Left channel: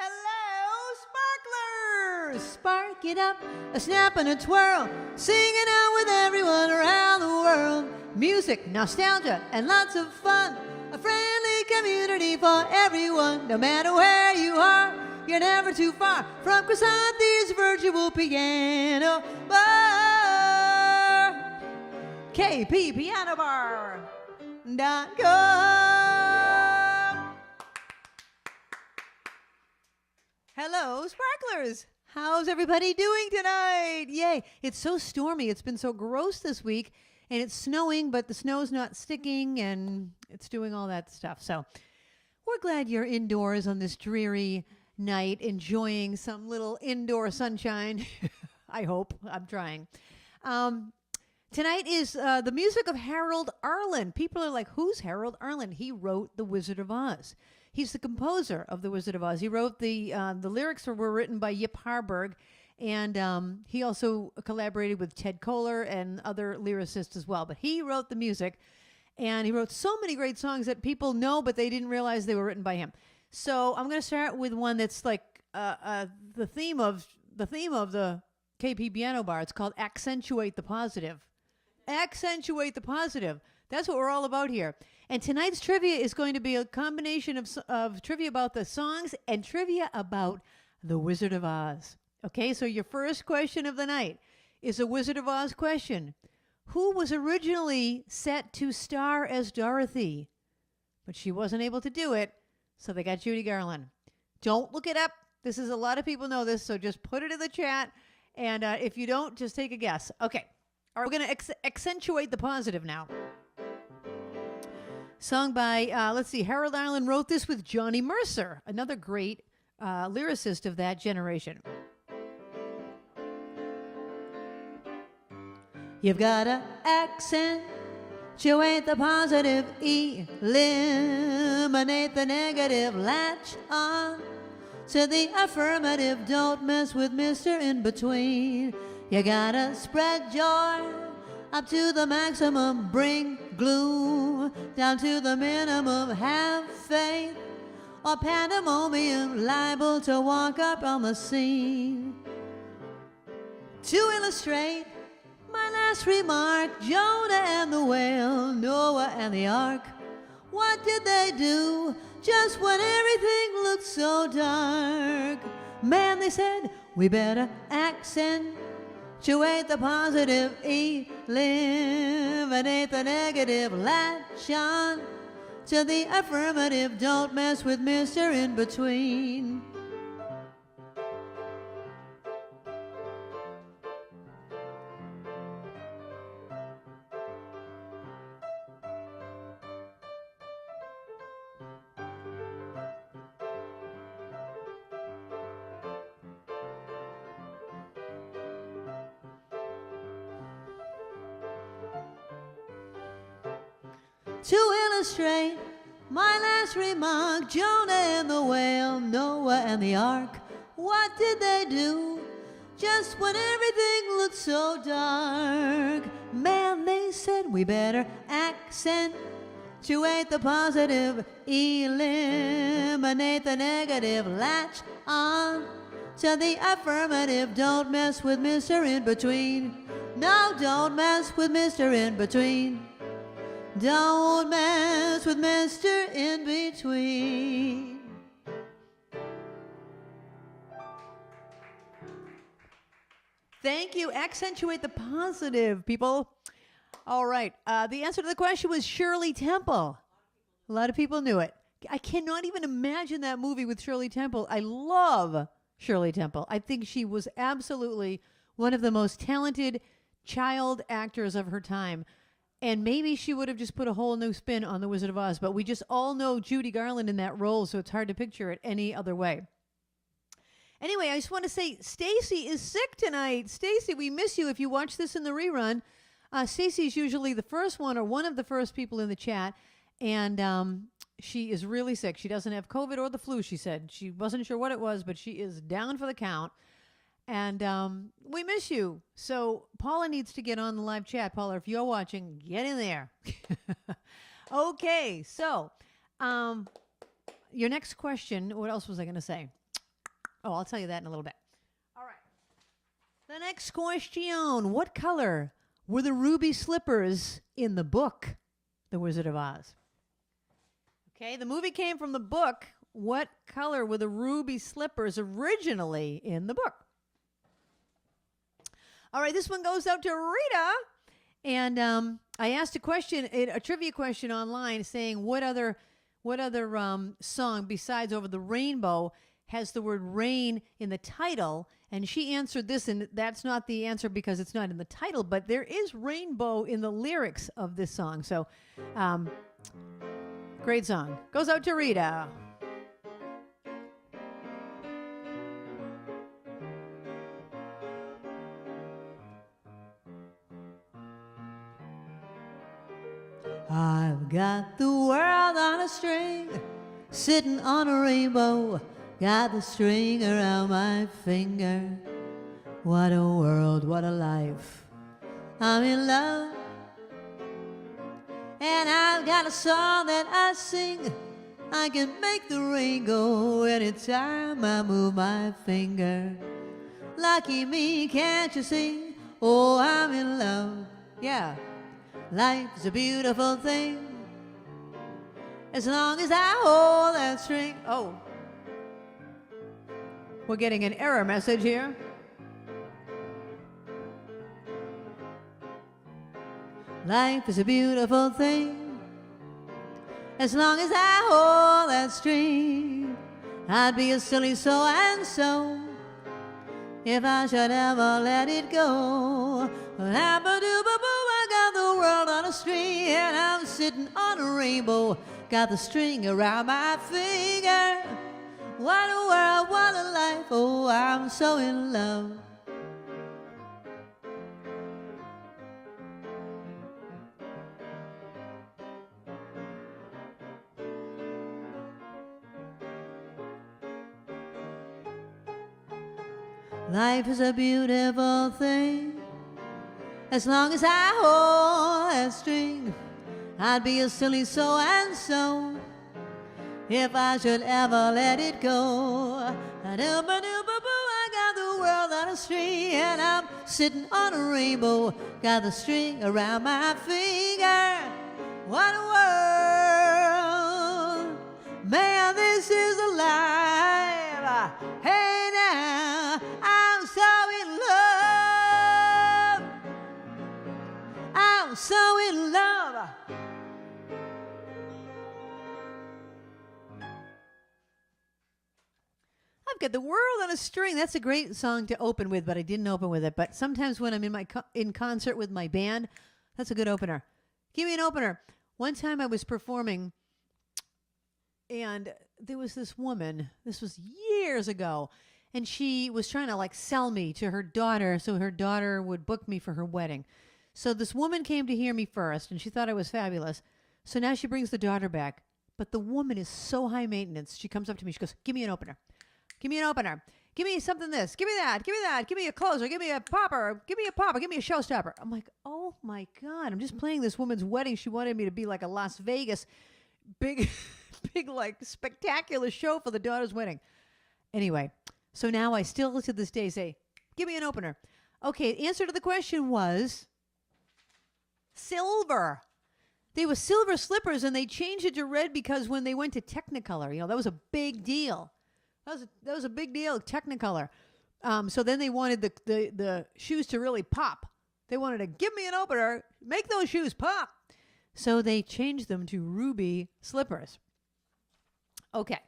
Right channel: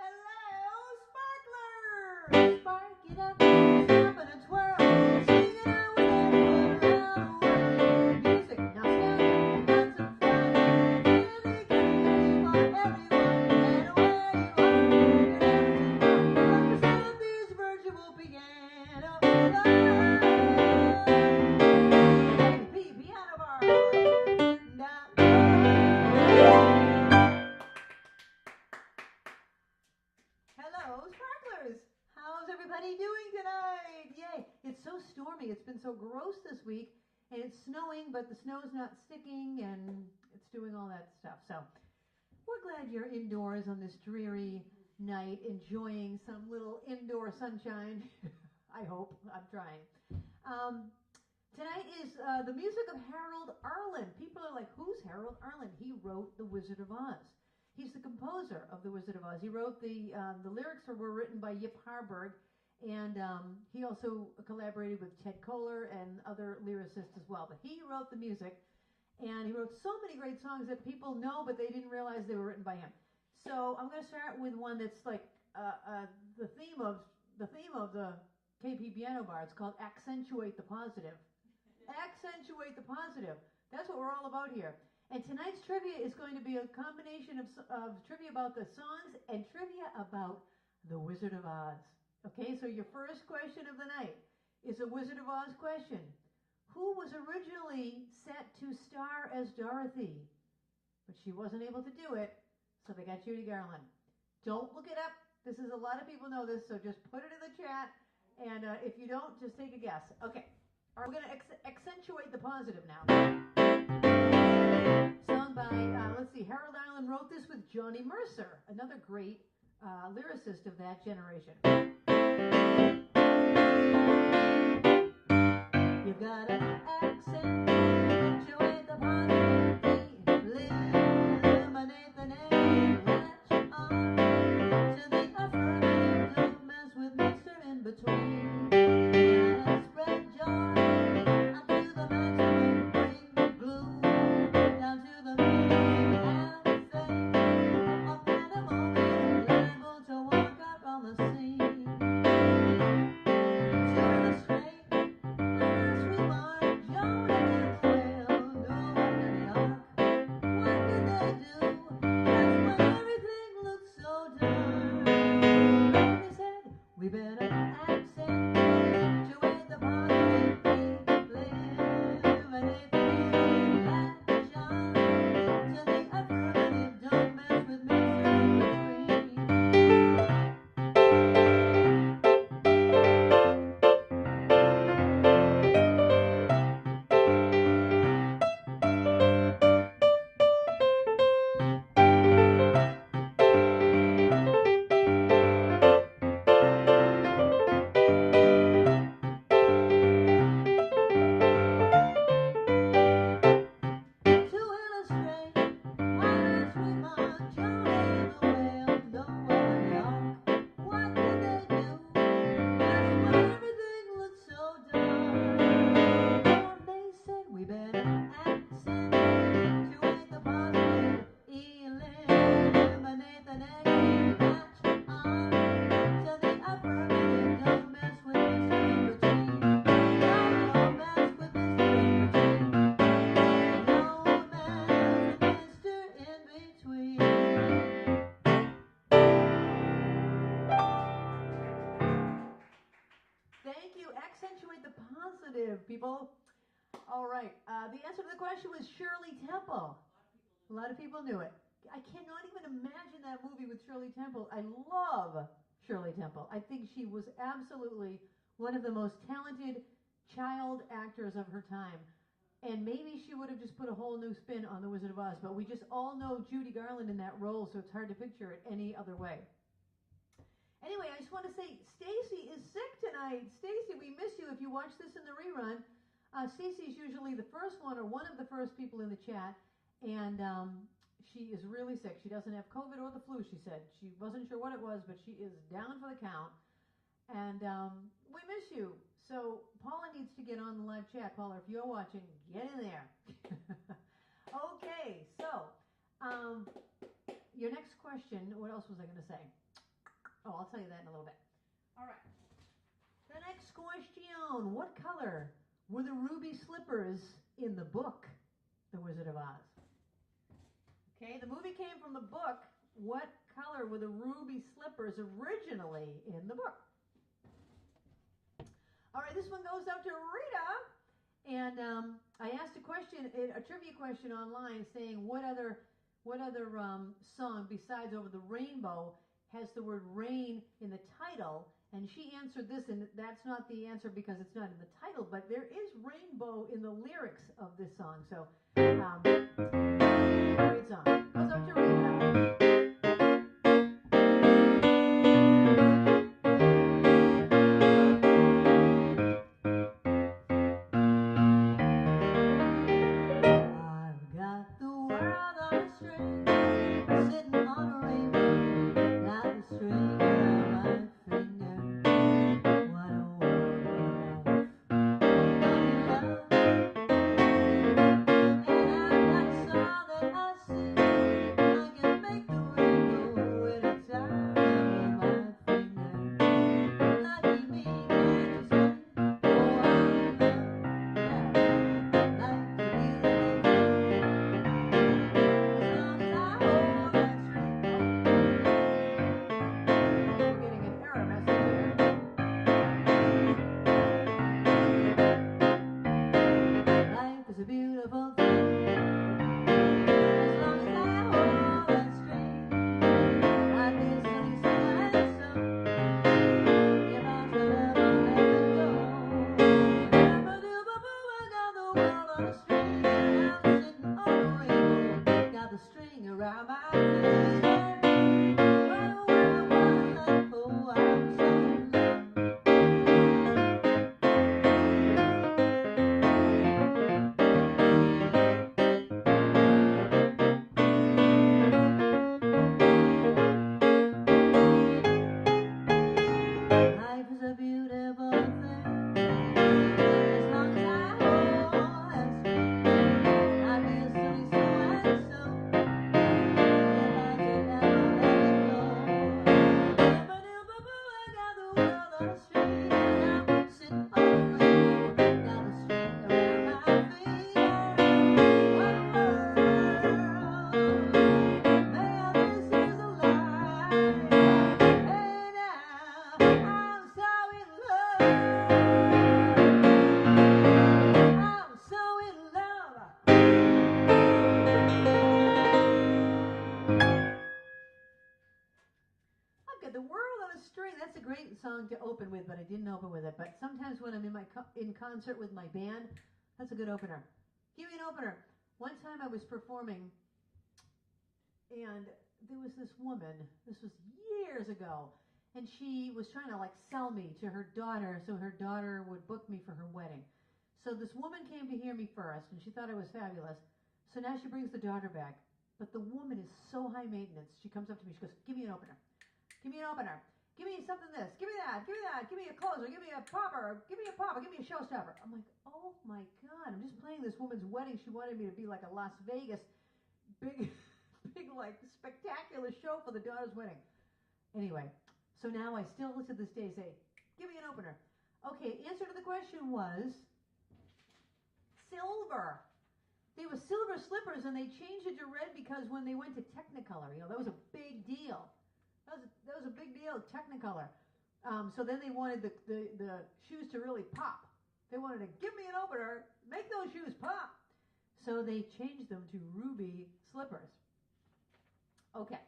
Hello, sparklers! Spark it up, a snap and a twirl, singing out with everyone around the world. Music, nostalgia, and lots of fun. A friendly community for everyone. No matter where you are, you're never too far from Krisanti's virtual piano bar. KPPianobar.com. Hello, sparklers! How's everybody doing tonight? Yay! It's so stormy. It's been so gross this week, and it's snowing, but the snow's not sticking, and it's doing all that stuff. So we're glad you're indoors on this dreary night, enjoying some little indoor sunshine. I hope. I'm trying. Tonight is the music of Harold Arlen. People are like, who's Harold Arlen? He wrote The Wizard of Oz. He's the composer of The Wizard of Oz. He wrote the lyrics were written by Yip Harburg, and he also collaborated with Ted Koehler and other lyricists as well. But he wrote the music, and he wrote so many great songs that people know, but they didn't realize they were written by him. So I'm going to start with one that's like the theme of the KP Piano Bar. It's called Ac-Cent-Tchu-Ate the Positive. Accentuate the positive. That's what we're all about here. And tonight's trivia is going to be a combination of trivia about the songs and trivia about The Wizard of Oz. Okay, so your first question of the night is a Wizard of Oz question. Who was originally set to star as Dorothy? But she wasn't able to do it, so they got Judy Garland. Don't look it up. This is a lot of people know this, so just put it in the chat. And if you don't, just take a guess. Okay, all right, we're going to accentuate the positive now. Sung by, let's see, Harold Arlen wrote this with Johnny Mercer, another great lyricist of that generation. You've got to accentuate the positive, eliminate the negative, latch on to the affirmative, don't mess with Mr. In Between. You got to spread joy up to the maximum, bring gloom down to the minimum, have faith or pandemonium, liable to walk up on the scene. To illustrate my last remark, Jonah and the whale, Noah and the ark, what did they do just when everything looked so dark? Man, they said, we better accentuate the positive, eliminate the negative, latch on to the affirmative, don't mess with Mr. In Between. To illustrate my last remark, Jonah and the whale, Noah and the ark, what did they do just when everything looked so dark? Man, they said we better accentuate the positive, eliminate the negative, latch on to the affirmative, don't mess with Mr. In Between. No, don't mess with Mr. In Between. Don't mess with Mr. In Between. Thank you. Accentuate the positive, people. All right. The answer to the question was Shirley Temple. A lot of people knew it. I cannot even imagine that movie with Shirley Temple. I love Shirley Temple. I think she was absolutely one of the most talented child actors of her time. And maybe she would have just put a whole new spin on The Wizard of Oz, but we just all know Judy Garland in that role, so it's hard to picture it any other way. Anyway, I just want to say Stacy is sick tonight. Stacy, we miss you if you watch this in the rerun. Stacy's usually the first one or one of the first people in the chat, and she is really sick. She doesn't have COVID or the flu, she said. She wasn't sure what it was, but she is down for the count. And we miss you. So Paula needs to get on the live chat. Paula, if you're watching, get in there. Okay, so your next question, what else was I going to say? Oh, I'll tell you that in a little bit. All right. The next question. What color were the ruby slippers in the book, The Wizard of Oz? Okay, the movie came from the book. What color were the ruby slippers originally in the book? All right, this one goes out to Rita. And I asked a trivia question online saying what other song besides Over the Rainbow has the word rain in the title? And she answered this, and that's not the answer because it's not in the title, but there is rainbow in the lyrics of this song. So, great song. Goes out to Rita. I've got the world on a string, sitting on a rainbow. Got the string around my finger. What a world, what a life. I'm in love. And I've got a song that I sing. I can make the rain go anytime I move my finger. Lucky me, can't you see? Oh, I'm in love. Yeah. Life's a beautiful thing. As long as I hold that string. Oh. We're getting an error message here. Life is a beautiful thing. As long as I hold that string. I'd be a silly so-and-so if I should ever let it go. I got the world on a string, and I'm sitting on a rainbow. Got the string around my finger. What a world, what a life, oh, I'm so in love. Life is a beautiful thing. As long as I hold that string, I'd be a silly so-and-so if I should ever let it go. I got the world on a string, and I'm sitting on a rainbow. Got the string around my finger. What a world. Man, this is a life. Hey now, I'm so in love. I'm so in love. I've got the world on a string. That's a great song to open with, but I didn't open with it. But sometimes when I'm in concert with my band, that's a good opener. Give me an opener. One time I was performing, and there was this woman. This was years ago, and she was trying to like sell me to her daughter so her daughter would book me for her wedding. So this woman came to hear me first, and she thought I was fabulous. So now she brings the daughter back. But the woman is so high maintenance. She comes up to me. She goes, give me an opener. Give me an opener. Give me something this. Give me that. Give me that. Give me a closer. Give me a popper. Give me a popper. Give me a showstopper. I'm like, oh, my God. I'm just playing this woman's wedding. She wanted me to be like a Las Vegas big, like, spectacular show for the daughter's wedding. Anyway, so now I still to this day say, give me an opener. Okay, answer to the question was silver. They were silver slippers, and they changed it to red because when they went to Technicolor, that was a big deal. That was a big deal, Technicolor. So then they wanted the shoes to really pop. They wanted to give me an opener, make those shoes pop. So they changed them to ruby slippers. Okay.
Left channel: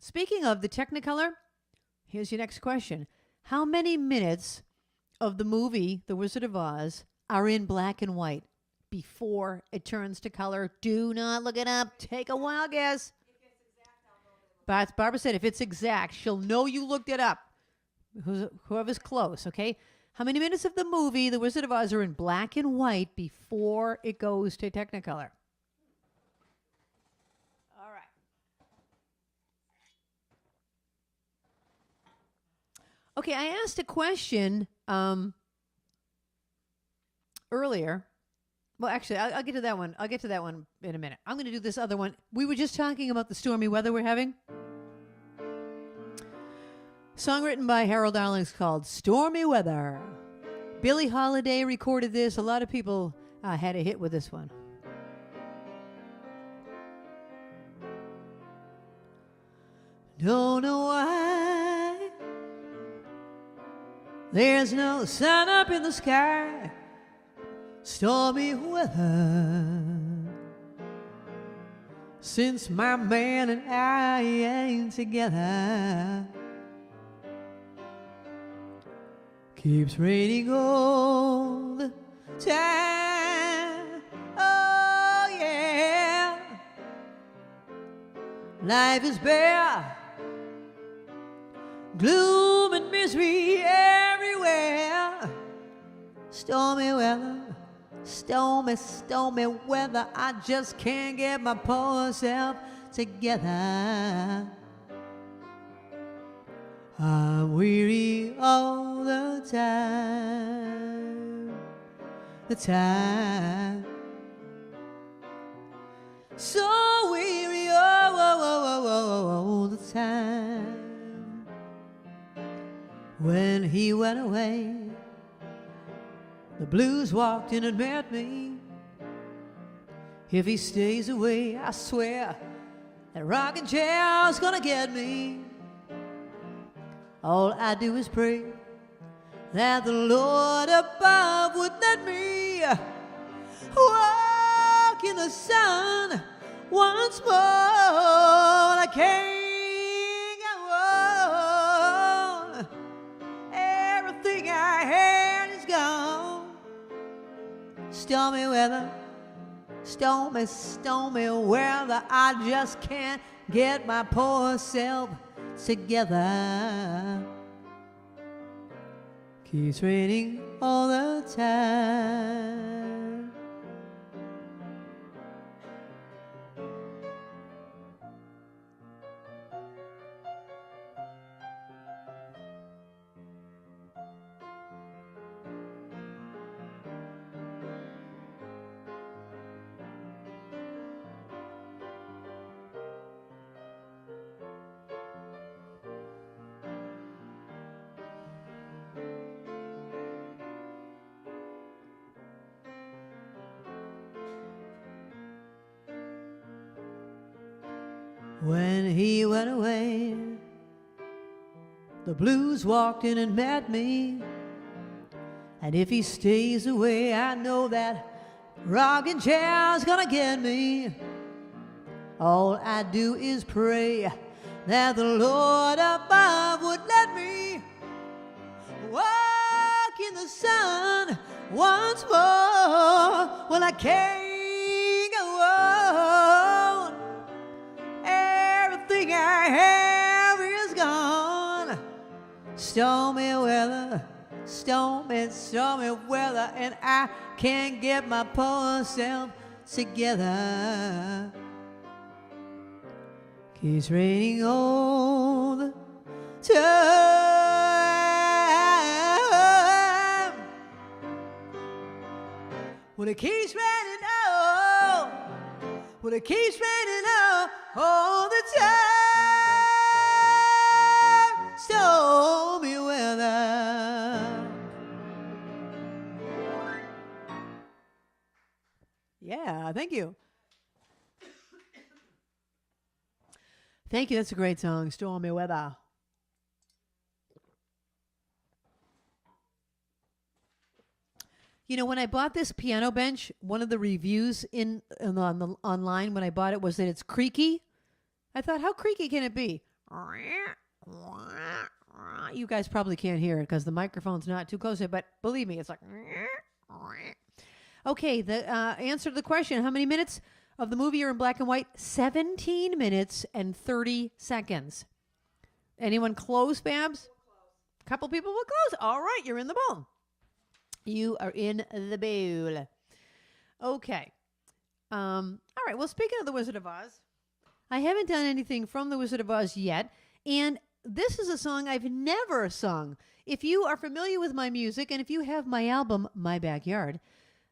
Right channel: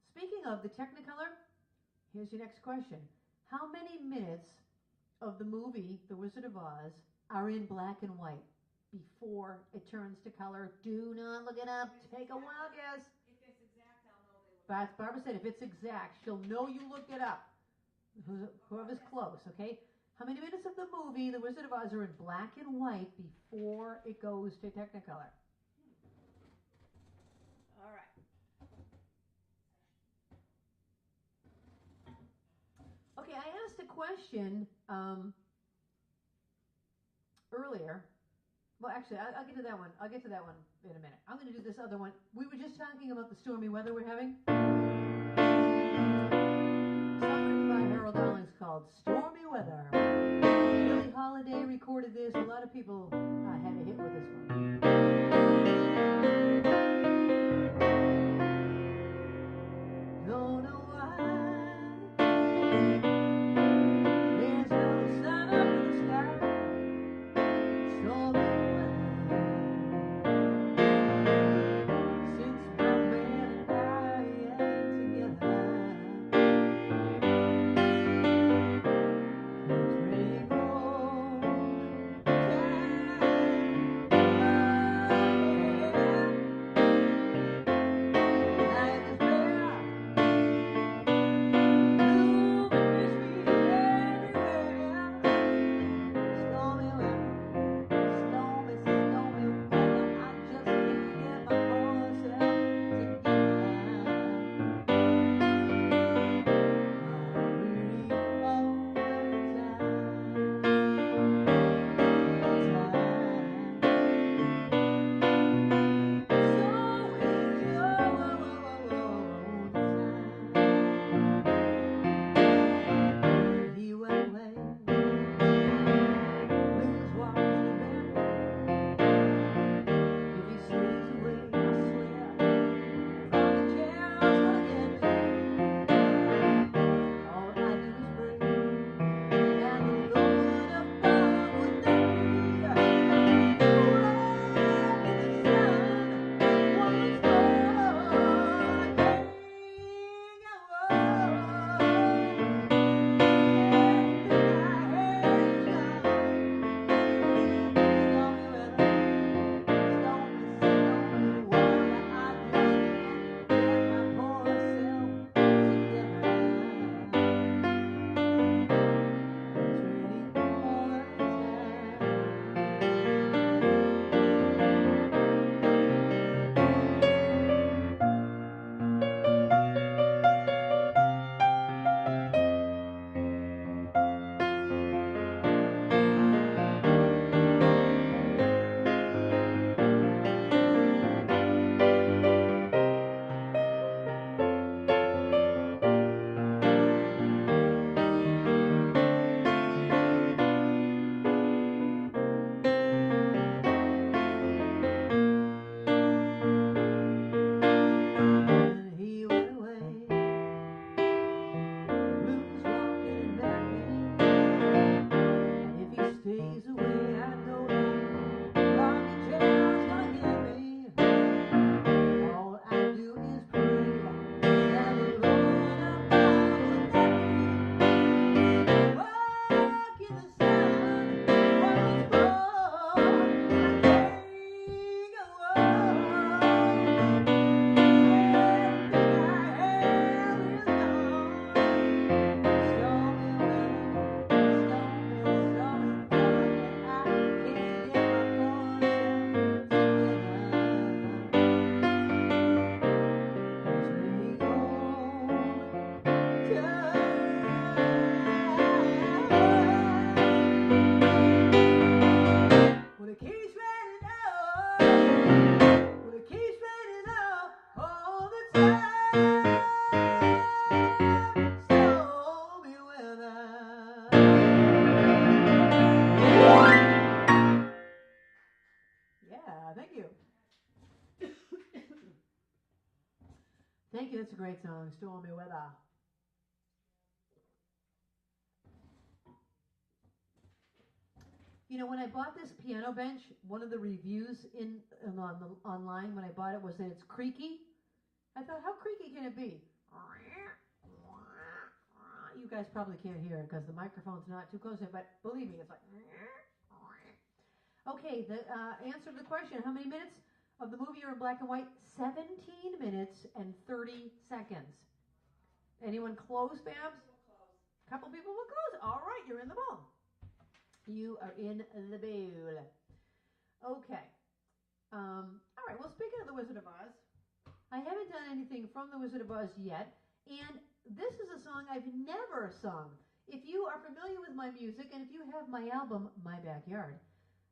Speaking of the Technicolor, here's your next question. How many minutes of the movie The Wizard of Oz are in black and white before it turns to color? Do not look it up. Take a wild guess. But Barbara said if it's exact, she'll know you looked it up. Whoever's close, okay? How many minutes of the movie The Wizard of Oz are in black and white before it goes to Technicolor? All right. Okay, I asked a question earlier. Well, actually, I'll get to that one. I'll get to that one in a minute. I'm going to do this other one. We were just talking about the stormy weather we're having. Song written by Harold Arlen called Stormy Weather. Billie Holiday recorded this. A lot of people had a hit with this one. Don't know why there's no sun up in the sky. Stormy weather since my man and I ain't together. Keeps raining all the time. Oh yeah, life is bare, gloom and misery everywhere. Stormy weather, stormy, stormy weather. I just can't get my poor self together. I'm weary all the time, the time. So weary all the time. When he went away, the blues walked in and met me. If he stays away, I swear that rocking chair's gonna get me. All I do is pray that the Lord above would let me walk in the sun once more. I can't go on. Everything I had is gone. Stormy weather, stormy, stormy weather. I just can't get my poor self together. It's raining all the time. Walked in and met me, and if he stays away, I know that rocking chair's gonna get me. All I do is pray that the Lord above would let me walk in the sun once more. Well, I can't go on. Everything I have is gone. Stormy weather, stormy, stormy weather, and I can't get my poor self together. It's raining all the time. Well, it keeps raining well, it keeps raining all the time. Stormy weather. Yeah, thank you. Thank you. That's a great song, Stormy Weather. You know, when I bought this piano bench, one of the reviews online when I bought it was that it's creaky. I thought, how creaky can it be? You guys probably can't hear it because the microphone's not too close to it, but believe me, it's like... Okay, the answer to the question, how many minutes of the movie are in black and white? 17 minutes and 30 seconds. Anyone close, Babs? A couple people will close. All right, you're in the bowl. You are in the bowl. Okay. All right, well, speaking of The Wizard of Oz, I haven't done anything from The Wizard of Oz yet, and this is a song I've never sung. If you are familiar with my music, and if you have my album, My Backyard,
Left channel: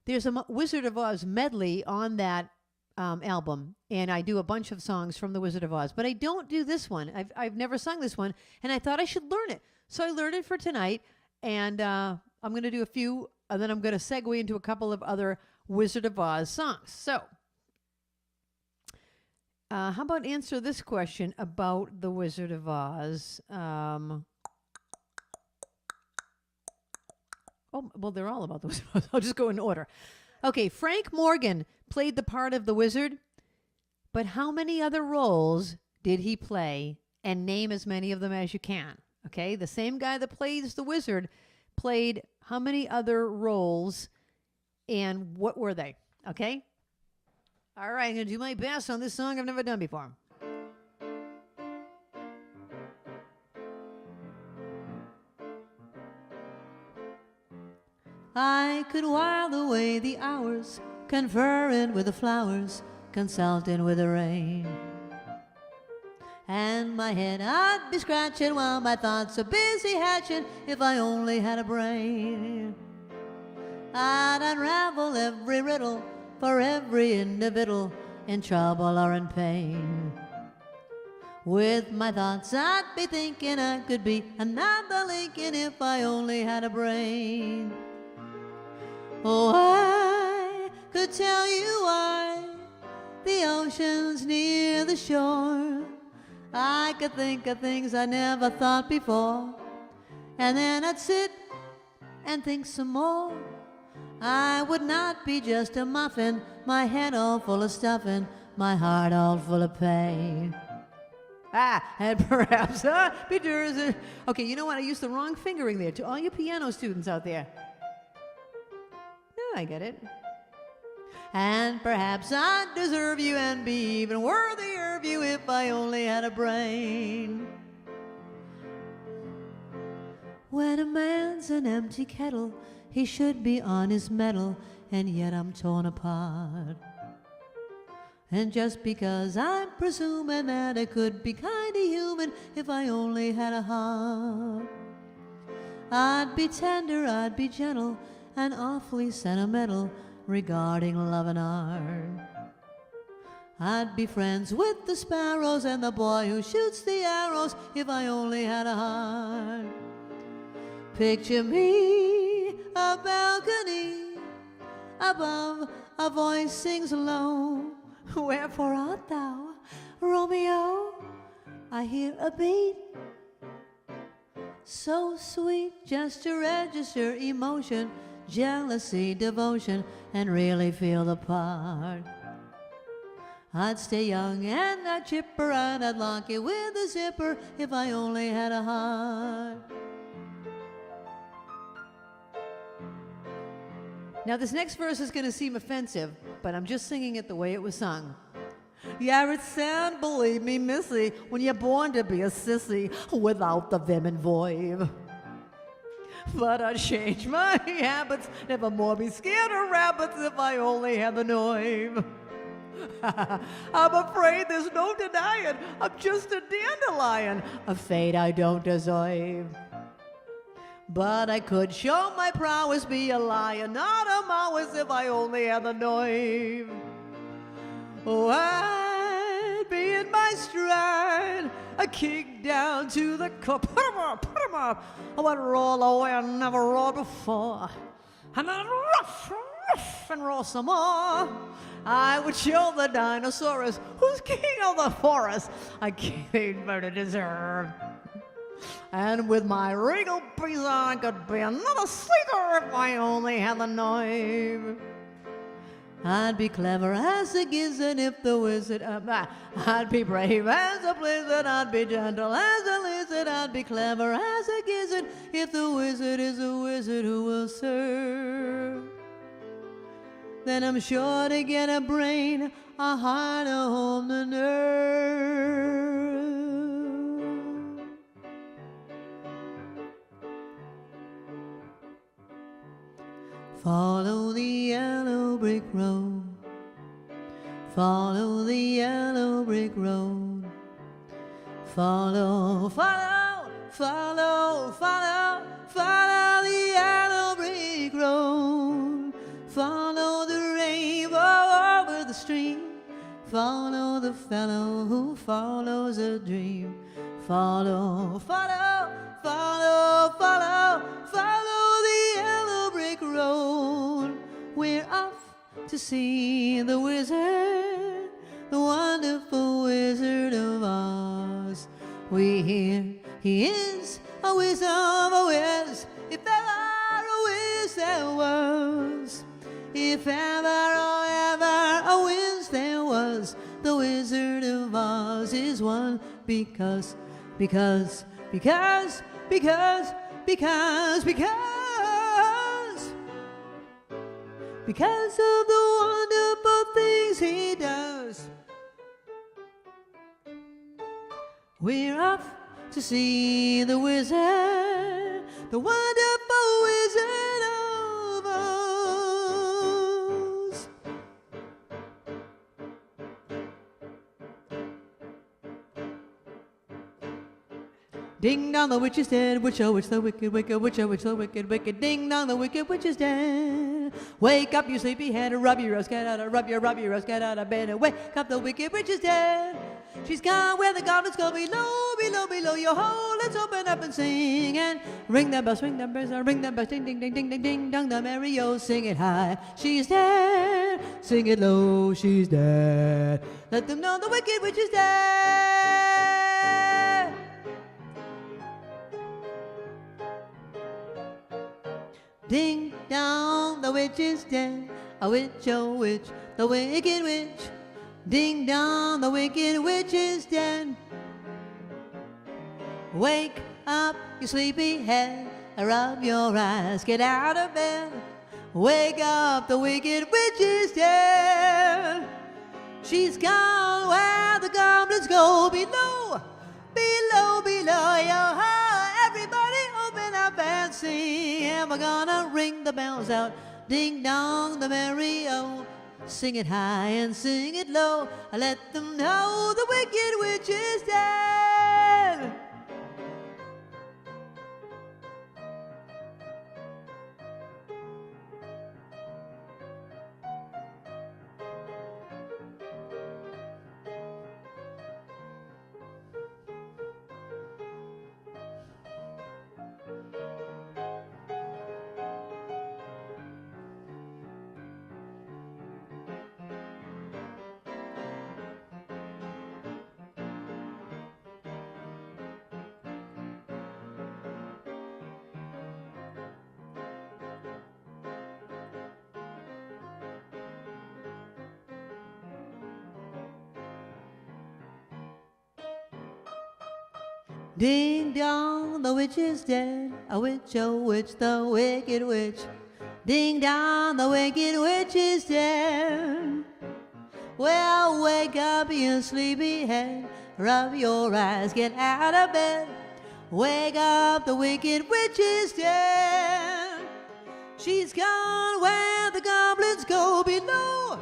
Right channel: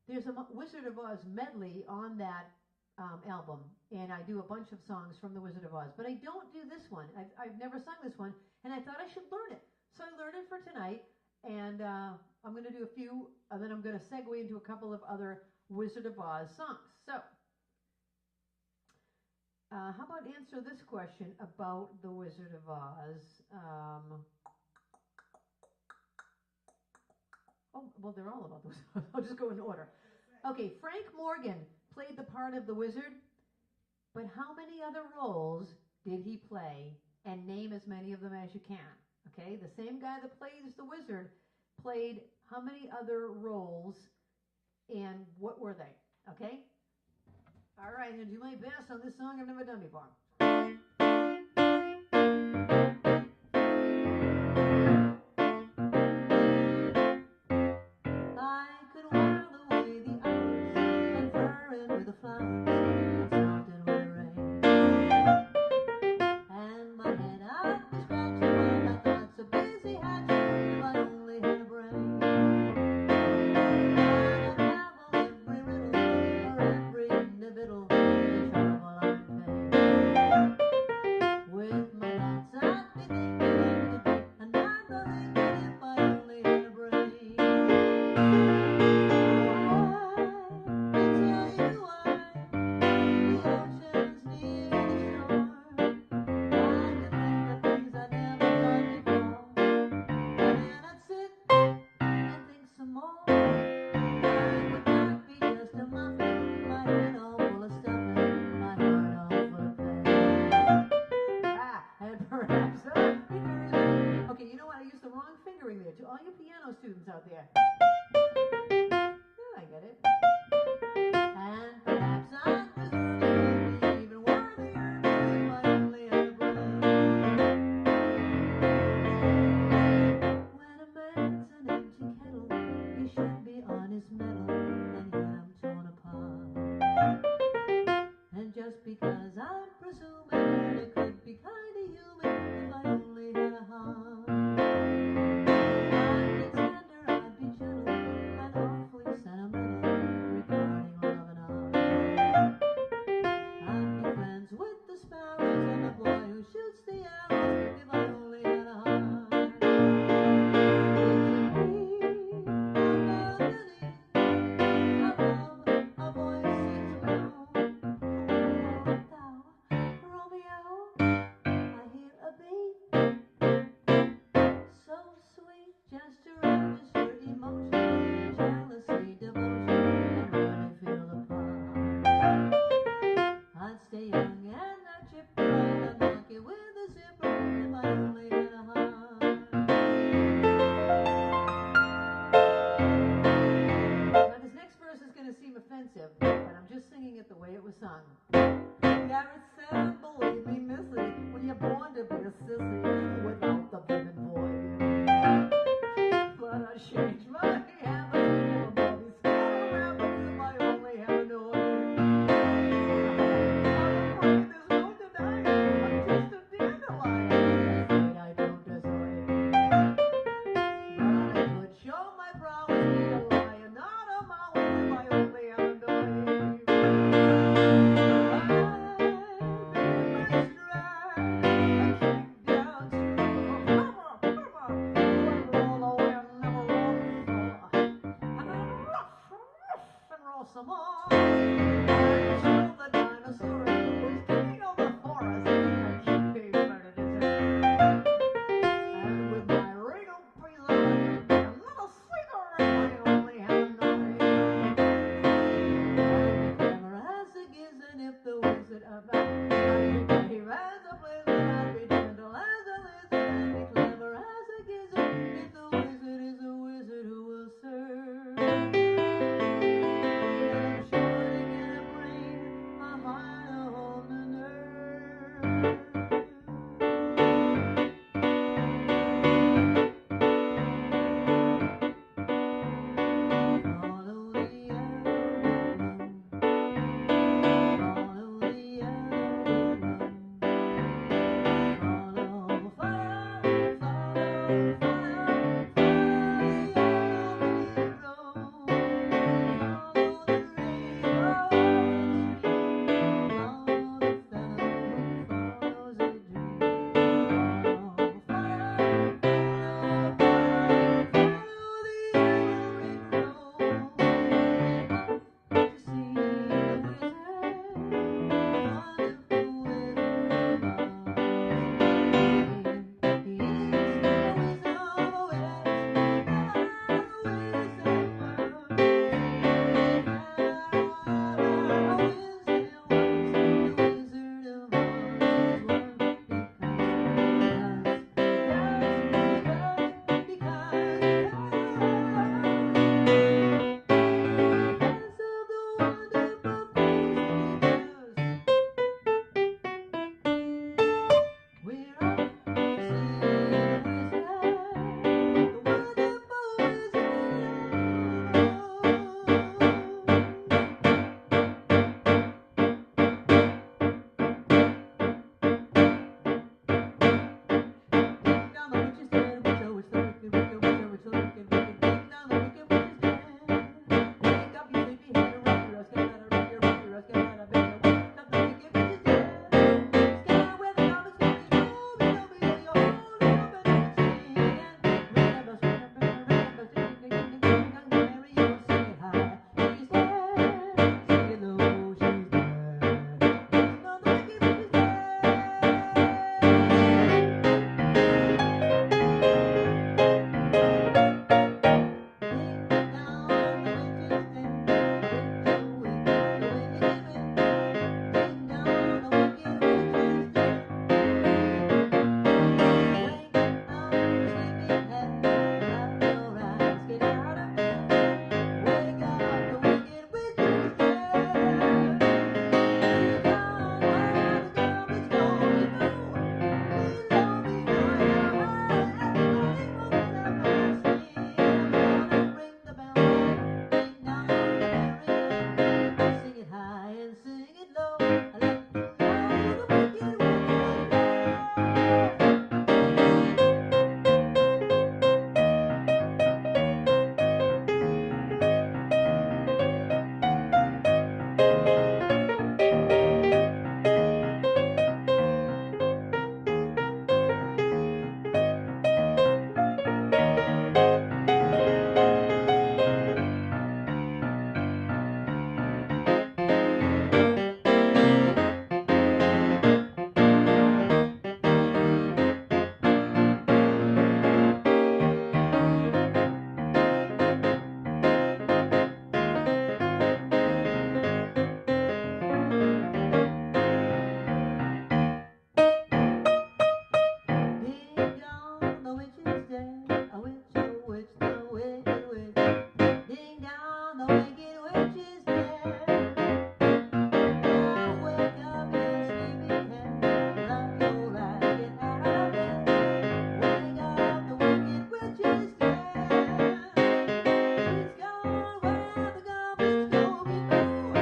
there's a Wizard of Oz medley on that album, and I do a bunch of songs from The Wizard of Oz, but I don't do this one. I've never sung this one, and I thought I should learn it. So I learned it for tonight, and I'm going to do a few, and then I'm going to segue into a couple of other Wizard of Oz songs. So how about answer this question about The Wizard of Oz? Oh, well, they're all about the Wizard of Oz. I'll just go in order. Okay, Frank Morgan played the part of the wizard, but how many other roles did he play? And name as many of them as you can. Okay, the same guy that plays the wizard played how many other roles, and what were they? Okay? All right, I'm going to do my best on this song I've never done before. I could while away the hours, conferring with the flowers, consulting with the rain. And my head I'd be scratching while my thoughts are busy hatching, if I only had a brain. I'd unravel every riddle for every individual in trouble or in pain. With my thoughts I'd be thinking I could be another Lincoln if I only had a brain. Oh, I could tell you why the ocean's near the shore. I could think of things I never thought before, and then I'd sit and think some more. I would not be just a muffin, my head all full of stuffing, my heart all full of pain. And perhaps I'd be Jersey. Okay, you know what? I used the wrong fingering there. To all you piano students out there. I get it. And perhaps I'd deserve you and be even worthier of you if I only had a brain. When a man's an empty kettle, he should be on his mettle, and yet I'm torn apart. And just because I'm presuming that it could be kinda human if I only had a heart, I'd be tender, I'd be gentle, and awfully sentimental regarding love and art. I'd be friends with the sparrows and the boy who shoots the arrows if I only had a heart. Picture me, a balcony, above a voice sings low. Wherefore art thou, Romeo? I hear a beat so sweet, just to register emotion, jealousy, devotion, and really feel the part. I'd stay young and I'd chipper, and I'd lock it with a zipper if I only had a heart. Now this next verse is going to seem offensive, but I'm just singing it the way it was sung. Yeah, it sound, believe me, missy, when you're born to be a sissy without the vim and voive. But I'd change my habits, never more be scared of rabbits if I only had the noive. I'm afraid there's no denying, I'm just a dandelion, a fate I don't deserve. But I could show my prowess, be a lion, not a mouse, if I only had the noive. Oh, I'd be in my stride, a kick down to the core, put 'em up, let roll away, I never rolled before, and then ruff, and roll some more. I would show the dinosaurus who's king of the forest, I can't murder deserve. And with my regal breeze I could be another Caesar if I only had the noive. I'd be clever as a gizzard if the wizard, I'd be brave as a blizzard, I'd be gentle as a lizard, I'd be clever as a gizzard if the wizard is a wizard who will serve. Then I'm sure to get a brain, a heart, a home, a nerve. Follow the yellow brick road, follow the yellow brick road, follow, follow, follow, follow, follow the yellow brick road, follow the rainbow over the stream, follow the fellow who follows a dream. Follow, follow, follow, follow, follow the yellow brick road. We're off to see the wizard, the wonderful Wizard of Oz. We hear he is a whiz of a whiz, if ever a whiz there was. If ever, oh ever, a whiz there was, the Wizard of Oz is one. Because of the wonderful things he does. We're off to see the wizard, the wonderful Wizard of Oz. Ding dong, the witch is dead. Witch, oh, witch, the wicked, wicked, witch, oh, witch, the wicked, wicked. Ding dong, the wicked witch is dead. Wake up, you sleepyhead, rub your rose, get out of, rub your rose, get out of bed. Wake up, the wicked witch is dead. She's gone where the goblins go below, below, below your hole. Let's open up and sing and ring the bells, ring the bells, ding, ding, ding, ding, ding, ding, dong, the merry oh, sing it high. She's dead, sing it low, she's dead. Let them know the wicked witch is dead. Ding dong, the witch is dead. A witch, oh witch, the wicked witch. Ding dong, the wicked witch is dead. Wake up, you sleepy head, rub your eyes, get out of bed. Wake up, the wicked witch is dead. She's gone where the goblins go below, below, below your heart. Everybody open up and sing, and we're gonna ring the bells out. Ding dong, the merry oh, sing it high and sing it low. Let them know the wicked witch is dead. Ding dong, the witch is dead. A witch, oh witch, the wicked witch. Ding dong, the wicked witch is dead. Well, wake up, you sleepy head. Rub your eyes, get out of bed. Wake up, the wicked witch is dead. She's gone where the goblins go below,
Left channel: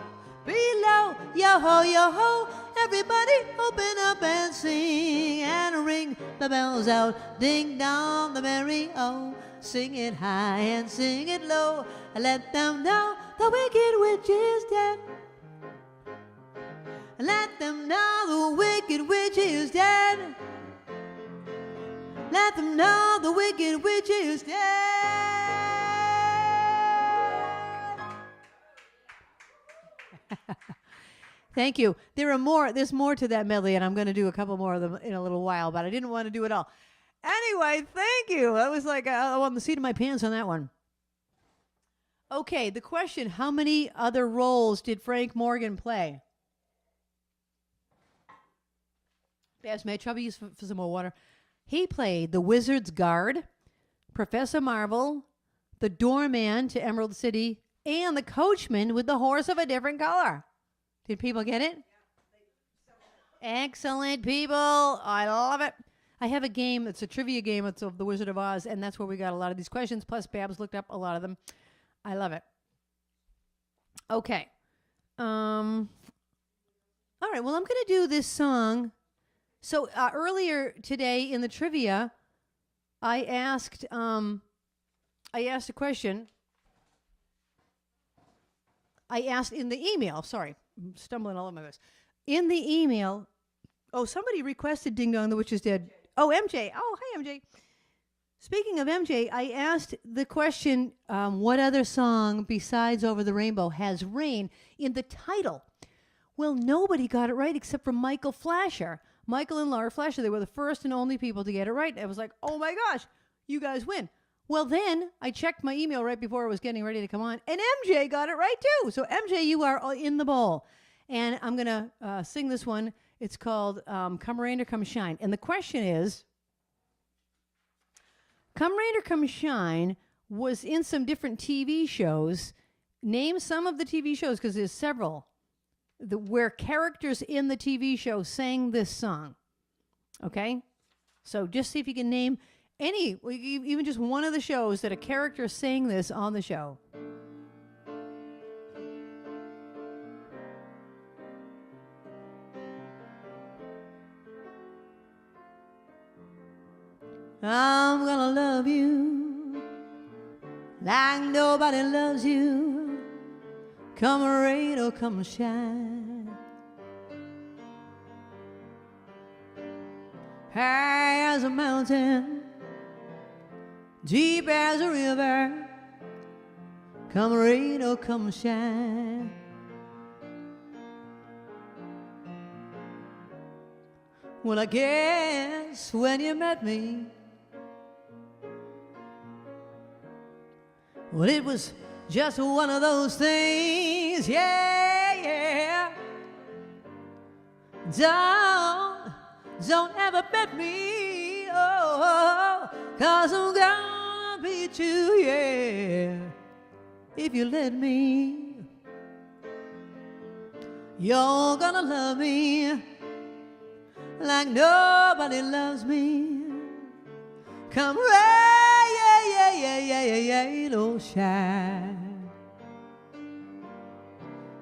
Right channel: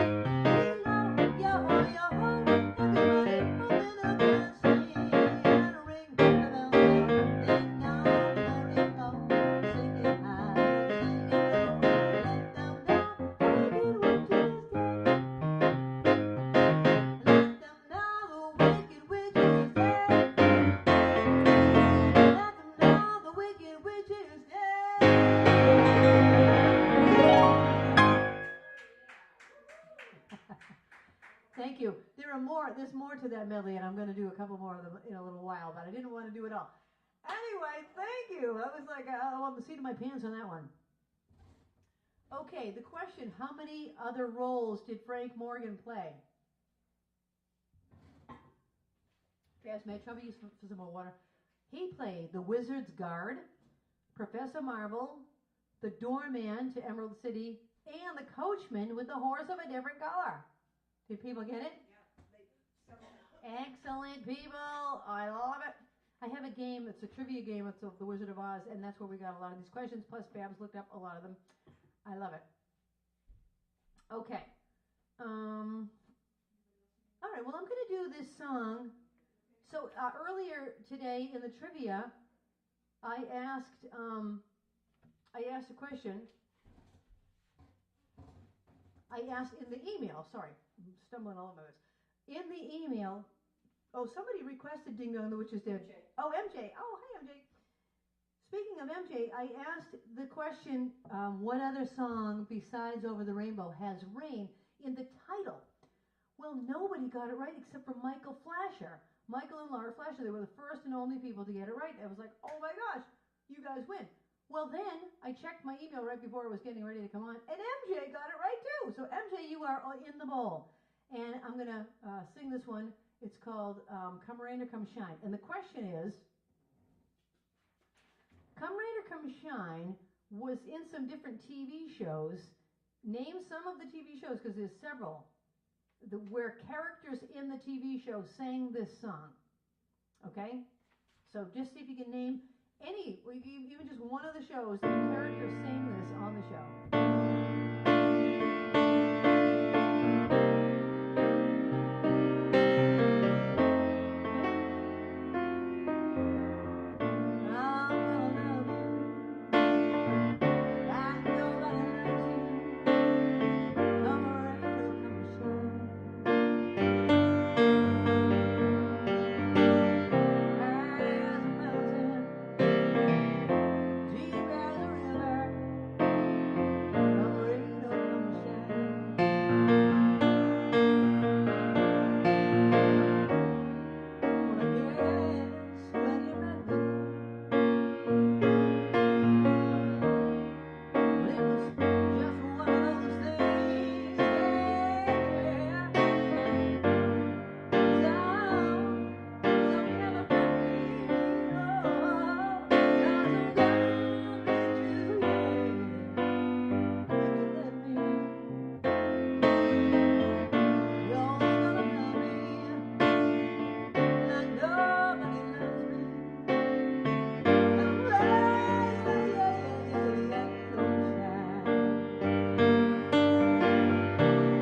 below, yo-ho, yo-ho. Everybody open up and sing and ring the bells out. Ding dong, the merry oh, sing it high and sing it low. Let them know the wicked witch is dead. Let them know the wicked witch is dead. Let them know the wicked witch is dead. Thank you. There's more to that medley, and I'm going to do a couple more of them in a little while, but I didn't want to do it all. Anyway, thank you. That was like on the seat of my pants on that one. Okay, the question, how many other roles did Frank Morgan play? Yes, may I trouble you for some more water? He played the Wizard's Guard, Professor Marvel, the doorman to Emerald City, and the coachman with the horse of a different color. Did people get it? Excellent, people. I love it. I have a game. It's a trivia game. It's of the Wizard of Oz, and that's where we got a lot of these questions. Plus, Babs looked up a lot of them. I love it. Okay. All right. Well, I'm going to do this song. So earlier today in the trivia, I asked a question. I asked in the email. Sorry, I'm stumbling all over my voice. in the email, somebody requested Ding Dong, the Witch is Dead. Oh, MJ. Oh, hi, MJ. Speaking of MJ, I asked the question, what other song besides Over the Rainbow has rain in the title? Well, nobody got it right except for Michael Flasher. Michael and Laura Flasher, they were the first and only people to get it right. I was like, oh my gosh, you guys win. Well, then I checked my email right before I was getting ready to come on, and MJ got it right too. So MJ, you are in the bowl. And I'm going to sing this one. It's called Come Rain or Come Shine. And the question is, Come Rain or Come Shine was in some different TV shows. Name some of the TV shows, because there's several, where characters in the TV show sang this song. Okay? So just see if you can name any, even just one of the shows that a character sang this on the show. I'm gonna love you like nobody loves you. Come rain or come shine. High as a mountain, deep as a river. Come rain or come shine. Well, I guess when you met me, well, it was just one of those things, yeah, yeah. Don't ever bet me, oh, 'cause I'm gonna beat you, yeah, if you let me. You're gonna love me like nobody loves me. Come rain, don't shine.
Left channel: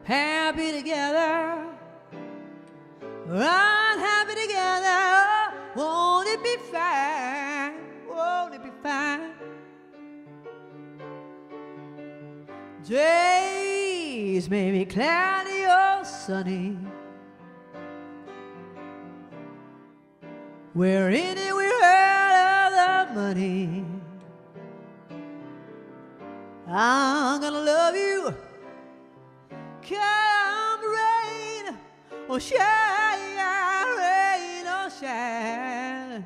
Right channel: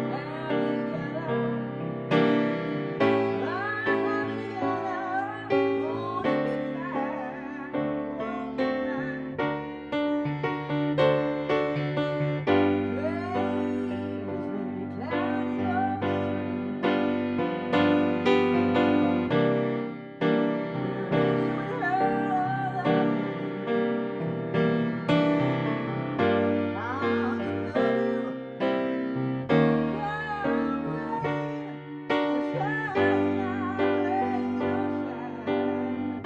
Happy together, unhappy together. Won't it be fine? Won't it be fine? Days may be cloudy or sunny. We're in it, we're out of the money. I'm gonna love you. Come rain or shine, rain or shine.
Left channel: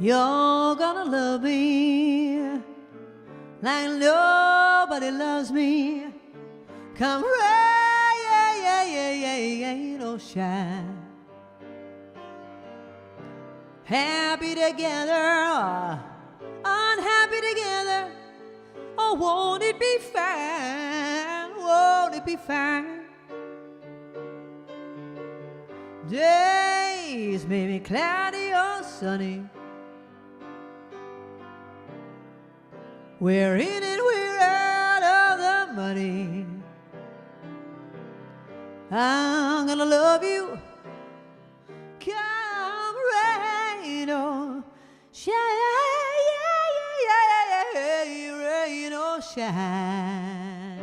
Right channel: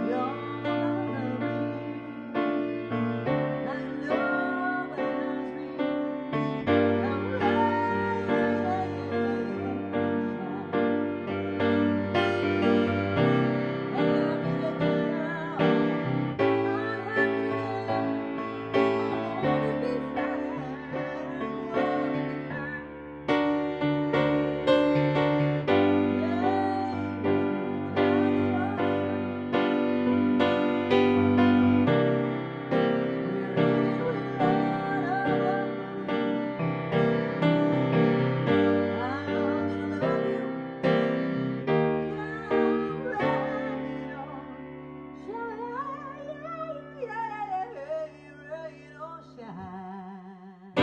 You're gonna love me like nobody loves me. Come rain or shine. Happy together, unhappy together. Oh, won't it be fine? Won't it be fine? Days may be cloudy or sunny. We're in it, we're out of the money. I'm gonna love you. Come rain or shine, rain or shine.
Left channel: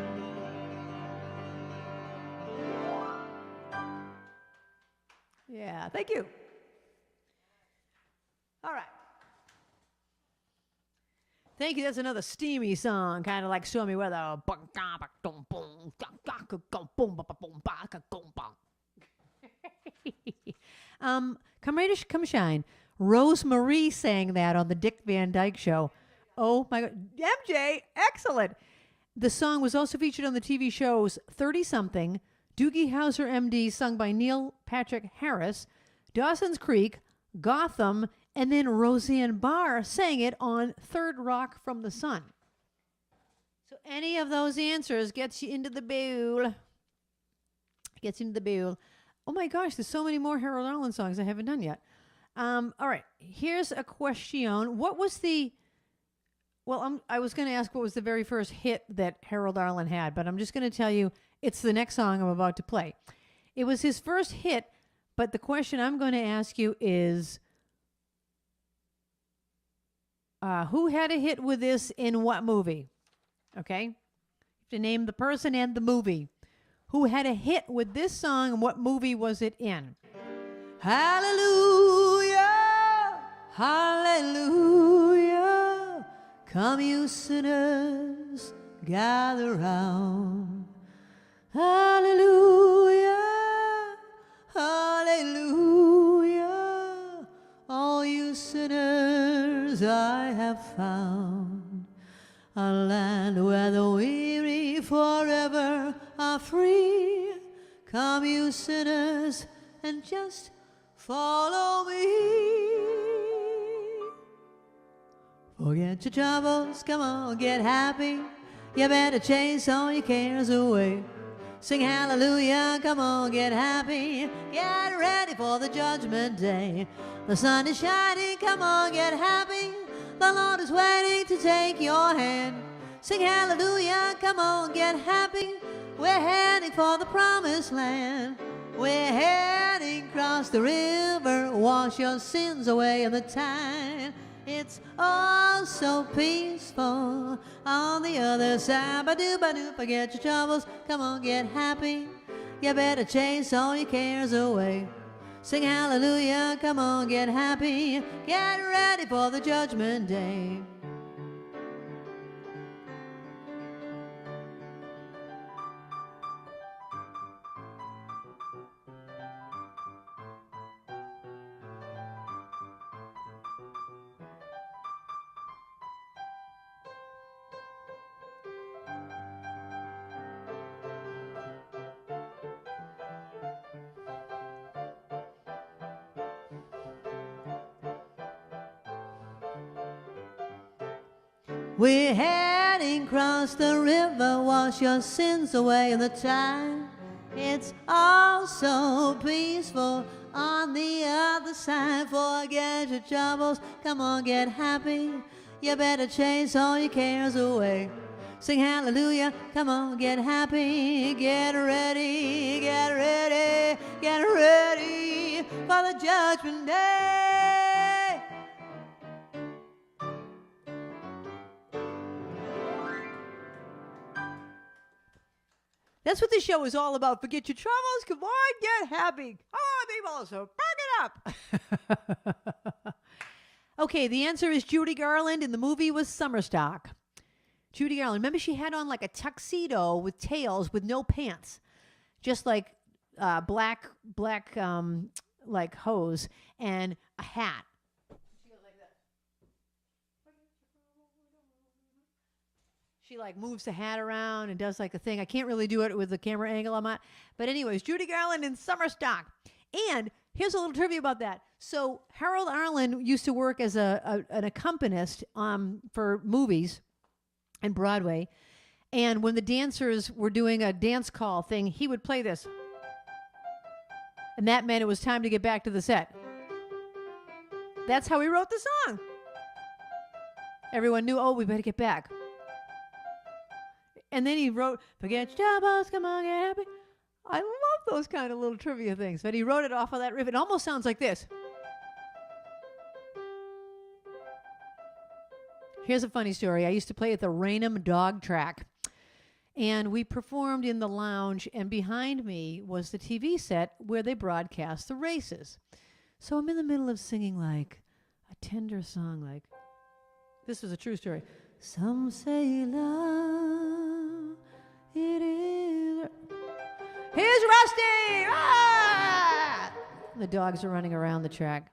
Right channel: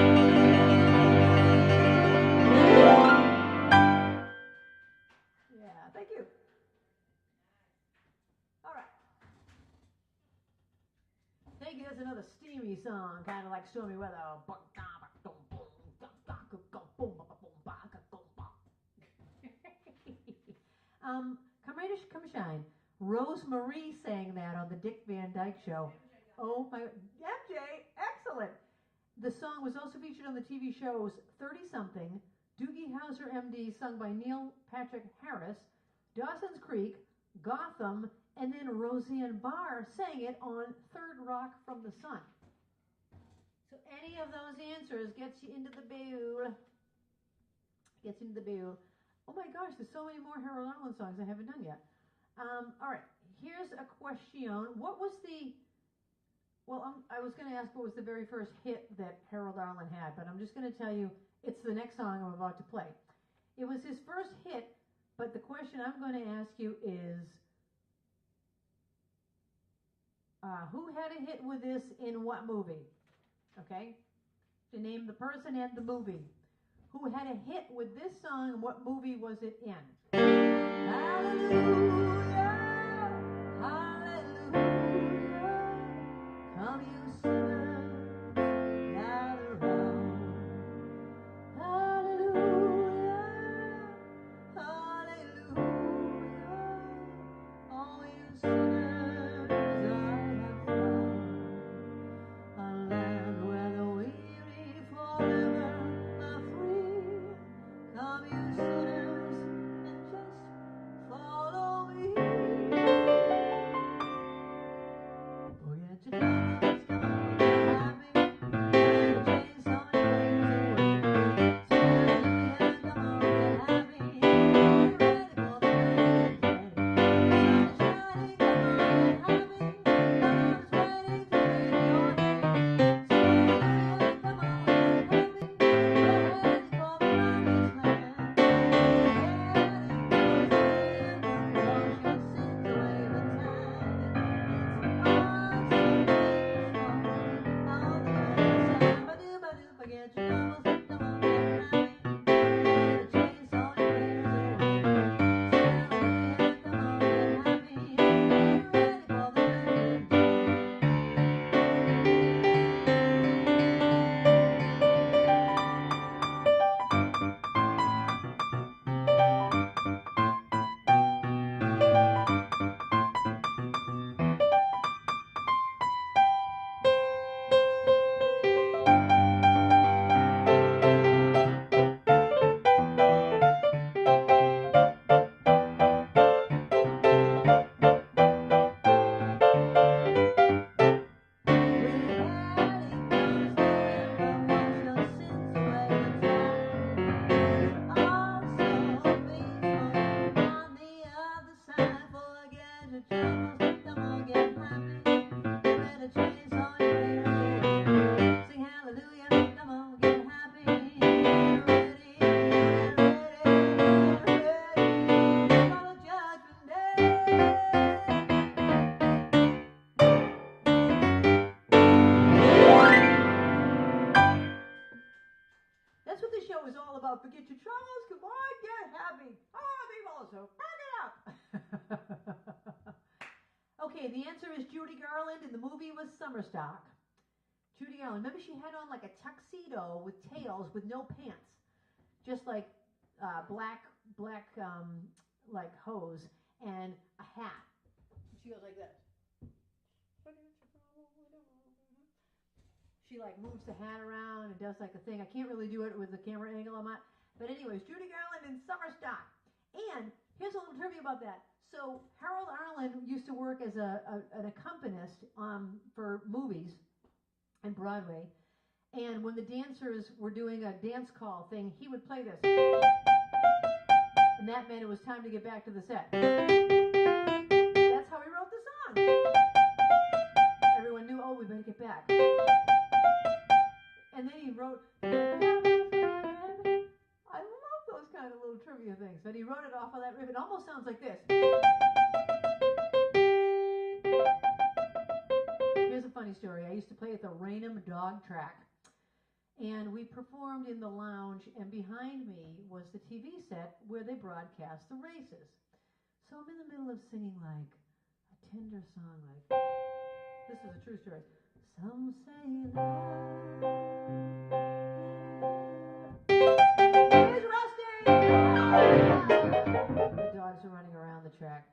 Yeah, thank you. All right. Thank you. That's another steamy song, kind of like Stormy Weather. Come Rain or Come Shine. Rose Marie sang that on the Dick Van Dyke Show. Oh my God. MJ, excellent. The song was also featured on the TV shows 30-something, Doogie Howser MD, sung by Neil Patrick Harris, Dawson's Creek, Gotham, and then Roseanne Barr sang it on Third Rock from the Sun. So any of those answers gets you into the bowl. Gets into the bowl. Oh my gosh, there's so many more Harold Arlen songs I haven't done yet. All right, here's a question. What was the... Well, I was going to ask what was the very first hit that Harold Arlen had, but I'm just going to tell you it's the next song I'm about to play. It was his first hit, but the question I'm going to ask you is, who had a hit with this in what movie? Okay? You have to name the person and the movie. Who had a hit with this song and what movie was it in? Hallelujah, hallelujah, come you sinners, gather round. Hallelujah, hallelujah, all you sinners I have found. A land where the weary forever are free. Come you sinners and just follow me. Forget your troubles, come on, get happy. You better chase all your cares away. Sing hallelujah, come on, get happy. Get ready for the judgment day. The sun is shining, come on, get happy. The Lord is waiting to take your hand. Sing hallelujah, come on, get happy. We're heading for the promised land. We're heading across the river. Wash your sins away in the tide. It's all so peaceful on the other side. Ba-do, forget your troubles. Come on, get happy. You better chase all your cares away. Sing hallelujah, come on, get happy. Get ready for the judgment day. We're heading across the river, wash your sins away in the tide. It's all so peaceful on the other side. Forget your troubles, come on, get happy. You better chase all your cares away. Sing hallelujah, come on, get happy. Get ready, get ready, get ready for the judgment day. That's what this show is all about. Forget your troubles. Come on, get happy. Come on, people. So back it up. Okay, the answer is Judy Garland, and the movie was Summerstock. Judy Garland. Remember, she had on like a tuxedo with tails with no pants, just like black like hose and a hat. She goes like that. She like moves the hat around and does like a thing. I can't really do it with the camera angle I'm at. But anyways, Judy Garland in Summerstock. And here's a little trivia about that. So Harold Arlen used to work as an accompanist for movies and Broadway. And when the dancers were doing a dance call thing, he would play this. And that meant it was time to get back to the set. That's how he wrote the song. Everyone knew, oh, we better get back. And then he wrote, forget your troubles, come on, get happy. I love those kind of little trivia things. But he wrote it off of that riff. It almost sounds like this. Here's a funny story. I used to play at the Raynham Dog Track. And we performed in the lounge. And behind me was the TV set where they broadcast the races. So I'm in the middle of singing like a tender song like, this was a true story. Some say love, it is. Here's Rusty! Ah! The dogs are running around the track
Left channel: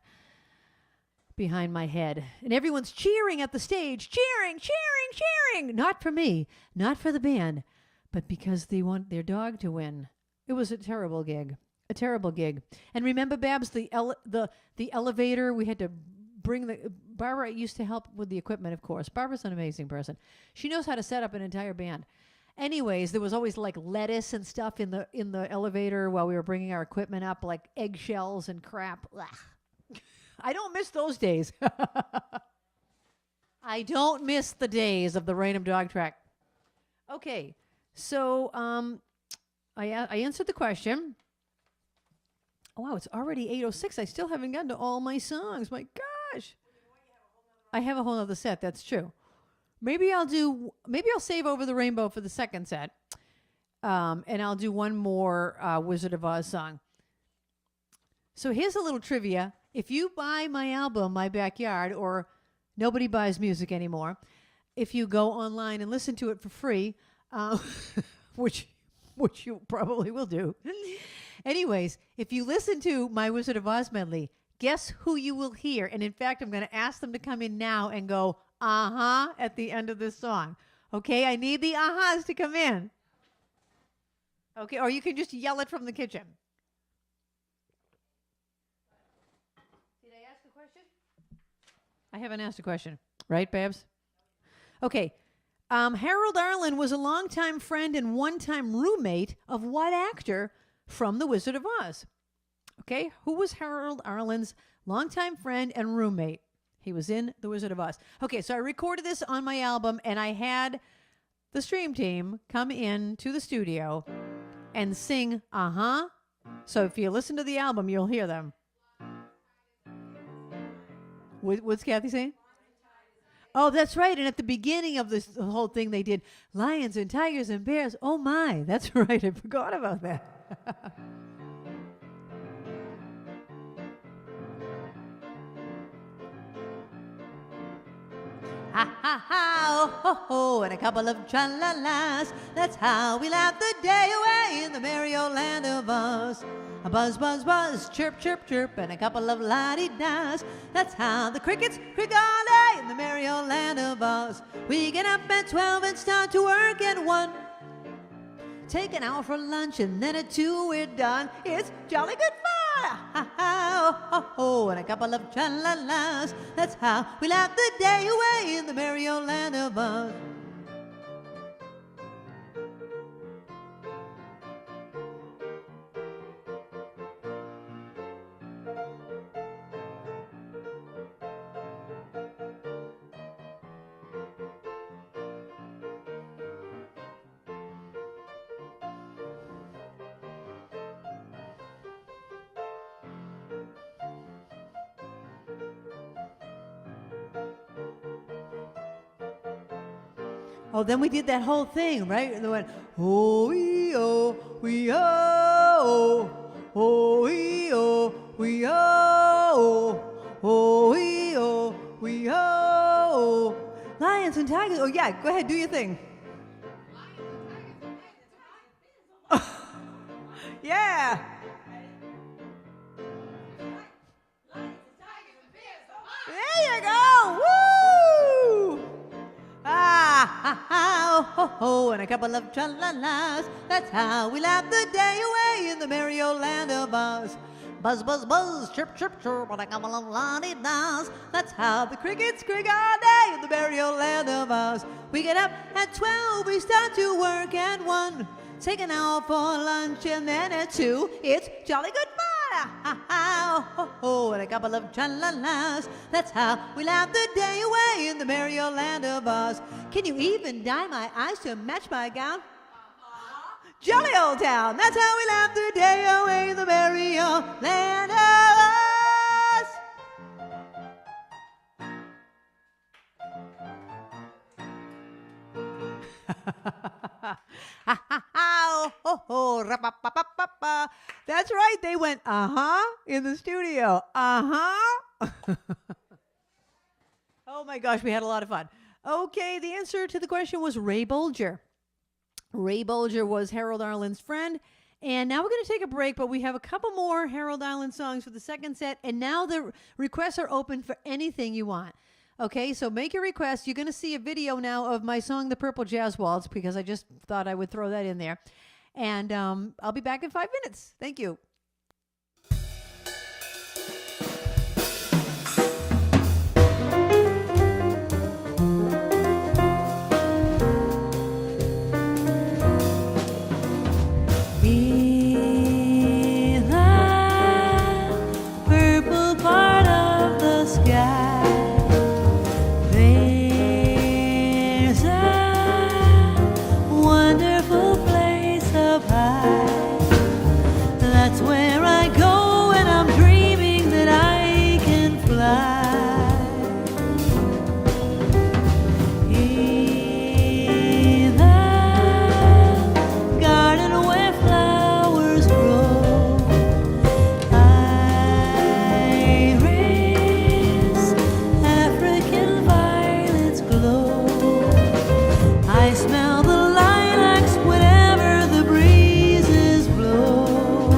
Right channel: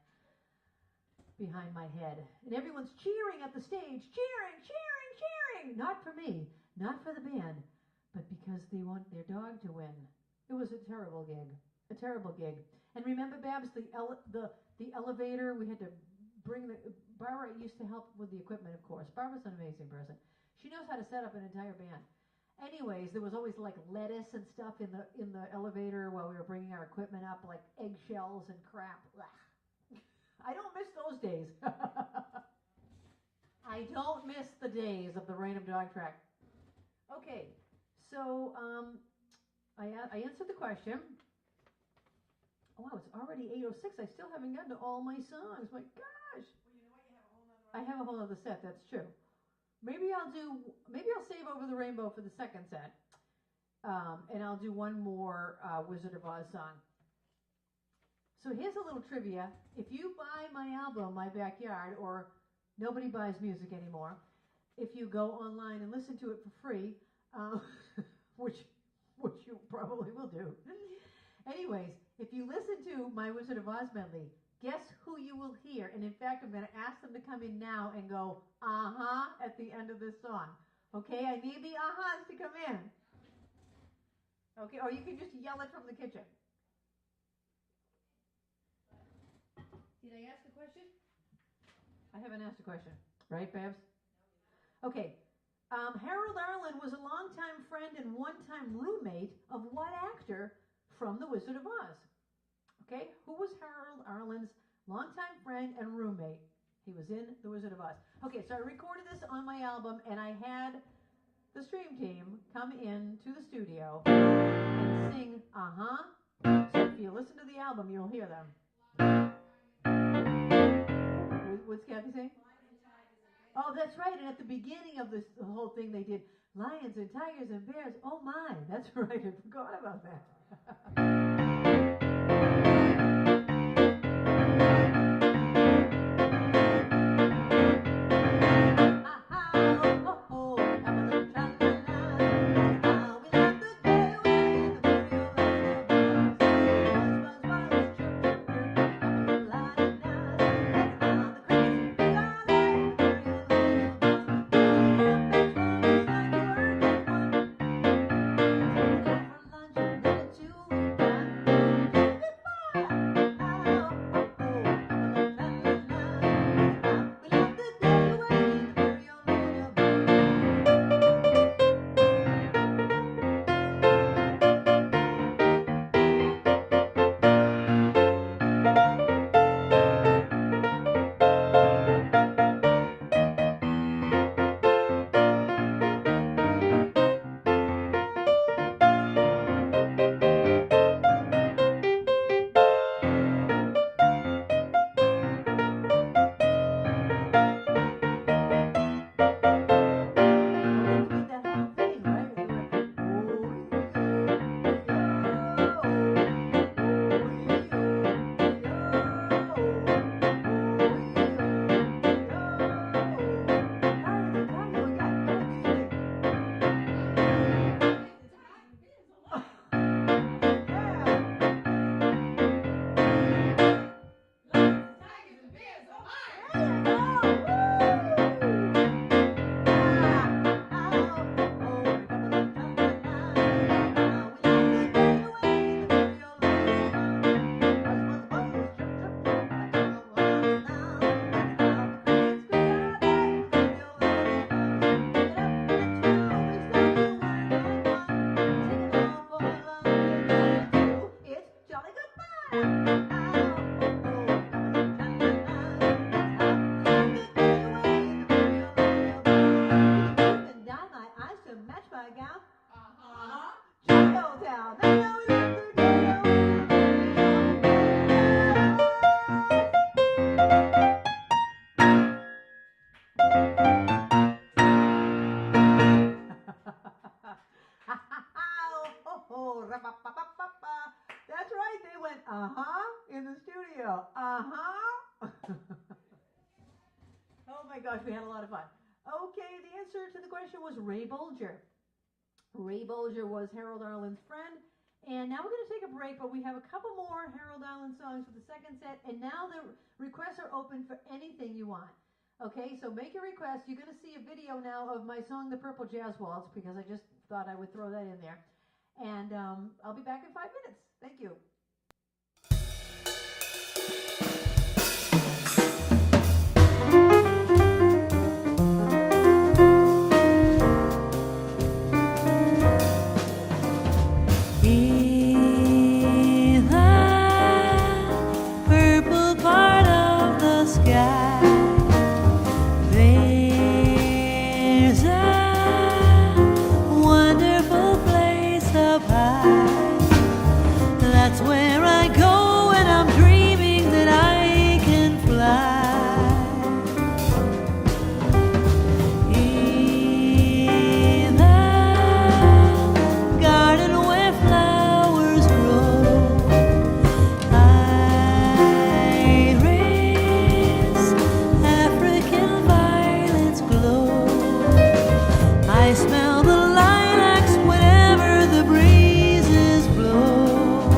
behind my head. And everyone's cheering at the stage. Cheering, cheering, cheering. Not for me, not for the band, but because they want their dog to win. It was a terrible gig. A terrible gig. And remember, Babs, the elevator, we had to bring Barbara used to help with the equipment, of course. Barbara's an amazing person. She knows how to set up an entire band. Anyways, there was always like lettuce and stuff in the elevator while we were bringing our equipment up, like eggshells and crap. Ugh. I don't miss those days. I don't miss the days of the random dog track. Okay, so I answered the question. Oh, wow, it's already 8:06. I still haven't gotten to all my songs. My gosh. I have a whole other set. That's true. Maybe I'll save Over the Rainbow for the second set. And I'll do one more Wizard of Oz song. So here's a little trivia. If you buy my album, My Backyard, or nobody buys music anymore, if you go online and listen to it for free, which you probably will do. Anyways, if you listen to my Wizard of Oz medley, guess who you will hear? And in fact, I'm going to ask them to come in now and go, uh-huh, at the end of this song. Okay, I need the uh-uhs to come in. Okay, or you can just yell it from the kitchen. Did I ask a question? I haven't asked a question. Right, Babs? Okay. Harold Arlen was a longtime friend and one-time roommate of what actor from The Wizard of Oz? Okay, who was Harold Arlen's longtime friend and roommate? He was in The Wizard of Oz. Okay, so I recorded this on my album, and I had the stream team come in to the studio and sing uh-huh. So if you listen to the album, you'll hear them. What's Kathy saying? Oh, that's right. And at the beginning of the whole thing, they did lions and tigers and bears. Oh, my. That's right. I forgot about that. And a couple of tra-la-las. That's how we laugh the day away in the merry old land of Oz. Buzz, buzz, buzz, chirp, chirp, chirp, and a couple of la-di-das. That's how the crickets crick all day in the merry old land of Oz. We get up at 12 and start to work at 1. Take an hour for lunch and then at 2 we're done. It's jolly good fun. And a couple of tra-la-las. That's how we laugh the day away in the merry old land of Oz. Then we did that whole thing, right? And we went, oh-ee-oh, ee-oh, oh-ee-oh, ee-oh, oh-ee-oh, ee-oh. Lions and tigers. Oh, yeah, go ahead, do your thing. Yeah. There you go. Woo! And a couple of tra-la-las. That's how we laugh the day away in the merry old land of Oz. Buzz, buzz, buzz, chirp, chirp, chirp, and a couple of la-di-das. That's how the crickets crick all day in the merry old land of Oz. We get up at 12, we start to work at 1. Take an hour for lunch and then at 2, it's jolly good fun. And a couple of tra-la-las. That's how we laugh the day away in the merry old land of Oz. Can you even dye my eyes to match my gown? Jolly old town, that's how we laugh the day away in the merry old land of Oz. That's right, they went uh-huh in the studio. Uh-huh. Oh my gosh, we had a lot of fun. Okay, the answer to the question was Ray Bolger. Ray Bolger was Harold Arlen's friend. And now we're going to take a break, but we have a couple more Harold Arlen songs for the second set. And now the requests are open for anything you want. Okay, so make your request. You're going to see a video now of my song, The Purple Jazz Waltz, because I just thought I would throw that in there. And I'll be back in 5 minutes. Thank you. In that purple part of the sky, there's a wonderful place up high. That's where I go when I'm dreaming that I can fly. In the garden where flowers grow, iris, African violets glow. I smell the lilacs whenever the breezes blow.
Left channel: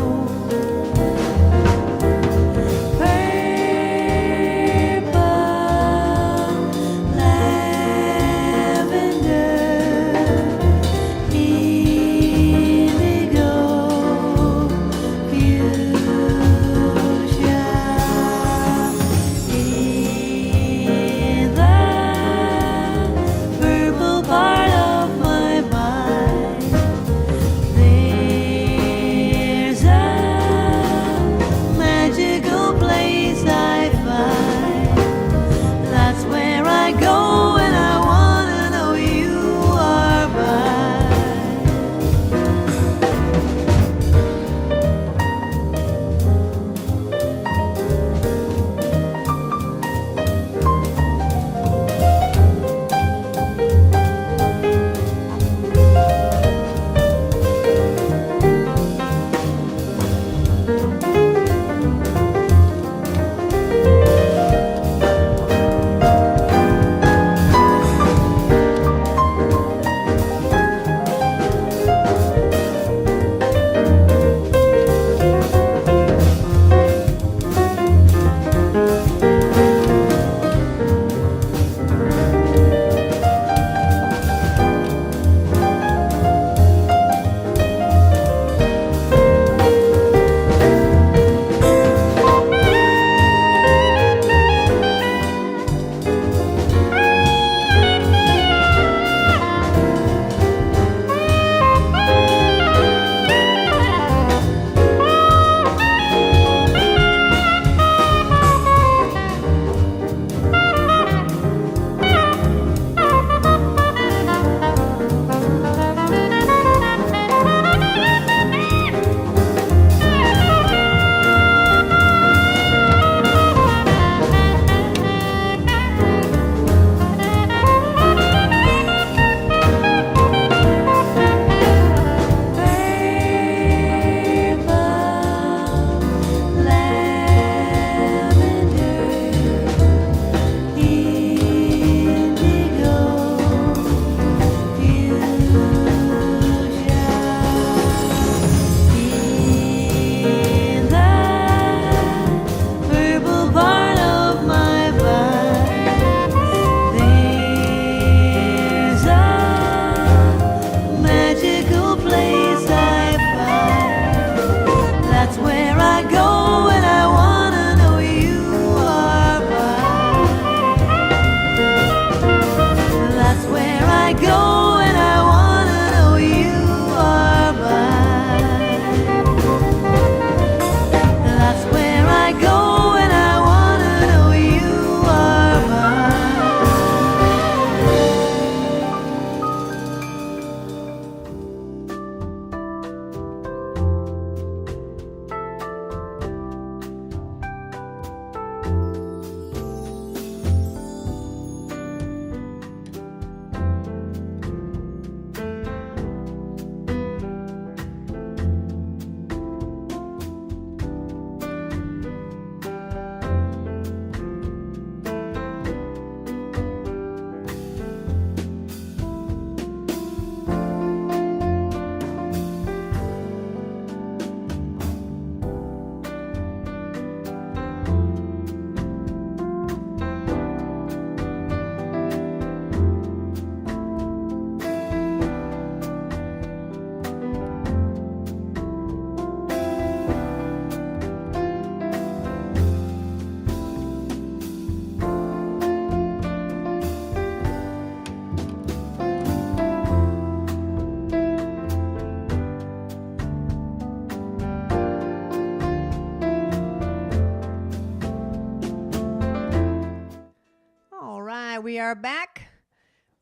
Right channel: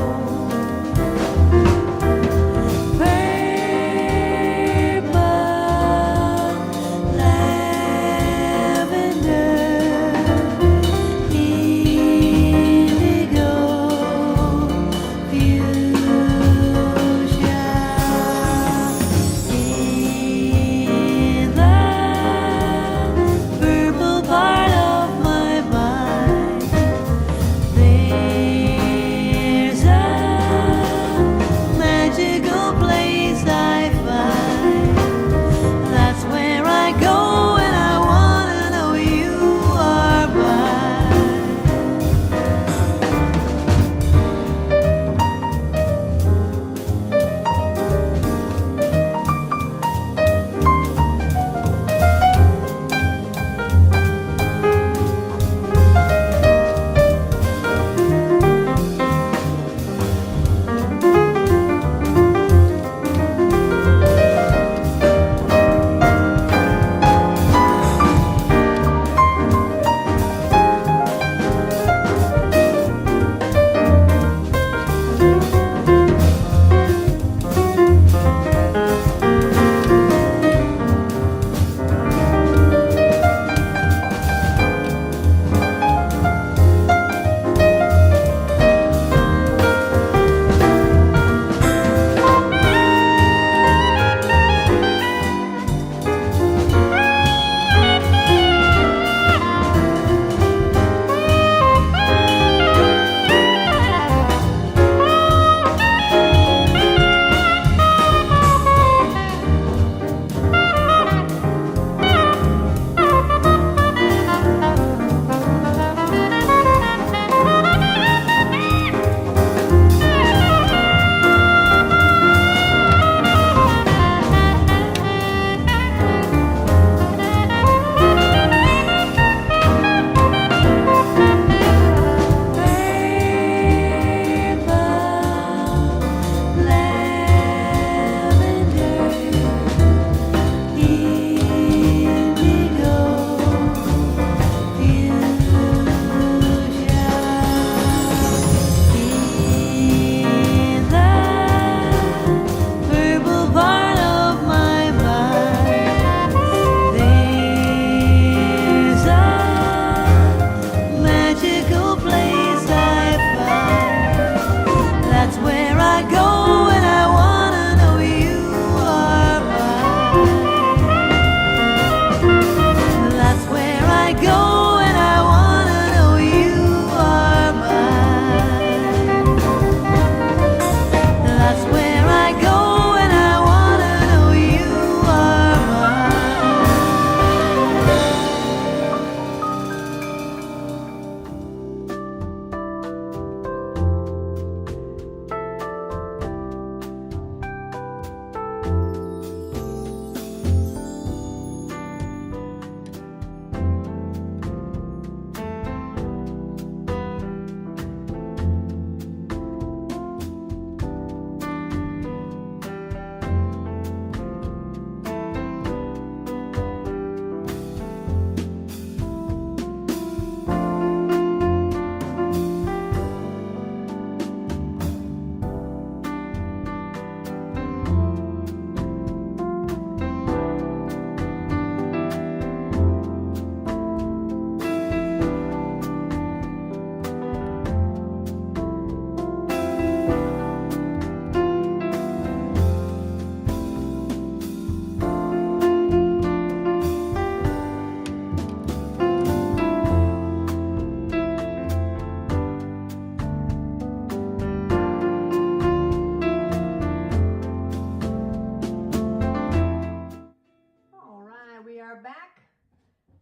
are back.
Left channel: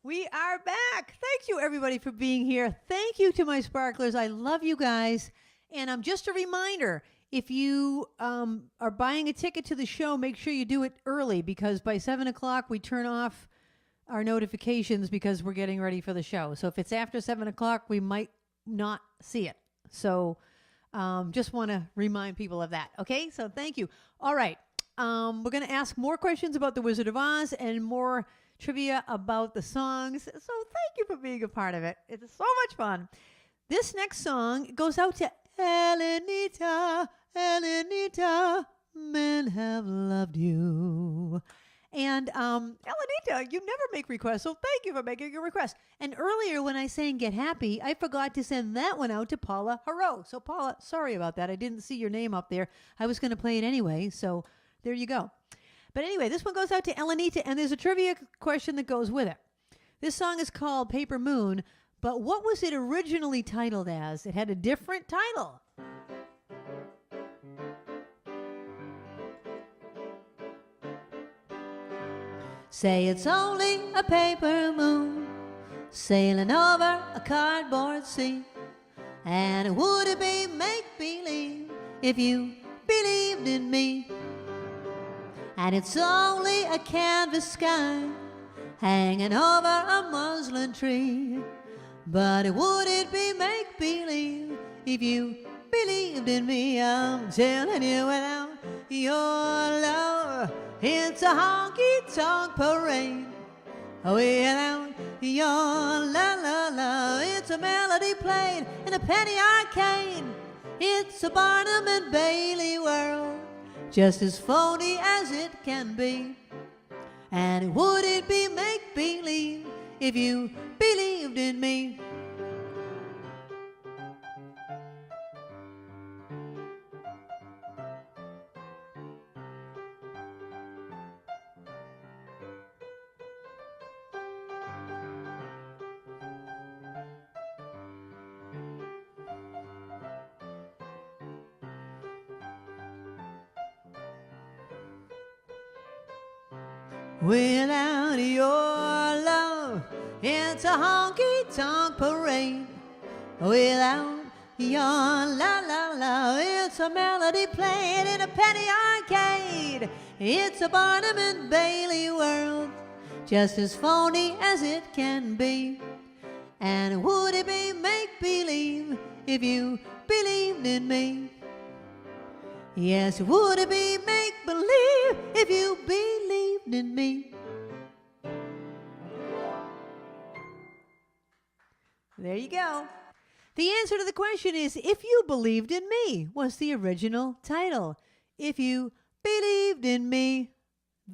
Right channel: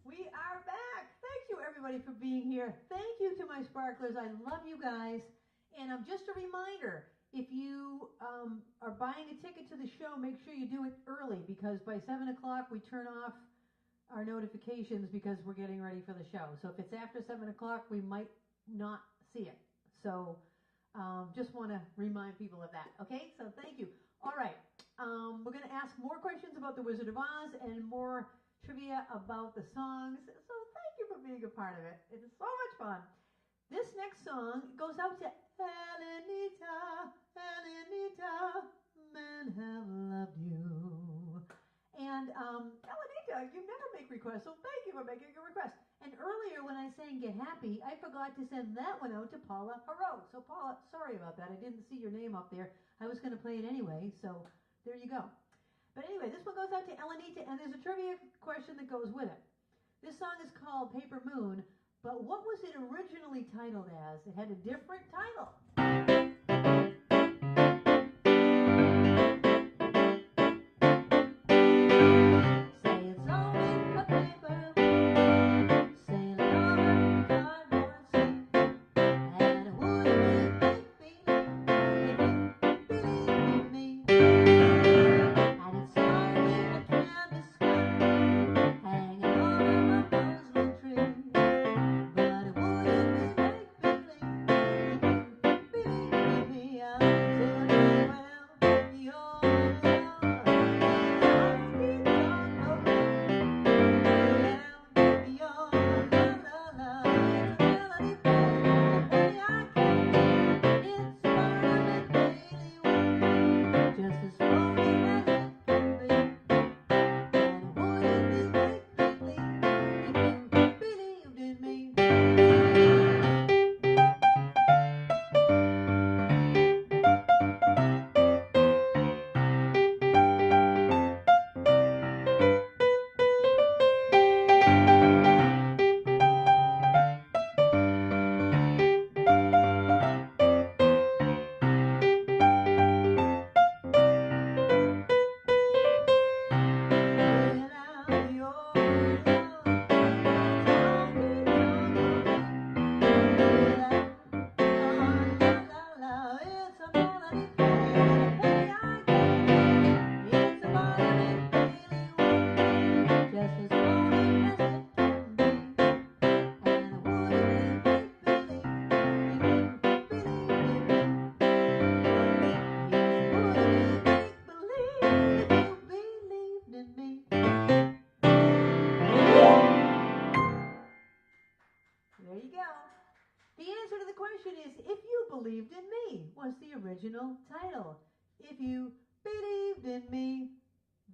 We are back. Thank you, everybody, for being here. Thank you to my sparklers. I love you guys. And just a reminder, if you are buying a ticket to the show, make sure you do it early because by 7 o'clock we turn off our notifications because we're getting ready for the show. So if it's after 7 o'clock, we might not see it. So just want to remind people of that. Okay, so thank you. All right, we're going to ask more questions about The Wizard of Oz and more trivia about the songs. So thank you for being a part of it. It's so much fun. This next song goes out to Elenita, Elenita, men have loved you. And Elenita, you never make requests, so thank you for making your request. And earlier when I sang Get Happy, I forgot to send that one out to Paula Haro. So Paula, sorry about that. I didn't see your name up there. I was going to play it anyway, so there you go. But anyway, this one goes out to Elenita, and there's a trivia question that goes with it. This song is called Paper Moon, but what was it originally titled as? It had a different title. Say it's only a paper moon sailing over a cardboard sea, and it wouldn't be make-believe if you believed in me. And it's only a canvas sky hanging over a muslin tree, but it wouldn't be make-believe if you believed in me. I'm telling you without your love, it's a honky-tonk parade. Without your la-la-la, it's a melody played in a penny arcade. It's a Barnum and Bailey world, just as phony as it can be. And it wouldn't be make-believe if you believed in me. Without your love, it's a honky-tonk parade. Without your la-la-la, it's a melody played in a penny arcade. It's a Barnum and Bailey world, just as phony as it can be. And it wouldn't be make-believe if you believed in me. Yes, it wouldn't be make-believe if you believed in me. There you go. The answer to the question is If You Believed in Me was the original title. If You Believed in Me,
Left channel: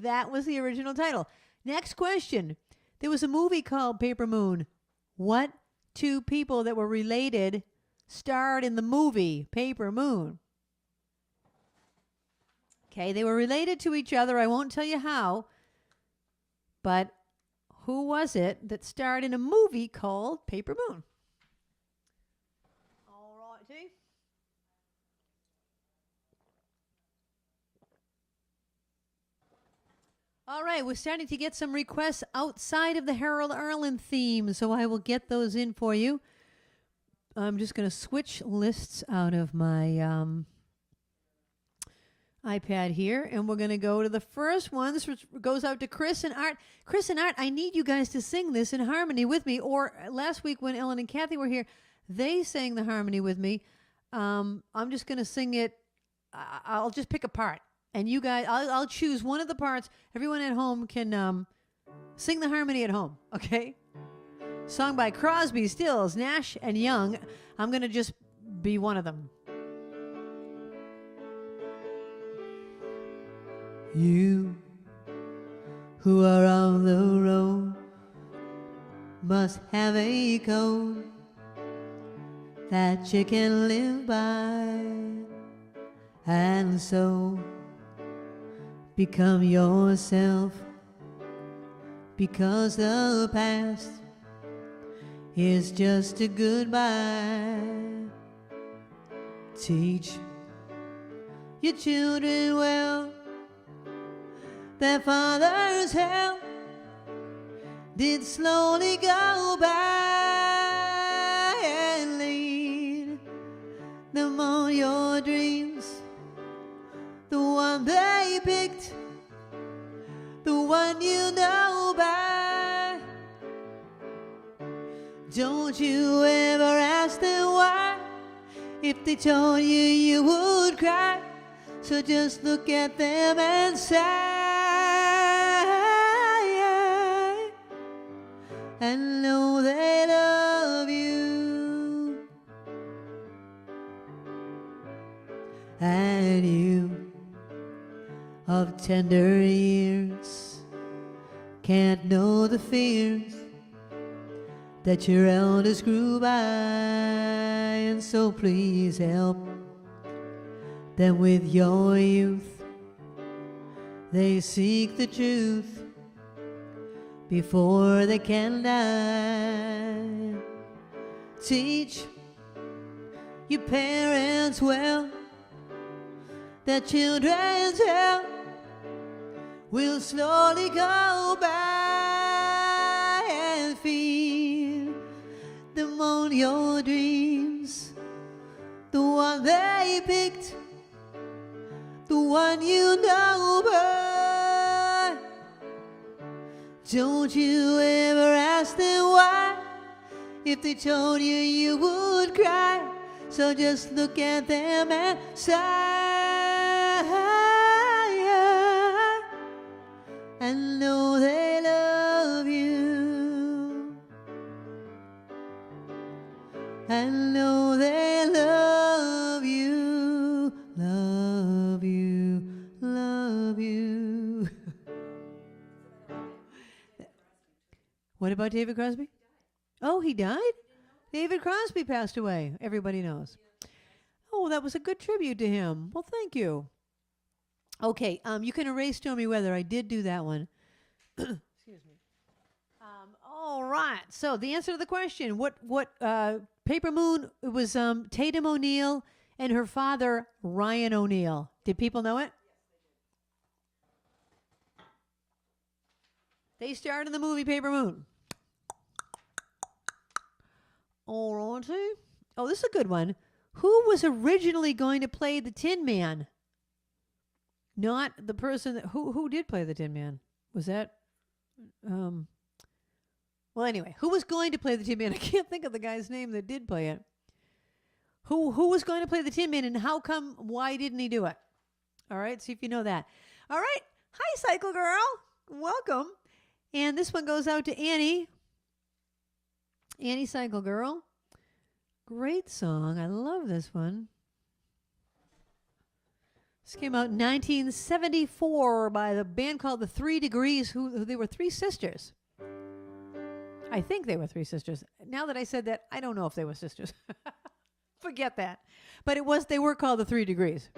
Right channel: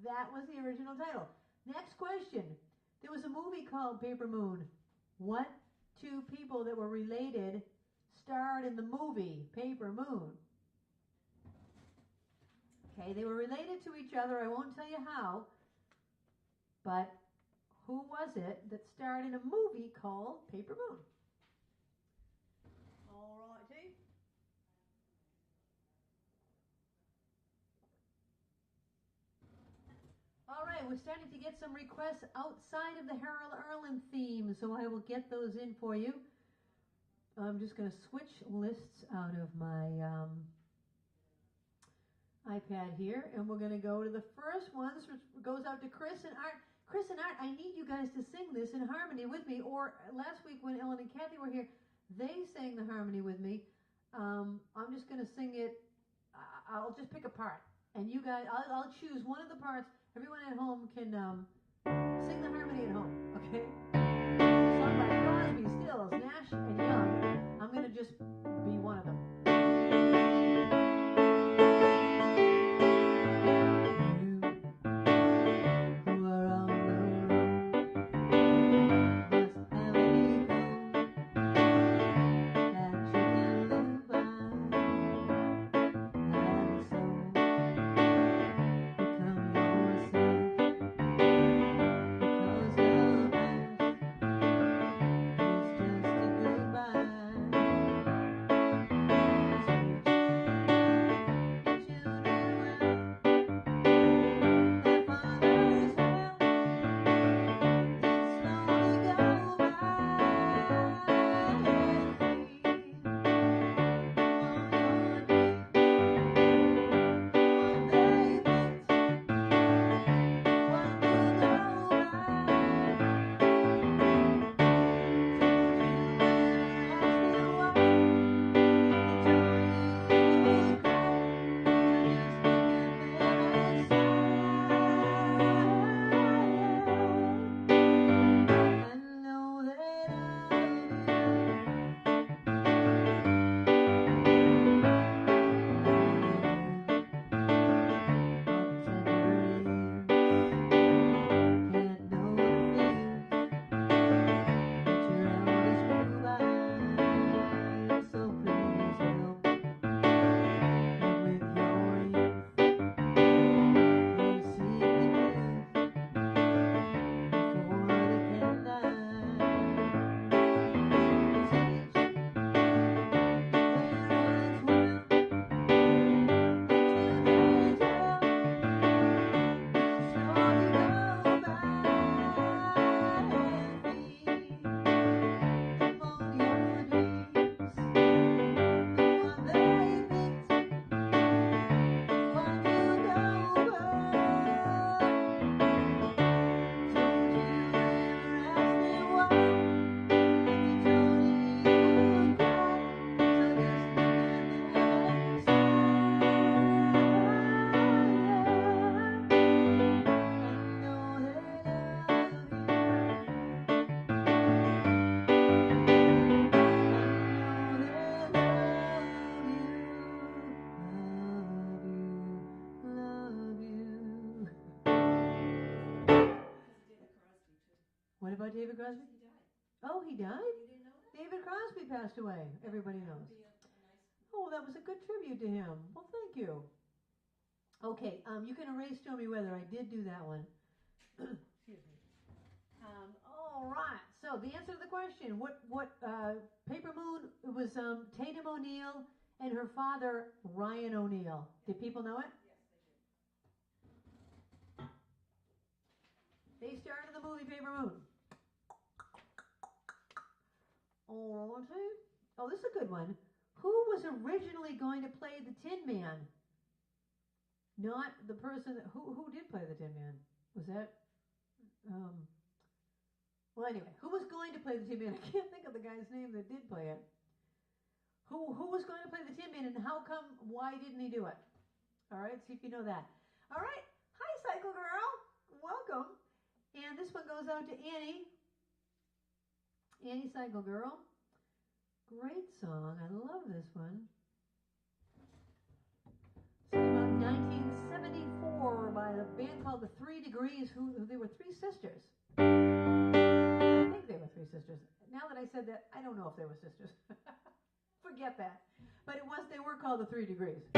that was the original title. Next question. There was a movie called Paper Moon. What two people that were related starred in the movie Paper Moon? Okay, they were related to each other. I won't tell you how, but who was it that starred in a movie called Paper Moon? All righty. All right, we're starting to get some requests outside of the Harold Arlen theme, so I will get those in for you. I'm just going to switch lists out of my iPad here, and we're going to go to the first one. This goes out to Chris and Art. Chris and Art, I need you guys to sing this in harmony with me. Or last week when Ellen and Kathy were here, they sang the harmony with me. I'm just going to sing it. I'll just pick a part. And you guys, I'll choose one of the parts. Everyone at home can sing the harmony at home, okay? Sung by Crosby, Stills, Nash, and Young. I'm going to just be one of them. You who are on the road must have a code that you can live by, and so become yourself, because the past is just a goodbye. Teach your children well, their father's help told you you would cry, so just look at them and sigh. And know they love you. And you of tender years can't know the fears that your elders grew by, and so please help them with your youth. They seek the truth before they can die. Teach your parents well that children's help will slowly go by, and feed them on your dreams, the one they picked, the one you know, but don't you ever ask them why, if they told you you would cry, so just look at them and sigh. And know they love you. And know they love you, love you, love you. What about David Crosby? Oh, he died? David Crosby passed away. Everybody knows. Oh, that was a good tribute to him. Well, thank you. Okay, you can erase Stormy Weather. I did do that one. Excuse me. All right. So the answer to the question: what Paper Moon? It was Tatum O'Neal and her father Ryan O'Neal. Did people know it? They starred in the movie Paper Moon. All righty. Oh, this is a good one. Who was originally going to play the Tin Man? Not the person that, who did play the Tin Man? Was that well, anyway, who was going to play the Tin Man? I can't think of the guy's name that did play it. Who was going to play the Tin Man, and how come, why didn't he do it? All right, see if you know that. All right. Hi, Cycle Girl. Welcome. And this one goes out to Annie. Annie Cycle Girl. Great song. I love this one. This came out in 1974 by the band called the 3 Degrees, who they were 3 sisters. I think they were 3 sisters. Now that I said that, I don't know if they were sisters. Forget that. But they were called the 3 Degrees.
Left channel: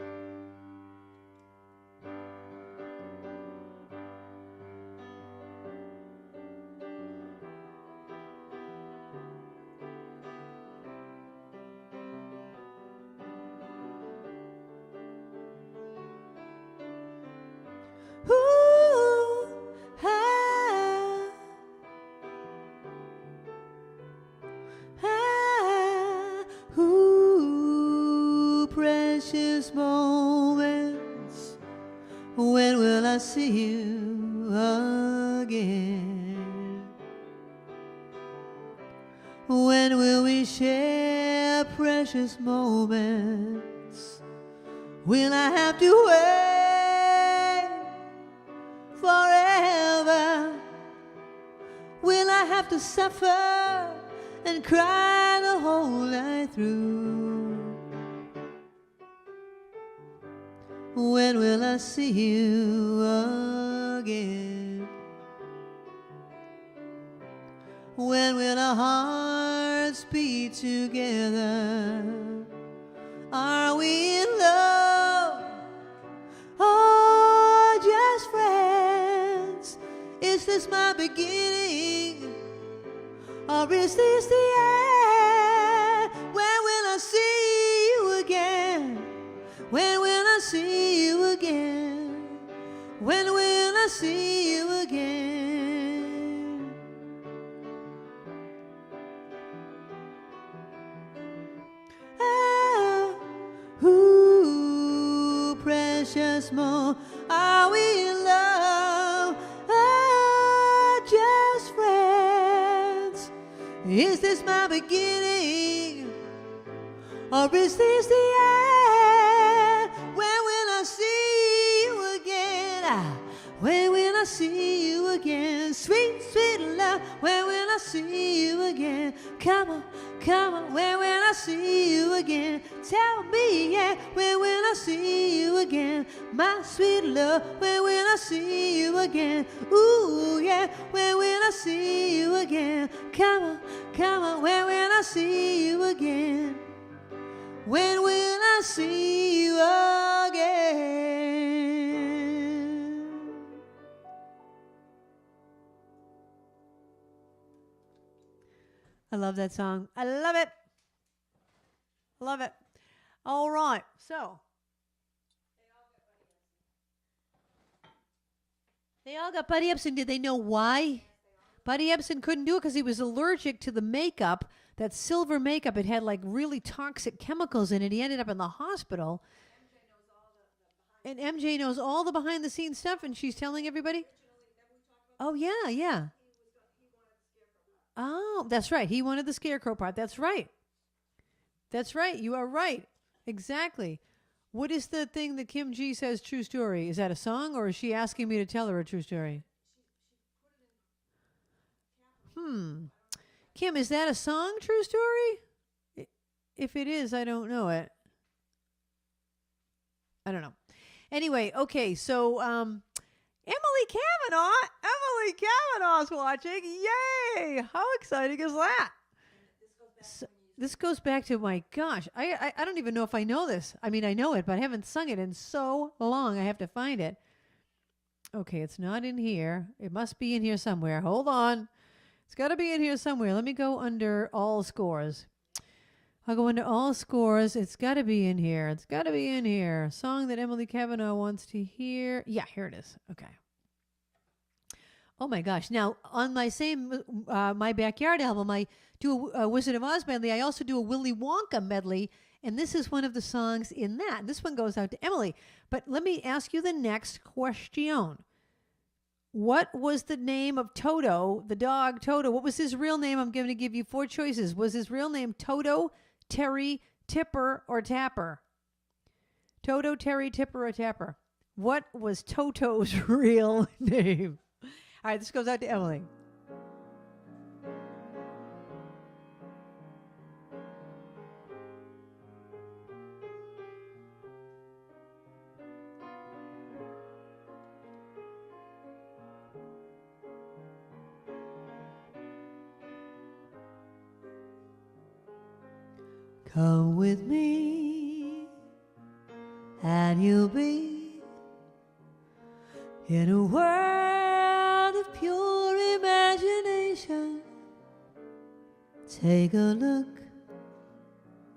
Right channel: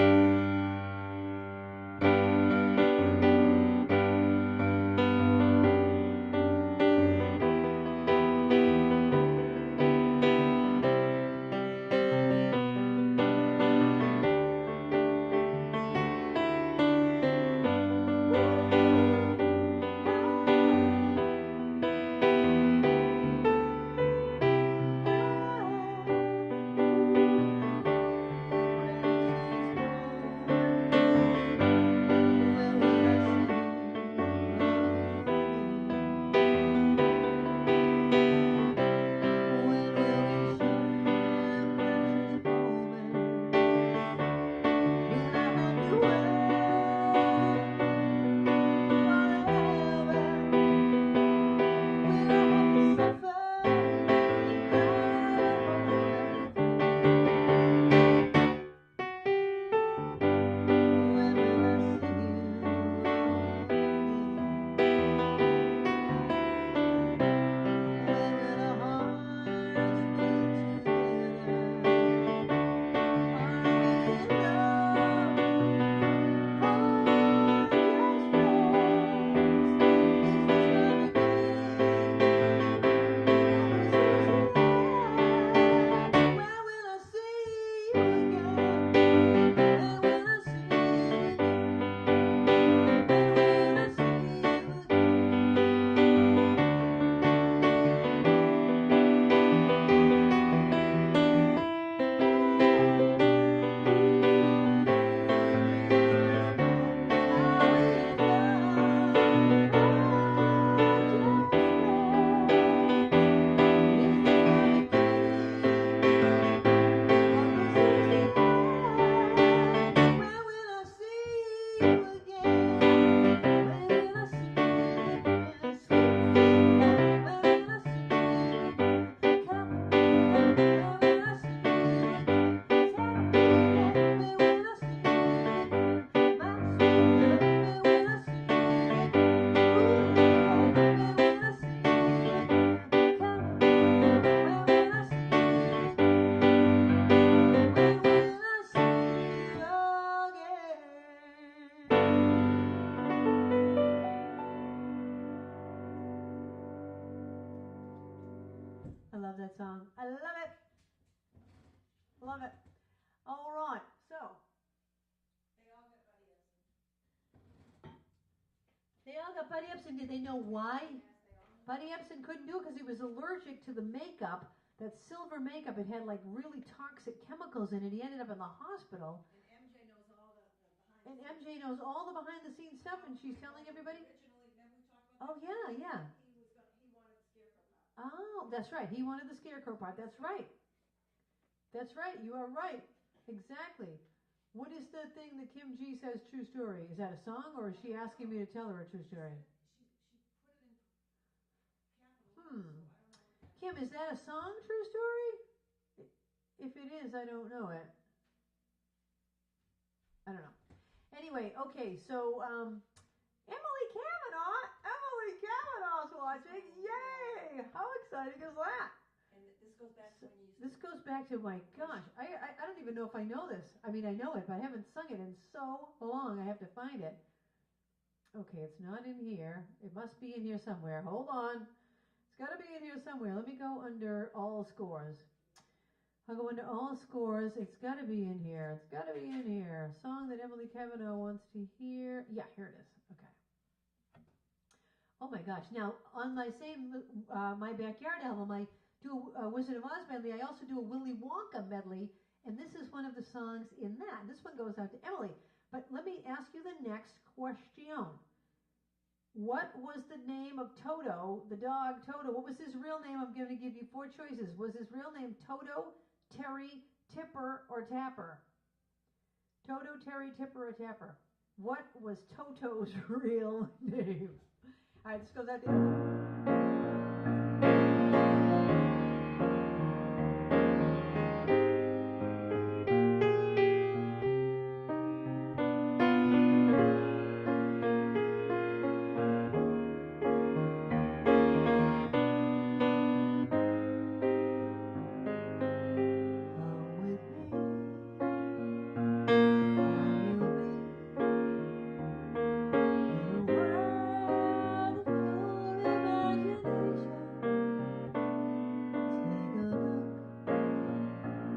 Is this my beginning, or is this the end? love that song. I love it. Love it. All right. So they all got Buddy Epson. Did they know why? Buddy Epson couldn't do it because he was allergic to the makeup, that silver makeup. It had like really toxic chemicals in it. He ended up in the hospital. And MJ knows all the behind the scenes stuff, and she's telling everybody. Oh, yeah, yeah. Oh, that's right. He wanted the scarecrow part. That's right. That's right. You are right. Exactly. What is the thing that Kim G says true story? Is that a song, or is she asking me to tell her a true story? Kim, is that a song, true story? If it is, I don't know it. I don't know. Anyway, okay, so Emily Kavanaugh's watching. Yay! How exciting is that? This goes back to, my gosh, I don't even know if I know this. I mean, I know it, but I haven't sung it in so long. I have to find it. Okay, it's not in here. It must be in here somewhere. Hold on. It's got to be in here somewhere. Let me go under all scores. I'll go into all scores. It's got to be in here. It's got to be in here. A song that Emily Kavanaugh wants to hear. Yeah, here it is. Okay. Oh, my gosh. Now, on my same My Backyard album, I do a Wizard of Oz medley. I also do a Willy Wonka medley, and this is one of the songs in that. This one goes out to Emily. But let me ask you the next question. What was the name of Toto, the dog Toto? What was his real name? I'm going to give you 4 choices. Was his real name Toto, Terry, Tipper, or Tapper? Toto, Terry, Tipper, or Tapper? What was Toto's real name? All right, this goes out to Emily. Come with me, and you'll be in a world of pure imagination. Take a look,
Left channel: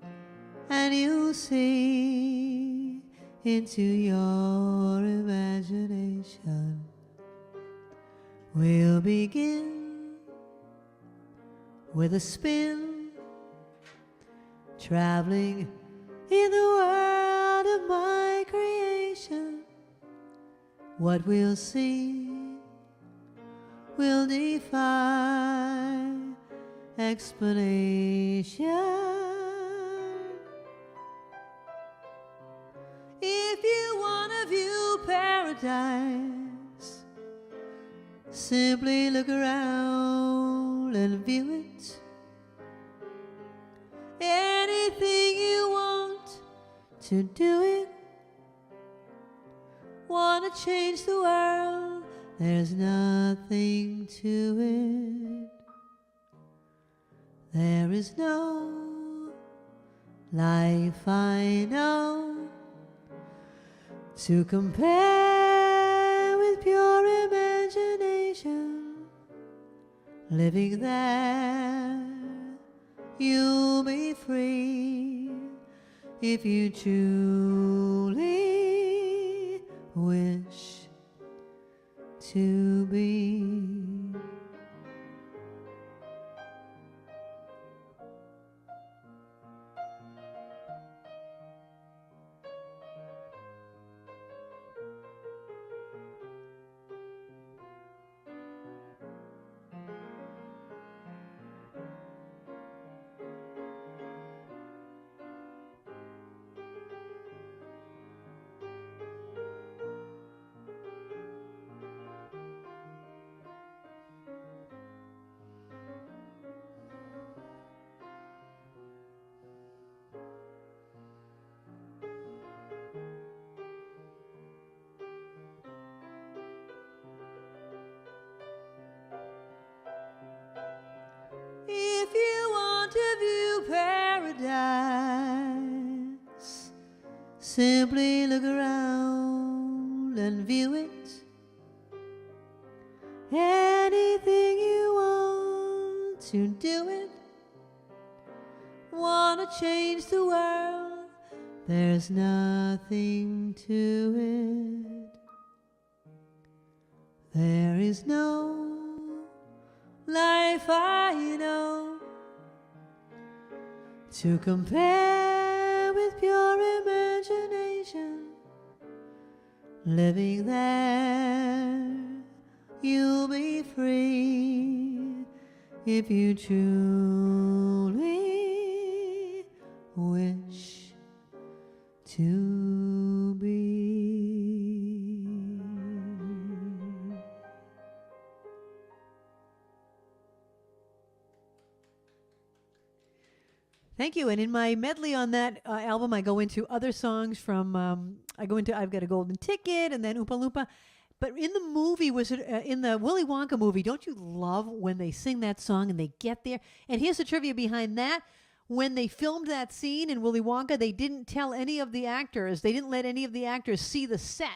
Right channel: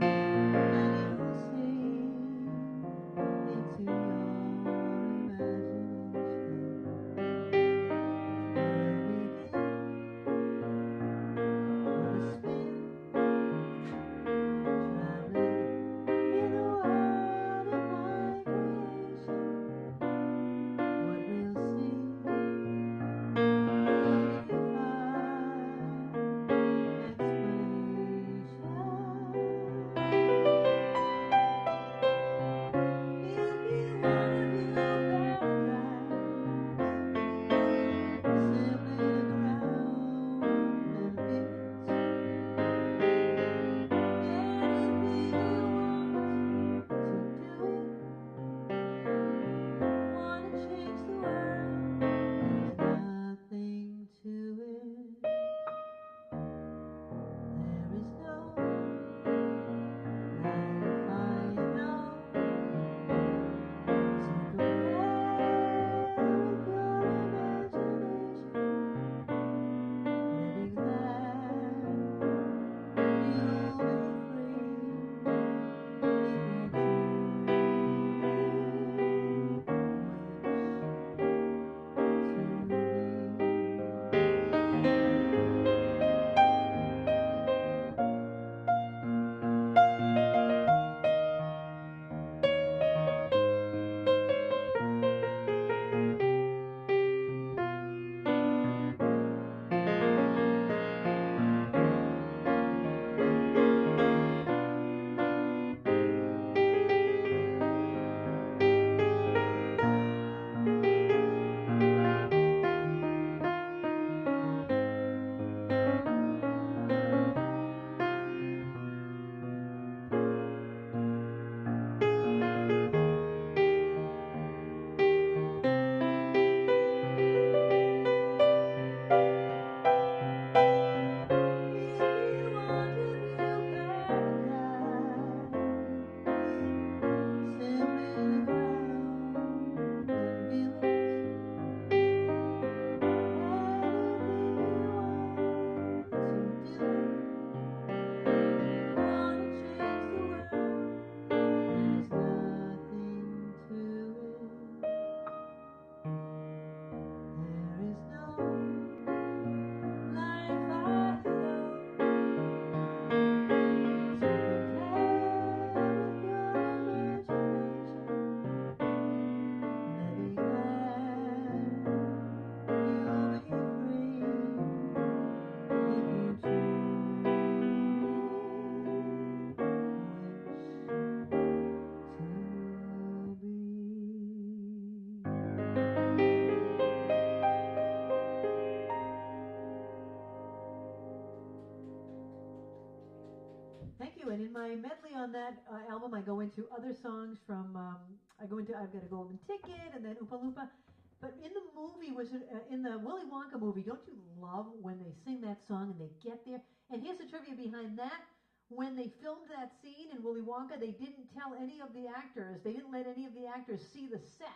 and you'll see into your imagination. We'll begin with a spin, traveling in the world of my creation. What we'll see will defy explanation. If you want to view paradise, simply look around and view it. To do it, wanna change the world, there's nothing to it. There is no life I know to compare with pure imagination. Living there, you'll be free if you truly wish to be. Simply look around and view it. Anything you want to do it. There's nothing to it. There is no life I know to compare with pure imagination. Living there, you'll be free if you truly wish to be. Thank you. And in my medley on that album, I go into other songs from, I've Got a Golden Ticket and then Oompa Loompa. But in the movie, in the Willy Wonka movie, don't you love when they sing that song and they get there? And here's the trivia behind that. When they filmed that scene in Willy Wonka, they didn't tell any of the actors, they didn't let any of the actors see the set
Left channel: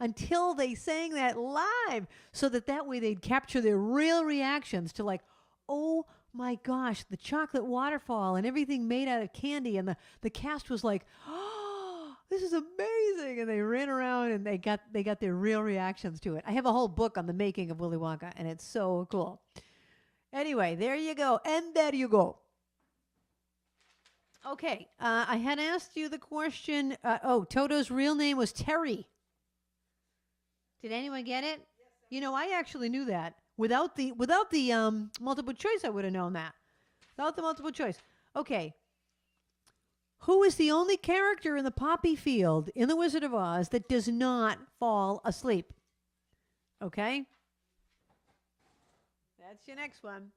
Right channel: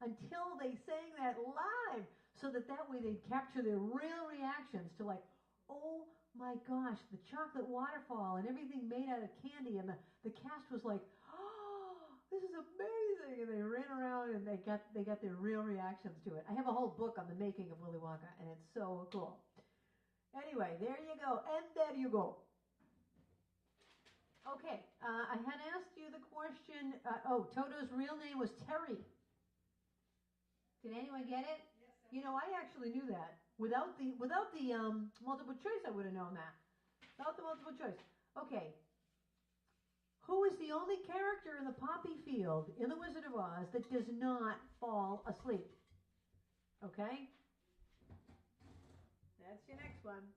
until they sang that live, so that way they'd capture their real reactions to like, oh my gosh, the chocolate waterfall and everything made out of candy. And the cast was like, oh, this is amazing. And they ran around and they got their real reactions to it. I have a whole book on the making of Willy Wonka, and it's so cool. Anyway, there you go. And there you go. Okay, I had asked you the question. Toto's real name was Terry. Did anyone get it? Yes, I actually knew that. Without the multiple choice, I would have known that. Without the multiple choice. Okay. Who is the only character in the poppy field in The Wizard of Oz that does not fall asleep? Okay? That's your next one.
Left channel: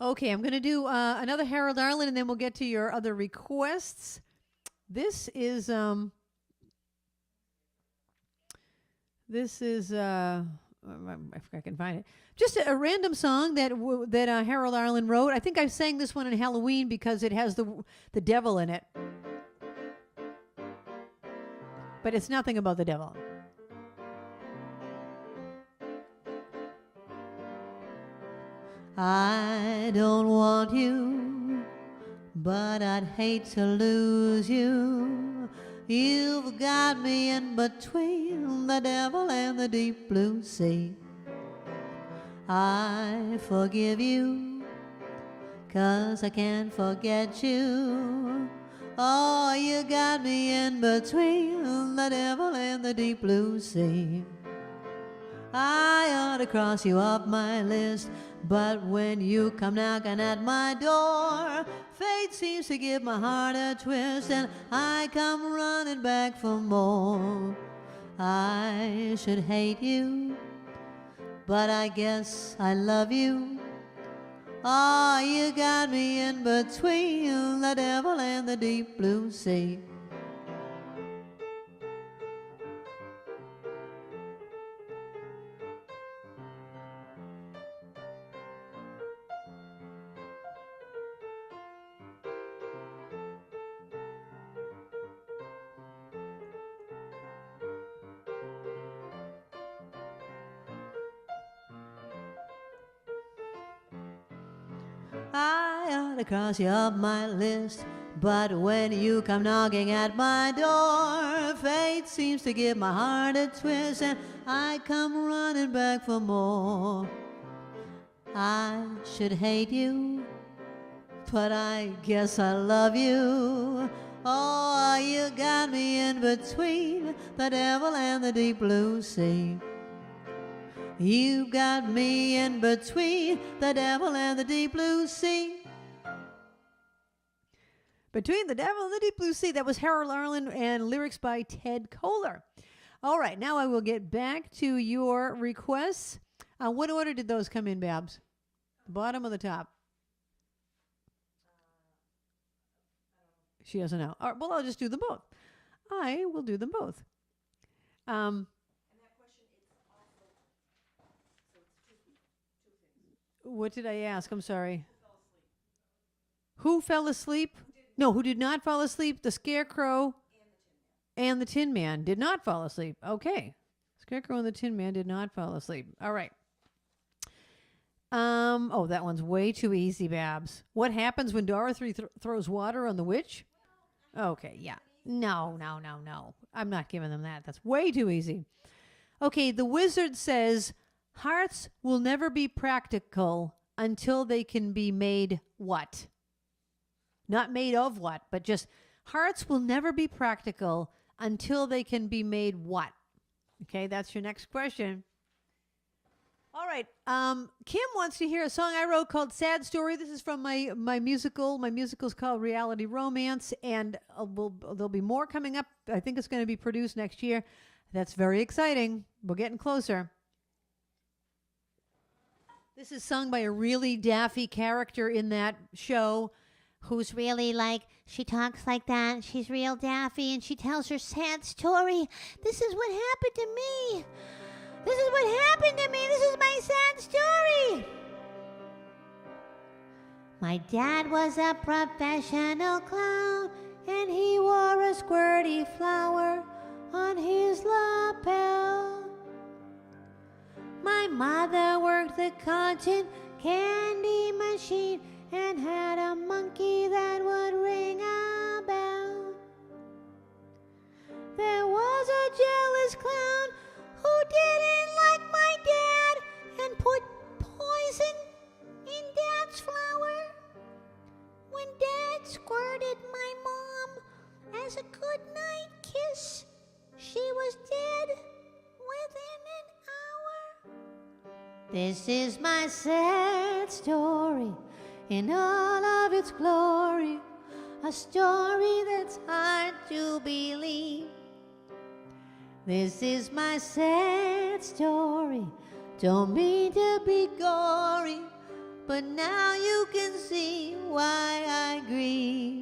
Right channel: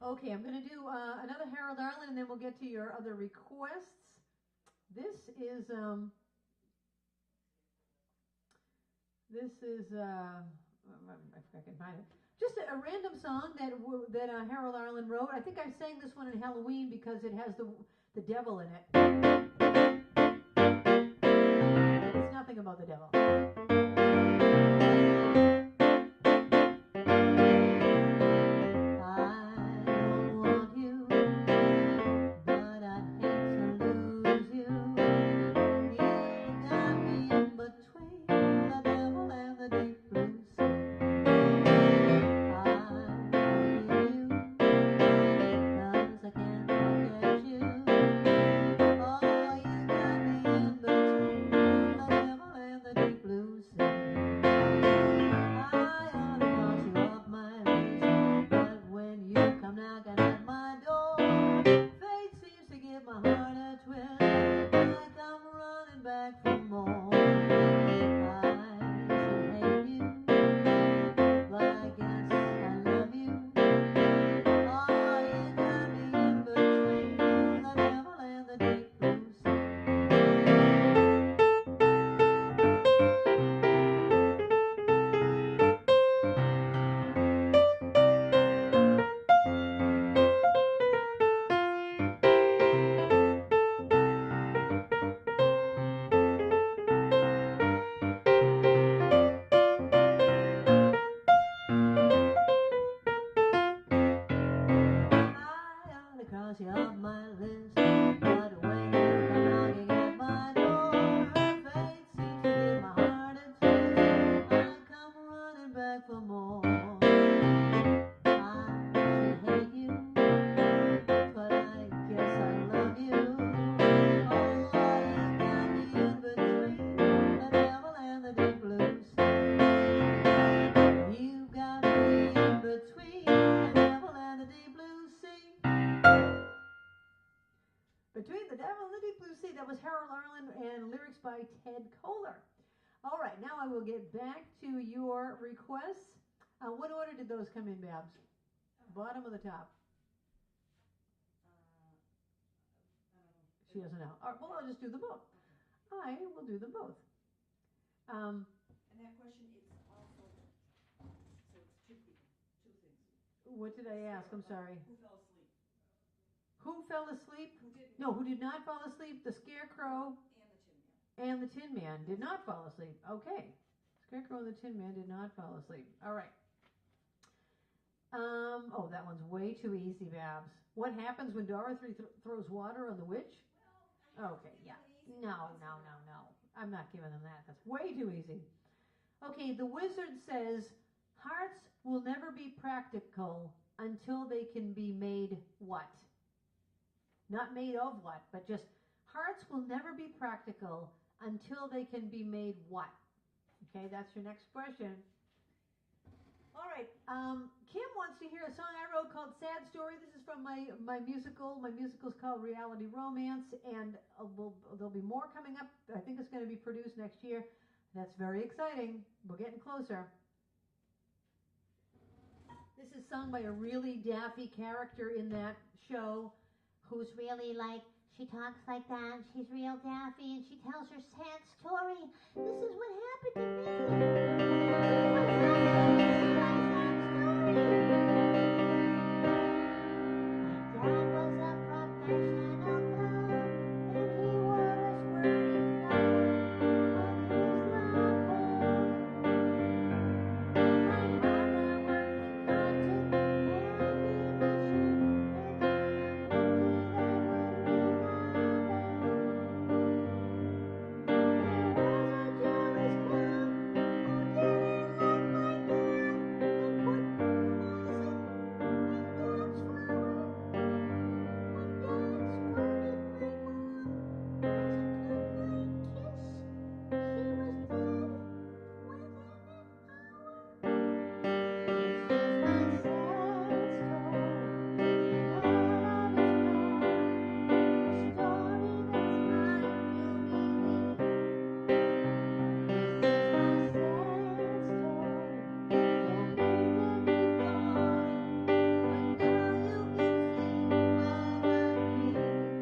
Okay, I'm going to do another Harold Arlen, and then we'll get to your other requests. This is if I can find it. Just a random song that Harold Arlen wrote. I think I sang this one on Halloween because it has the devil in it. But it's nothing about the devil. I don't want you, but I'd hate to lose you. You've got me in between the devil and the deep blue sea. I forgive you, 'cause I can't forget you. Oh, you got me in between the devil and the deep blue sea. I ought to cross you off my list, but when you come knocking at my door, fate seems to give my heart a twist, and I come running back for more. I should hate you, but I guess I love you. Oh, you got me in between the devil and the deep blue sea. Cross you off my list, but when you come knocking at my door, fate seems to give my heart a twist, and I come running back for more. I should hate you, but I guess I love you. Oh, you got me in between the devil and the deep blue sea. You got me in between the devil and the deep blue sea. Between the Devil and the Deep Blue Sea. That was Harold Arlen and lyrics by Ted Kohler. All right, now I will get back to your requests. What order did those come in, Babs? Bottom or the top? She doesn't know. All right, well, I'll just do them both. I will do them both. And that question is also, so it's two things. What did I ask? I'm sorry. Who fell asleep? Who fell asleep? Who did not fall asleep? The Scarecrow and the Tin Man did not fall asleep. Okay. Scarecrow and the Tin Man did not fall asleep. All right. Oh, that one's way too easy, Babs. What happens when Dorothy throws water on the witch? Okay, yeah. No. I'm not giving them that. That's way too easy. Okay, the wizard says hearts will never be practical until they can be made what? Not made of what, but just hearts will never be practical until they can be made what? Okay, that's your next question. All right. Kim wants to hear a song I wrote called Sad Story. This is from my musical. My musical's called Reality Romance, and there'll be more coming up. I think it's going to be produced next year. That's very exciting. We're getting closer. This is sung by a really daffy character in that show who's really like, she talks like that. She's real daffy, and she tells her sad story. This is what happened to me. This is what happened to me. This is my sad story. My dad was a professional clown, and he wore a squirty flower on his lapel. My mother worked the cotton candy machine and had a monkey that would ring a bell. There was a jealous clown who didn't like my dad and put poison in Dad's flower. When Dad squirted my mom as a goodnight kiss, she was dead within an hour. This is my sad story in all of its glory, a story that's hard to believe. This is my sad story, don't mean to be gory, but now you can see why I grieve.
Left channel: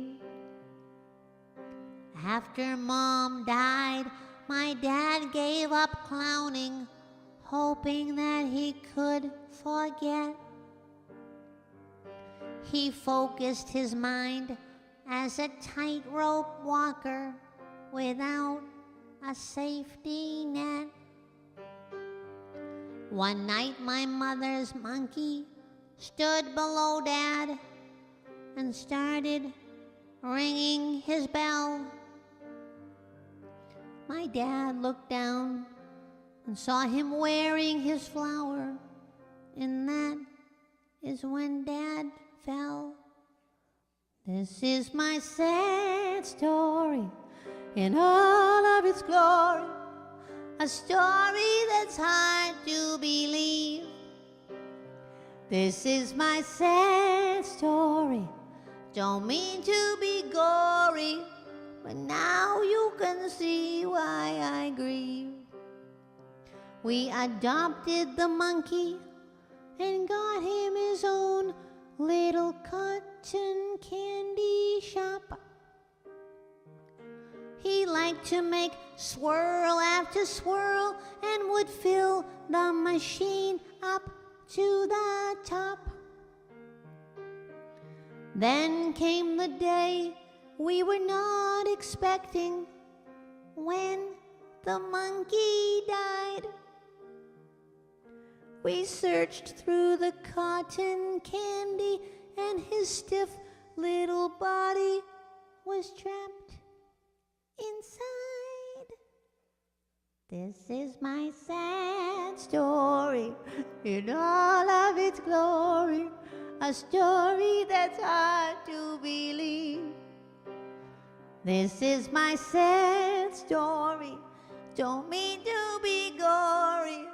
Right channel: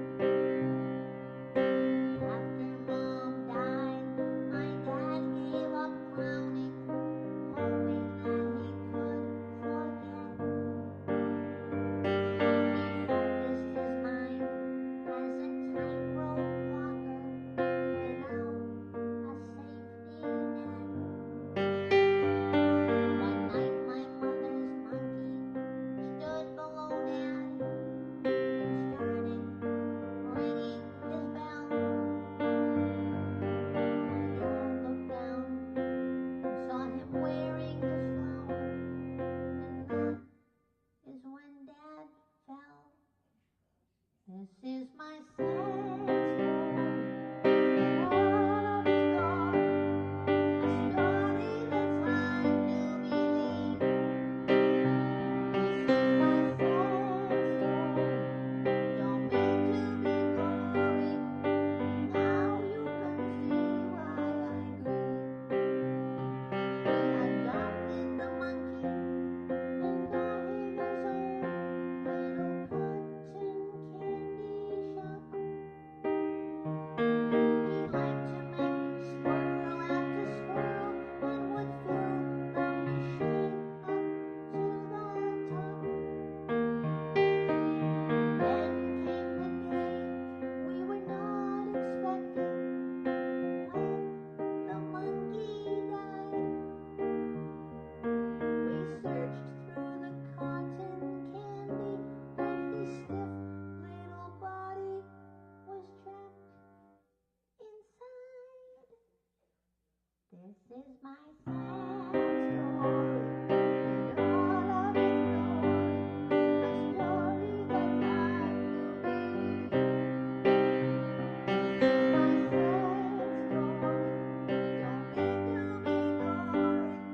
After Mom died, my dad gave up clowning, hoping that he could forget. He focused his mind as a tightrope walker without a safety net. One night my mother's monkey stood below Dad and started ringing his bell. My dad looked down and saw him wearing his flower, and that is when Dad fell. This is my sad story in all of its glory, a story that's hard to believe. This is my sad story, don't mean to be gory, but now you can see why I grieve. We adopted the monkey and got him his own little cotton candy shop. He liked to make swirl after swirl and would fill the machine up to the top. Then came the day we were not expecting, when the monkey died. We searched through the cotton candy, and his stiff little body was trapped inside. This is my sad story in all of its glory, a story that's hard to believe. This is my sad story, don't mean to be gory,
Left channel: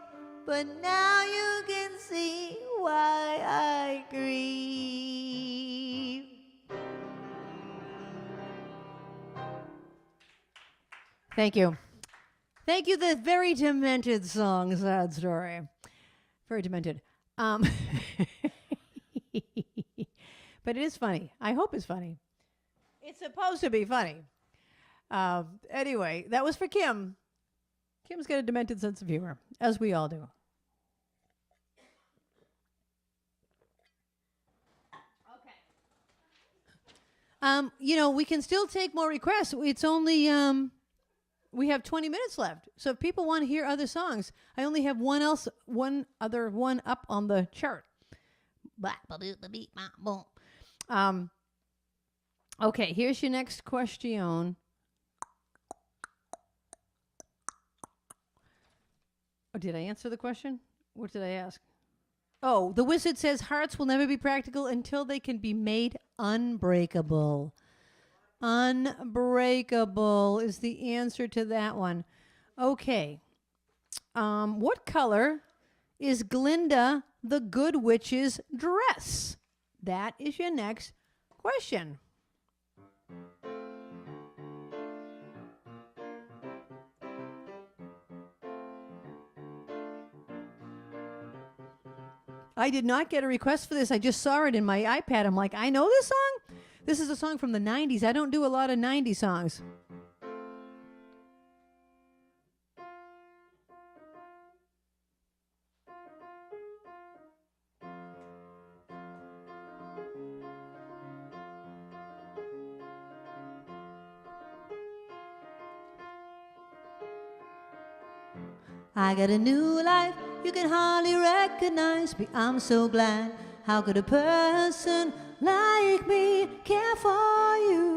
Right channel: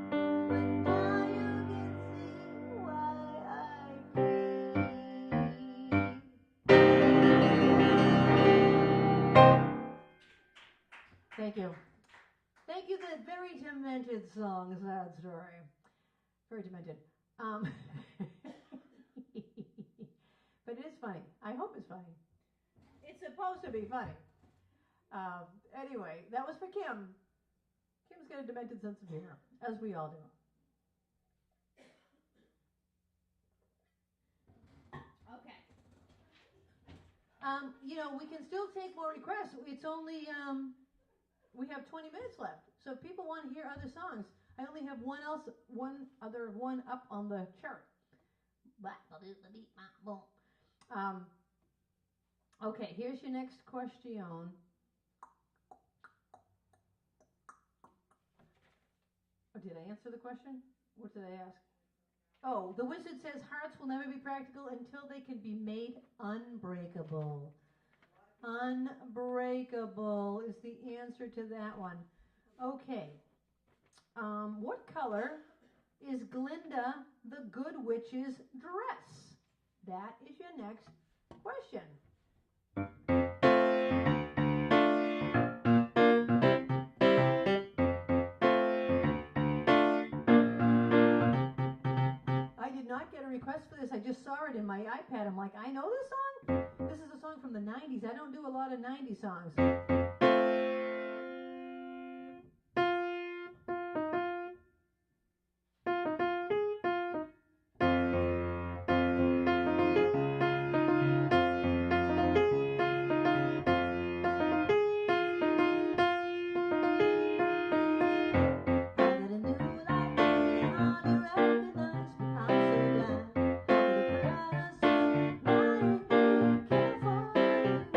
but now you can see why I grieve. Thank you. Thank you, the very demented song, Sad Story. Very demented. But it is funny. I hope it's funny. It's supposed to be funny. Anyway, that was for Kim. Kim's got a demented sense of humor, as we all do. Okay. We can still take more requests. It's only, we have 20 minutes left. So if people want to hear other songs, I only have one other one up on the chart. Okay, here's your next question. Oh, did I answer the question? What did I ask? Oh, the wizard says hearts will never be practical until they can be made unbreakable. Unbreakable is the answer to that one. Okay. What color is Glinda the Good Witch's dress? That is your next question. I did not get a request for this. I just saw it in my iPad. I'm like, I know this song? This is a song from the 90s. I don't do a lot of 90s songs. I got a new life, you can hardly recognize me. I'm so glad. How could a person like me care for you?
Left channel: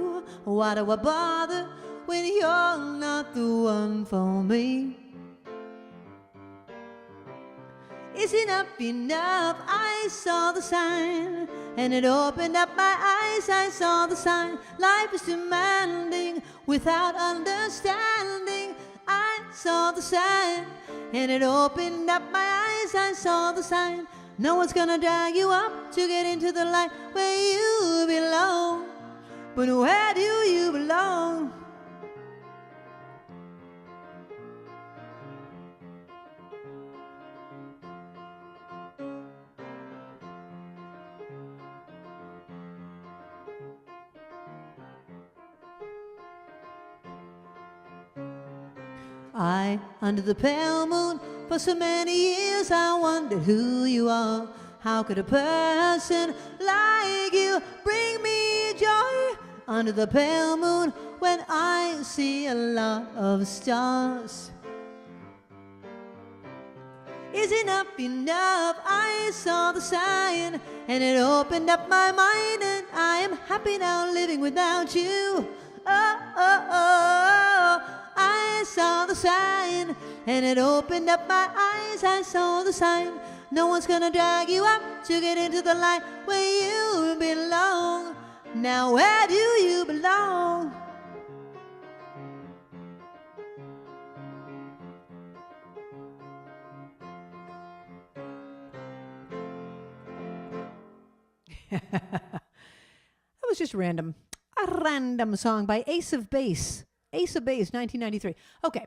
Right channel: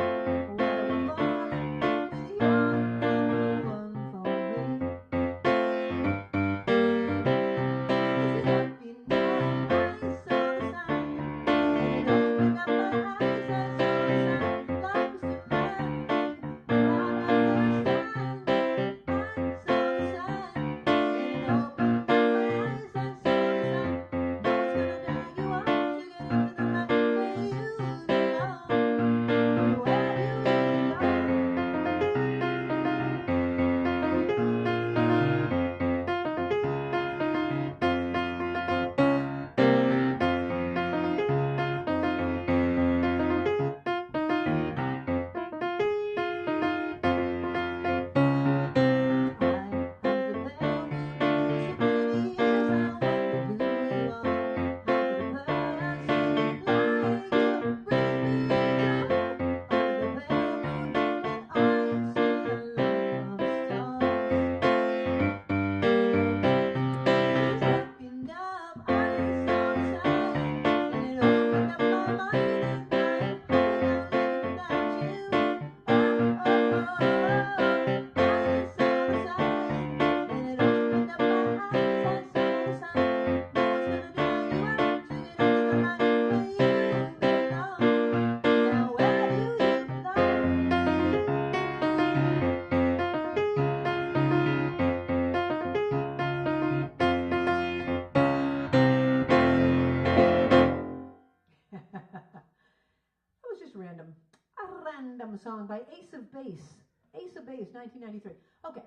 Why do I bother when you're not the one for me? Is it up enough? I saw the sign, and it opened up my eyes. I saw the sign. Life is demanding without understanding. I saw the sign, and it opened up my eyes. I saw the sign. No one's gonna drag you up to get into the light where you belong. But where do you belong? Under the pale moon, for so many years I wondered who you are. How could a person like you bring me joy? Under the pale moon, when I see a lot of stars. Is it up enough? I saw the sign, and it opened up my mind, and I am happy now living without you. Oh, oh, oh, I saw the sign, and it opened up my eyes. I saw the sign. No one's gonna drag you up to get into the light where you belong. Now where do you belong? That was just random. A random song by Ace of Base. Ace of Base, 1993. Okay,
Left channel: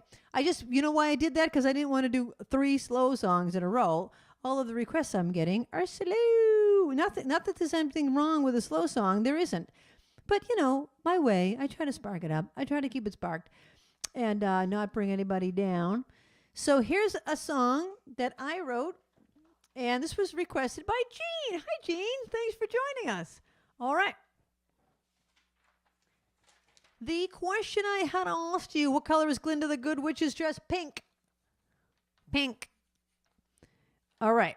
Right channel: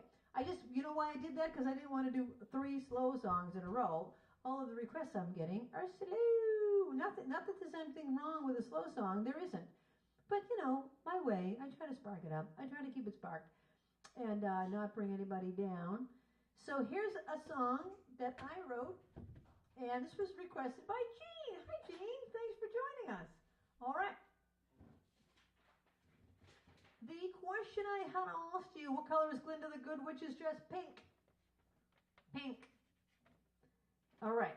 you know why I did that? Because I didn't want to do 3 slow songs in a row. All of the requests I'm getting are slow. Not that there's anything wrong with a slow song. There isn't. But, my way, I try to spark it up. I try to keep it sparked and not bring anybody down. So here's a song that I wrote, and this was requested by Jean. Hi, Jean. Thanks for joining us. All right. The question I had asked you, what color is Glinda the Good Witch's dress? Pink. Pink. All right.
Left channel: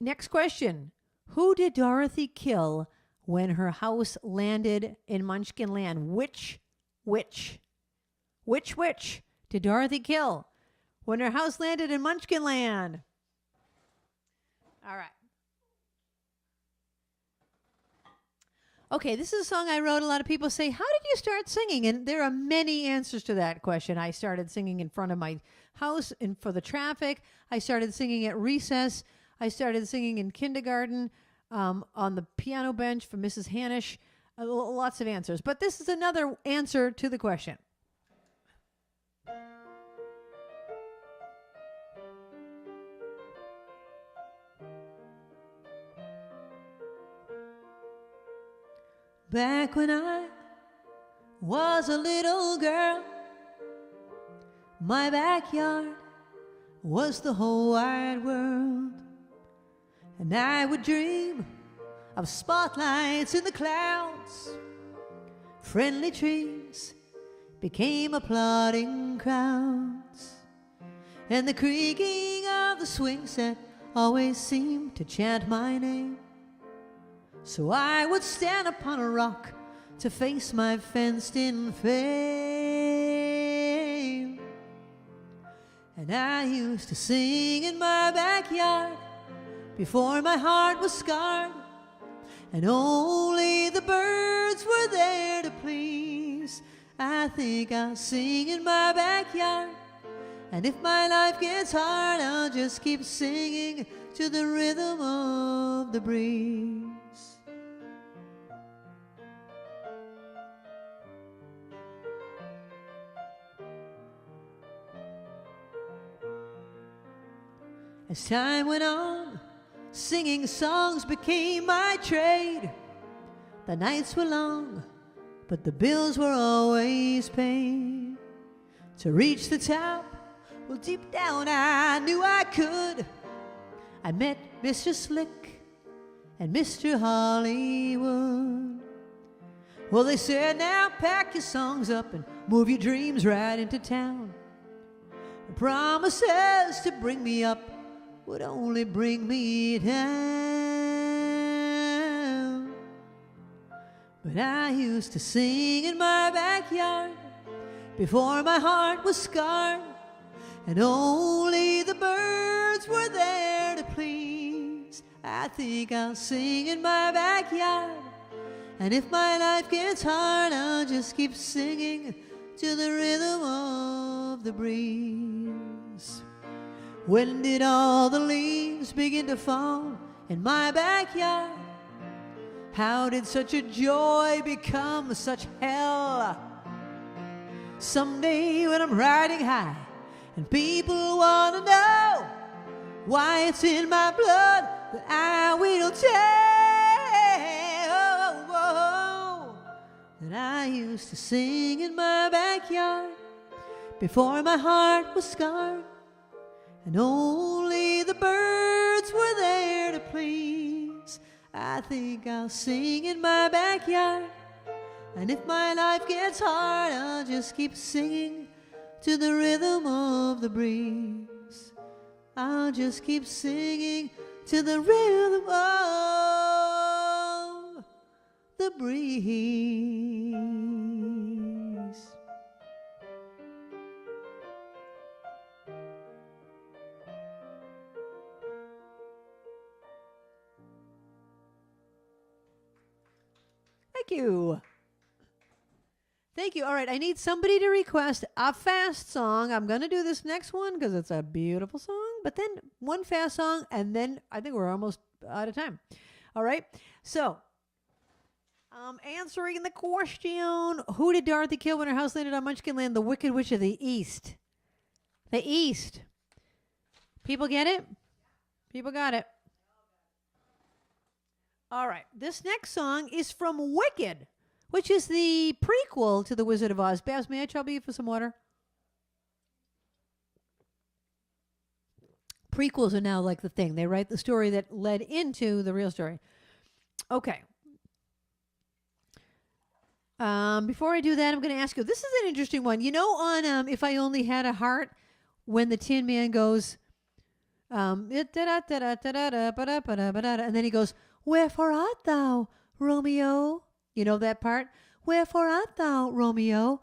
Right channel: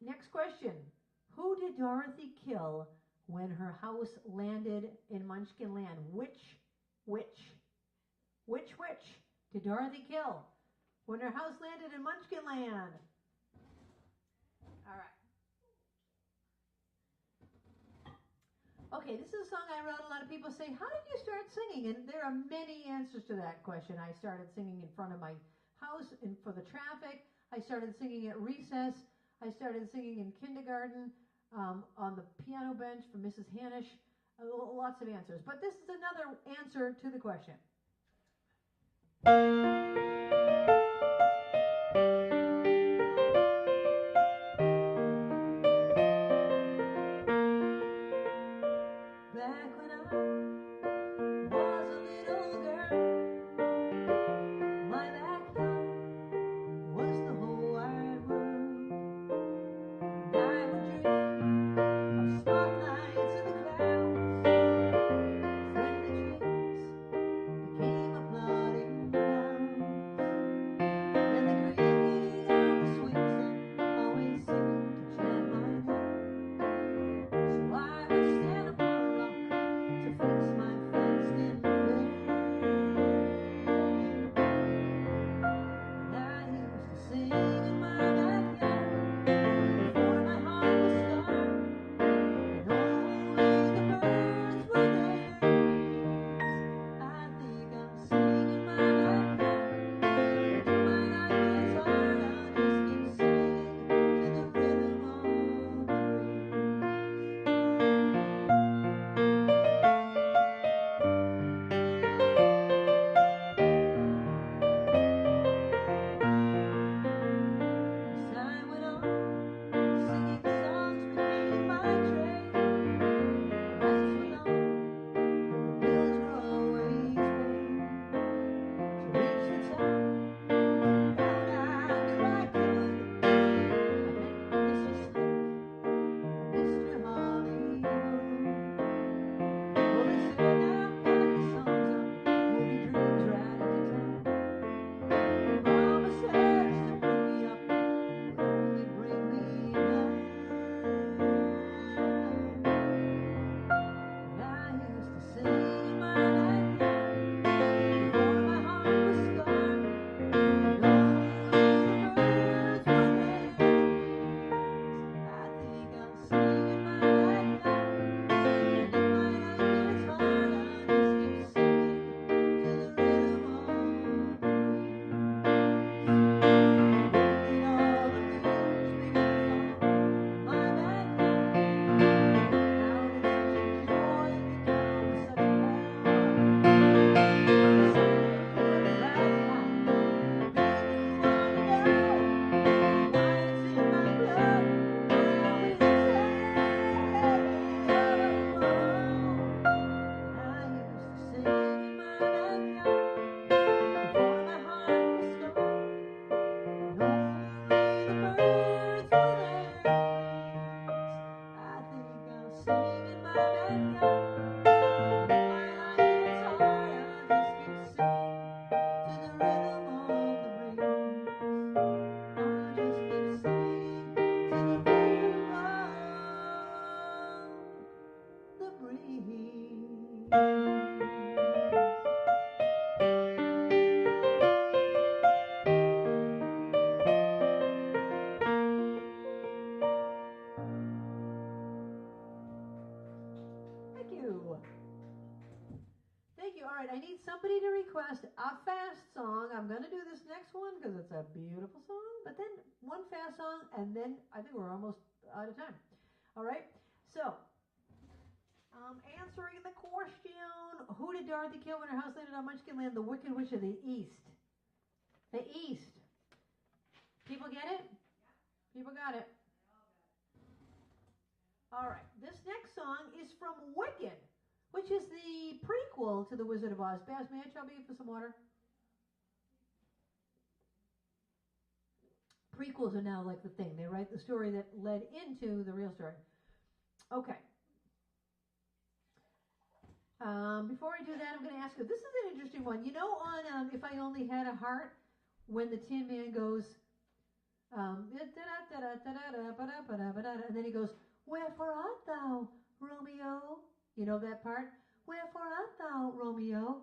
Next question. Who did Dorothy kill when her house landed in Munchkin Land? Which witch did Dorothy kill when her house landed in Munchkin Land? All right. Okay, this is a song I wrote. A lot of people say, how did you start singing? And there are many answers to that question. I started singing in front of my house and for the traffic. I started singing at recess. I started singing in kindergarten on the piano bench for Mrs. Hanish. Lots of answers. But this is another answer to the question. Back when I was a little girl, my backyard was the whole wide world. And I would dream of spotlights in the clouds. Friendly trees became applauding crowds. And the creaking of the swing set always seemed to chant my name. So I would stand upon a rock to face my fenced-in fame. And I used to sing in my backyard before my heart was scarred, and only the birds were there to please. I think I'll sing in my backyard, and if my life gets hard, I'll just keep singing to the rhythm of the breeze. As time went on, singing songs became my trade. The nights were long, but the bills were always paid. To reach the top, well, deep down I knew I could. I met Mr. Slick and Mr. Hollywood. Well, they said, now pack your songs up and move your dreams right into town. The promises to bring me up would only bring me down. But I used to sing in my backyard before my heart was scarred, and only the birds were there to please. I think I'll sing in my backyard, and if my life gets hard, I'll just keep singing to the rhythm of the breeze. When did all the leaves begin to fall in my backyard? How did such a joy become such hell? Someday when I'm riding high and people want to know why it's in my blood, I will tell. And I used to sing in my backyard before my heart was scarred, and only the birds were there to please. I think I'll sing in my backyard, and if my life gets hard, I'll just keep singing to the rhythm of the breeze. I'll just keep singing to the rhythm of the breeze. Thank you. Thank you. All right, I need somebody to request a fast song. I'm going to do this next one because it's a beautiful song, but then one fast song, and then I think we're almost out of time. All right, so answering the question, who did Dorothy kill when her house landed on Munchkin Land? The Wicked Witch of the East. The East. People get it? People got it. All right, this next song is from Wicked, which is the prequel to The Wizard of Oz. Babs, may I trouble you for some water? Prequels are now like the thing. They write the story that led into the real story. Okay. Before I do that, I'm going to ask you, this is an interesting one. You know on If I Only Had a Heart, when the Tin Man goes, and then he goes, wherefore art thou, Romeo? You know that part? Wherefore art thou, Romeo?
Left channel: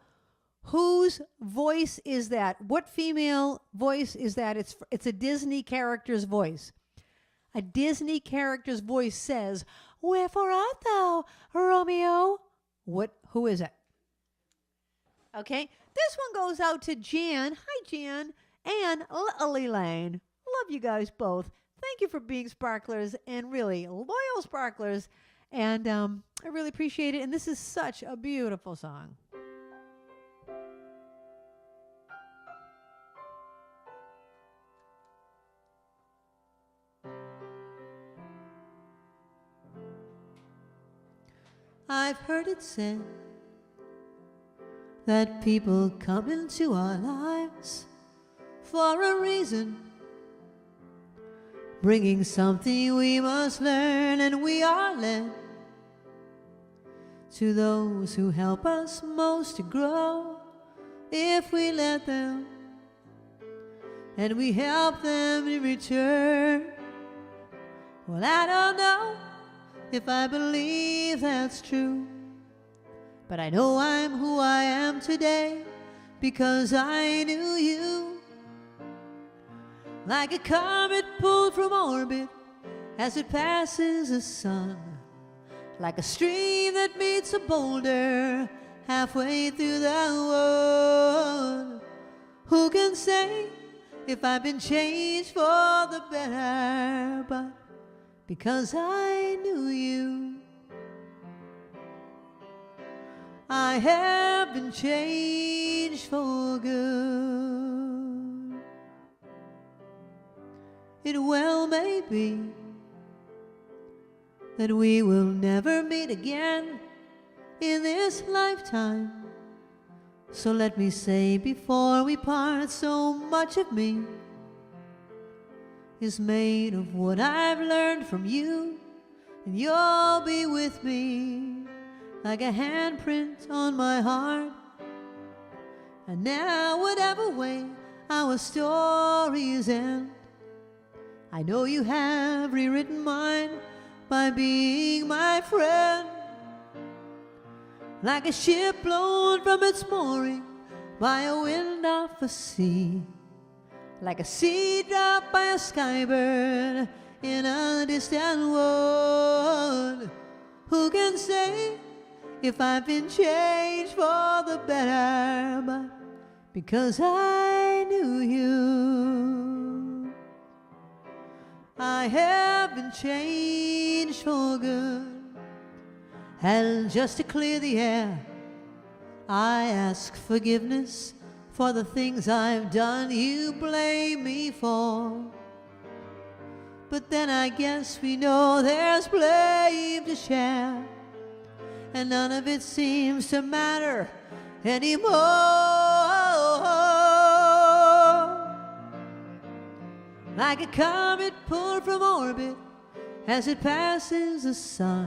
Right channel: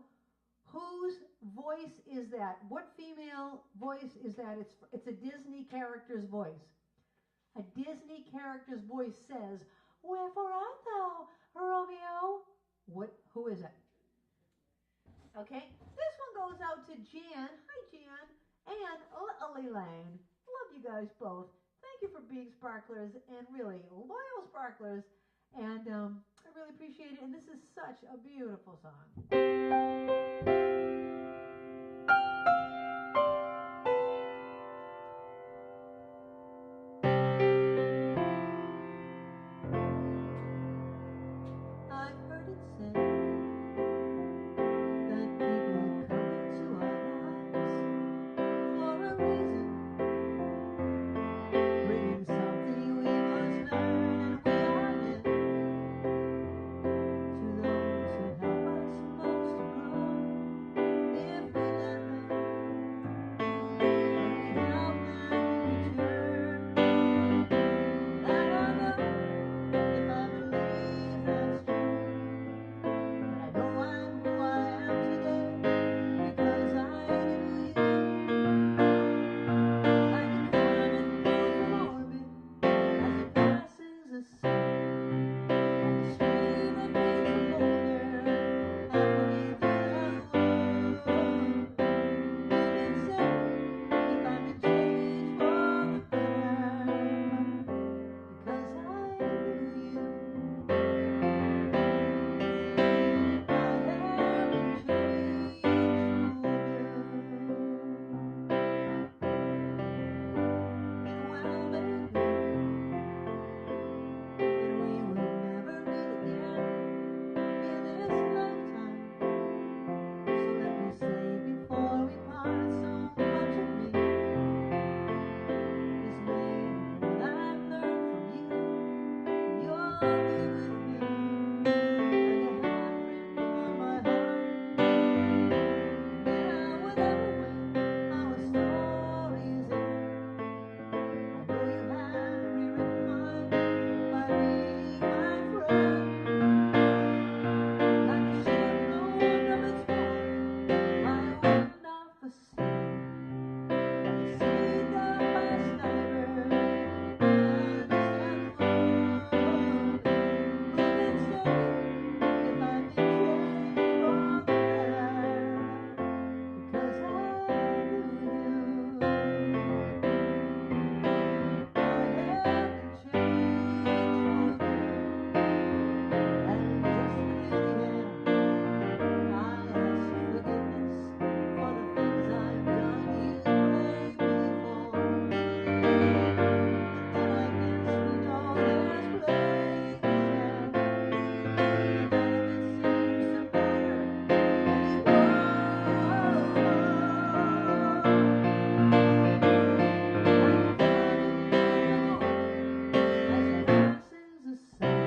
Whose voice is that? What female voice is that? It's a Disney character's voice. A Disney character's voice says, wherefore art thou, Romeo? Who is it? Okay, this one goes out to Jan. Hi, Jan. And Elaine. Love you guys both. Thank you for being sparklers and really loyal sparklers. And I really appreciate it. And this is such a beautiful song. I've heard it said that people come into our lives for a reason, bringing something we must learn, and we are led to those who help us most to grow if we let them, and we help them in return. Well, I don't know if I believe that's true. But I know I'm who I am today because I knew you. Like a comet pulled from orbit as it passes the sun, like a stream that meets a boulder halfway through the world. Who can say if I've been changed for the better? But because I knew you, I have been changed for good. It well may be that we will never meet again in this lifetime. So let me say before we part, so much of me is made of what I've learned from you, and you'll be with me like a handprint on my heart. And now whatever way our stories end, I know you have rewritten mine by being my friend. Like a ship blown from its mooring by a wind off the sea, like a seed dropped by a skybird in a distant world. Who can say if I've been changed for the better? But because I knew you, I have been changed for good. And just to clear the air, I ask forgiveness for the things I've done you blame me for. But then I guess we know there's blame to share, and none of it seems to matter anymore. Like a comet pulled from orbit as it passes the sun,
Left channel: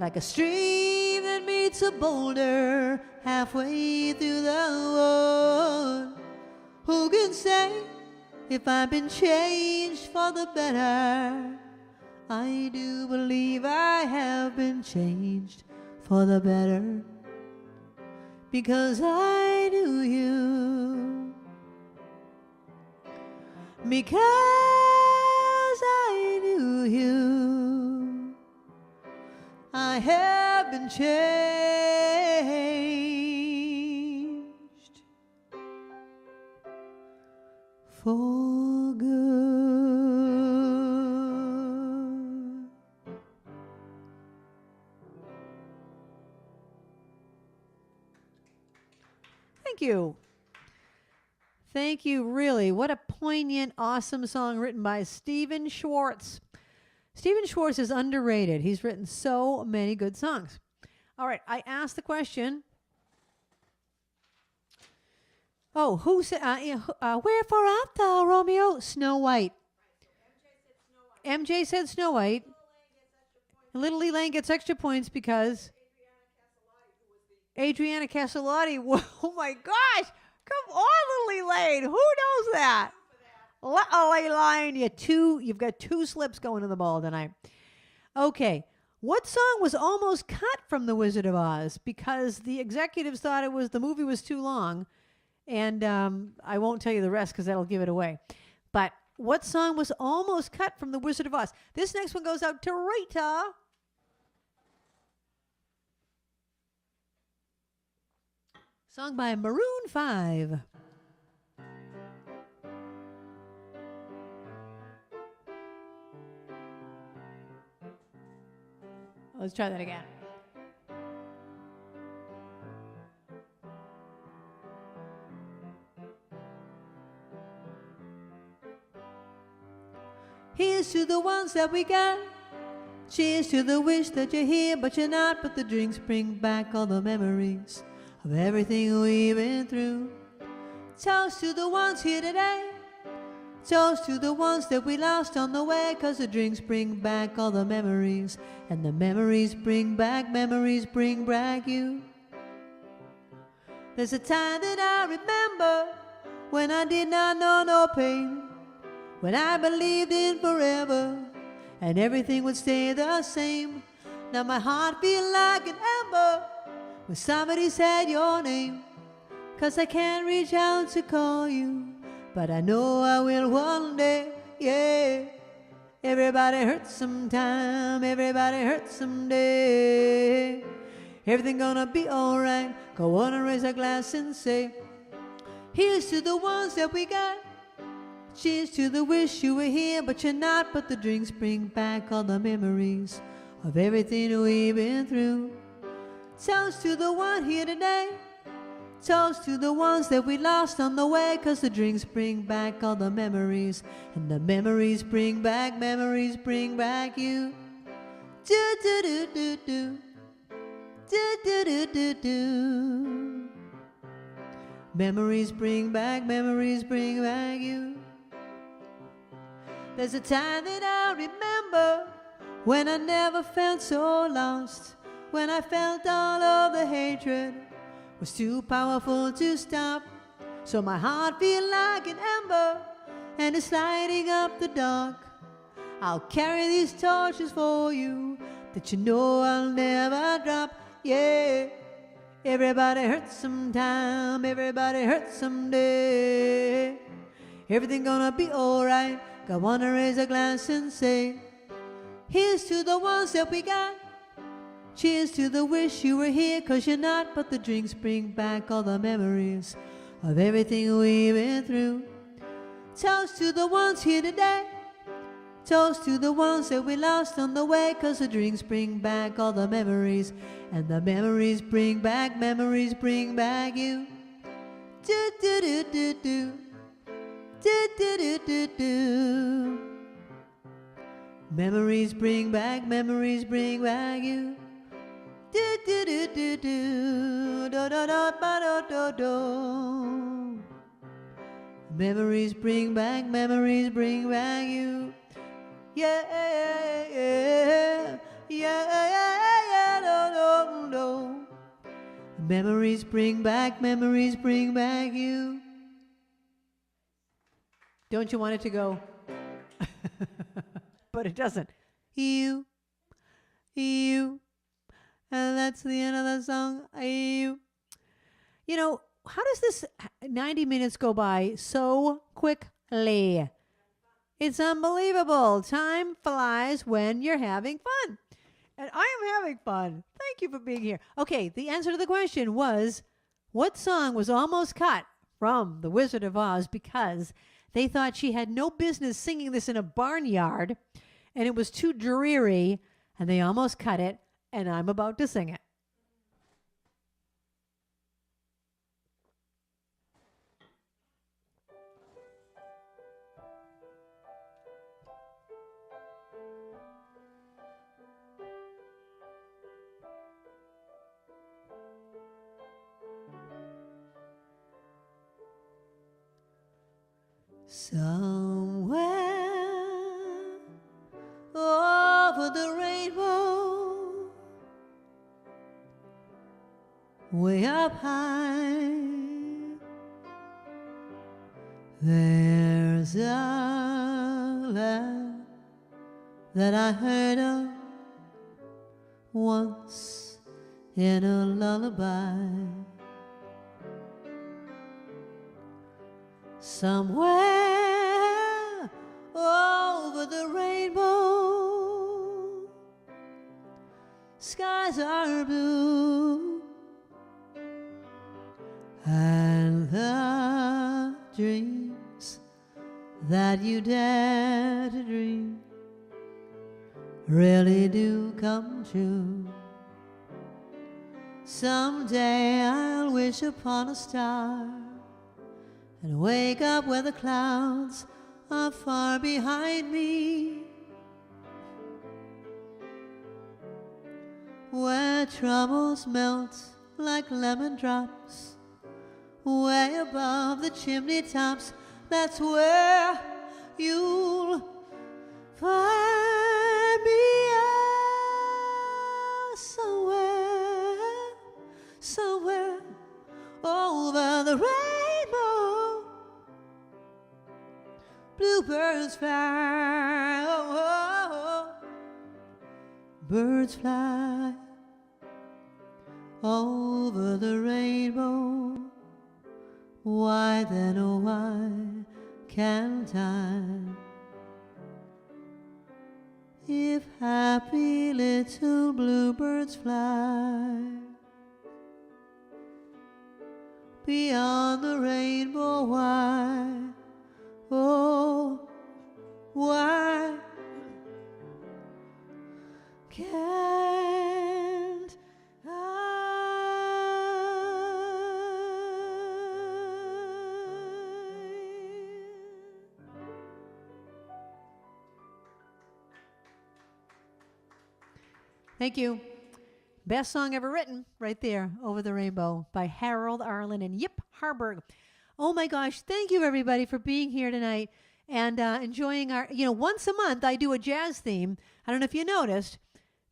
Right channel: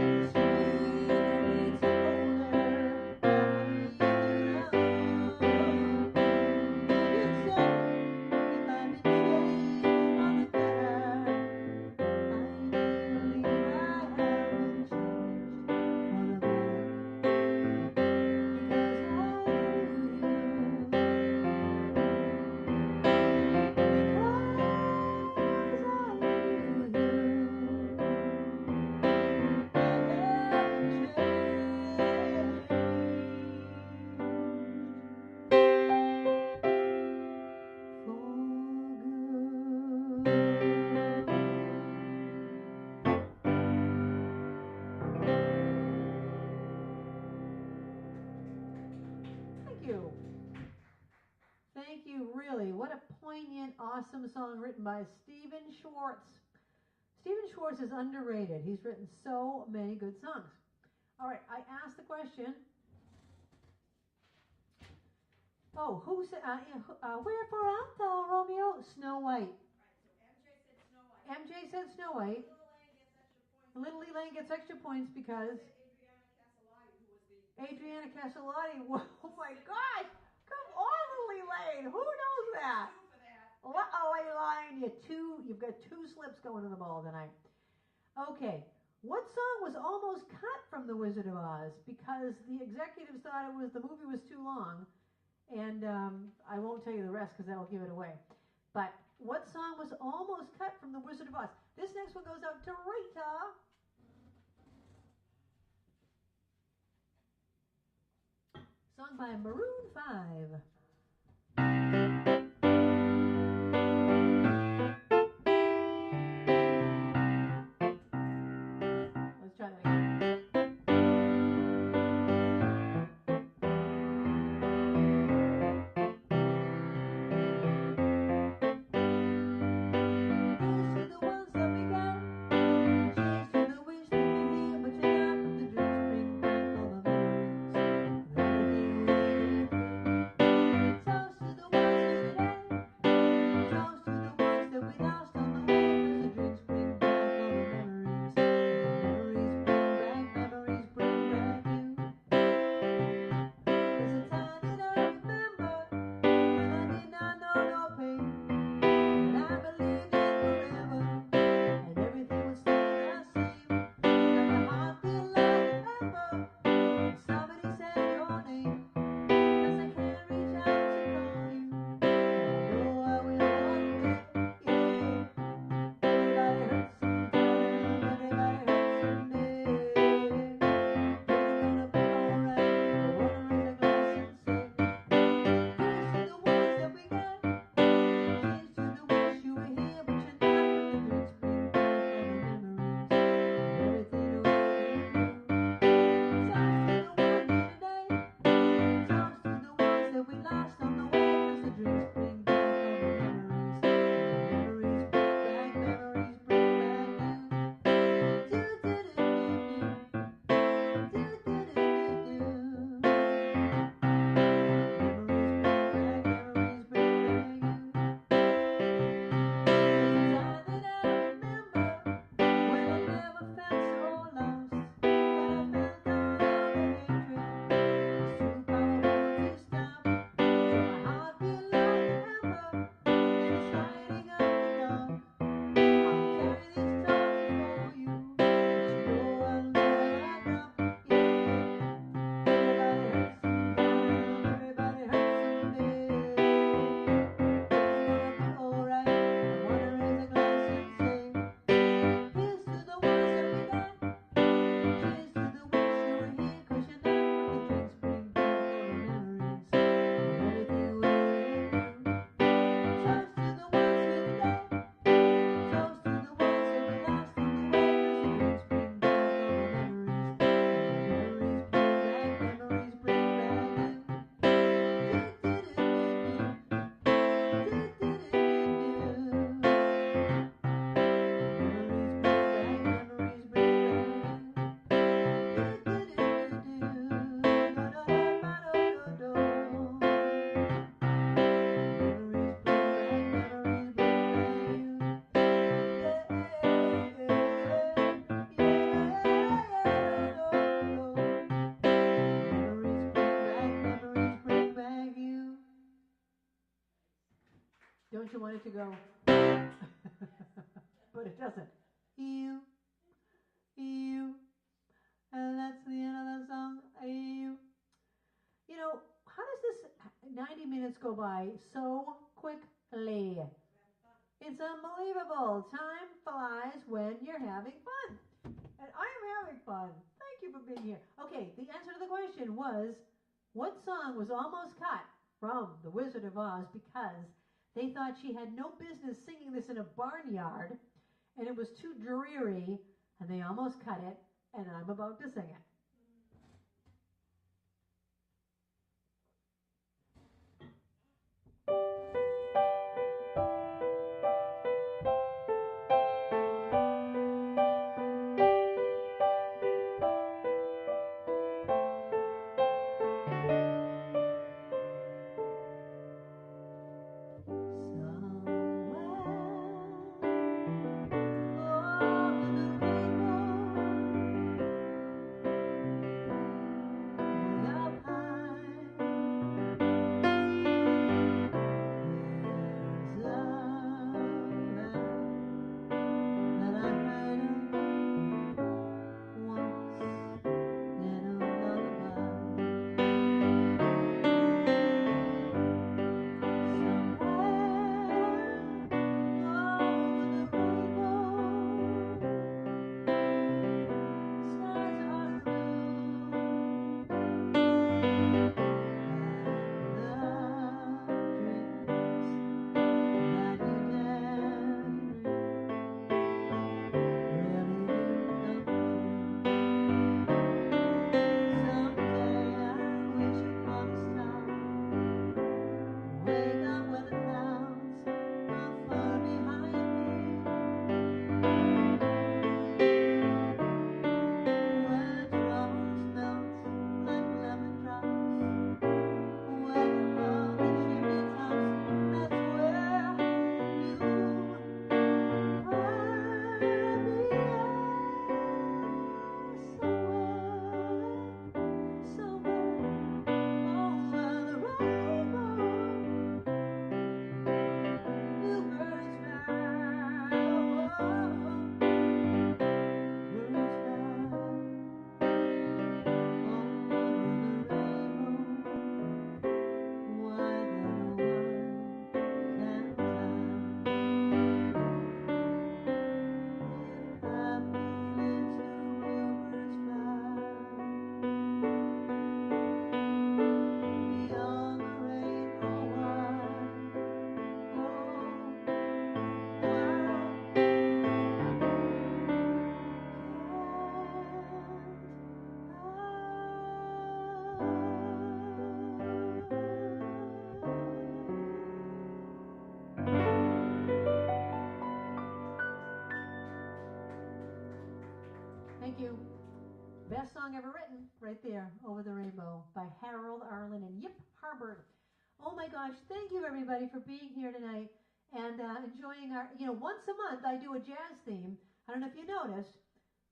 like a stream that meets a boulder halfway through the world. Who can say if I've been changed for the better? I do believe I have been changed for the better because I knew you. Because I knew you, I have been changed for good. Thank you. Thank you, really. What a poignant, awesome song written by Stephen Schwartz. Stephen Schwartz is underrated. He's written so many good songs. All right, I asked the question. Oh, who said, wherefore art thou, Romeo? Snow White. MJ said Snow White. Little Elaine gets extra points because Adriana Caselotti. Oh my gosh! Come on, Little Elaine. Who knows that? Little Elaine, you've got two slips going to the ball tonight. Okay, what song was almost cut from The Wizard of Oz because the executives thought the movie was too long, and I won't tell you the rest because that'll give it away. But what song was almost cut from The Wizard of Oz? This next one goes out to Rita. Sung by Maroon 5. Let's try that again. Here's to the ones that we got. Cheers to the wish that you're here, but you're not. But the drinks bring back all the memories of everything we've been through. Toast to the ones here today. Toast to the ones that we lost on the way. 'Cause the drinks bring back all the memories, and the memories bring back you. There's a time that I remember when I did not know no pain, when I believed in forever and everything would stay the same. Now my heart feel like an ember when somebody said your name. 'Cause I can't reach out to call you, but I know I will one day, yeah. Everybody hurts sometime, everybody hurts someday. Everything gonna be alright. I wanna raise a glass and say, here's to the ones that we got. Cheers to the wish you were here, but you're not. But the drinks bring back all the memories of everything we've been through. Toast to the one here today. Toast to the ones that we lost on the way. 'Cause the drinks bring back all the memories, and the memories bring back you. Do do do do do. Do do do do do. Memories bring back you. There's a time that I remember when I never felt so lost, when I felt all of the hatred was too powerful to stop. So my heart feel like an ember, and it's lighting up the dark. I'll carry these torches for you, but you know I'll never drop. Yeah, everybody hurts sometime, everybody hurts someday. Everything gonna be alright. I wanna raise a glass and say, here's to the ones that we got. Cheers to the wish you were here, 'cause you're not. But the drinks bring back all the memories of everything we've been through. Toast to the ones here today. Toast to the ones that we lost on the way. 'Cause the drinks bring back all the memories, and the memories bring back you. Do do do do do. Do do do do do. Memories bring back you. Do do do do do. Do do do do do do. Memories bring back you. Yeah, yeah, yeah, do, do, do. Memories bring back you. Don't you want it to go? But it doesn't. You, and that's the end of the song. You. You know, how does this 90 minutes go by so quickly? It's unbelievable. Time flies when you're having fun. And I am having fun. Thank you for being here. Okay, the answer to the question was, what song was almost cut from The Wizard of Oz because they thought she had no business singing this in a barnyard and it was too dreary, and they almost cut it, and I'm about to sing it. Somewhere over the rainbow, way up high, there's a land that I heard of once in a lullaby. Somewhere over the rainbow, skies are blue, and the dreams that you dare to dream really do come true. Someday I'll wish upon a star and wake up where the clouds are far behind me, where troubles melt like lemon drops, way above the chimney tops. That's where you'll find me. Somewhere, somewhere over the rainbow, bluebirds fly, oh, oh, oh. bluebirds fly over the rainbow. Why then, oh why can't I? If happy little bluebirds fly beyond the rainbow, why, oh, why can't Thank you. Best song ever written, right there, Over the Rainbow, by Harold Arlen and Yip Harburg. Oh my gosh, thank you everybody for being here tonight and enjoying our, once a month I do a jazz theme. I don't know if you noticed,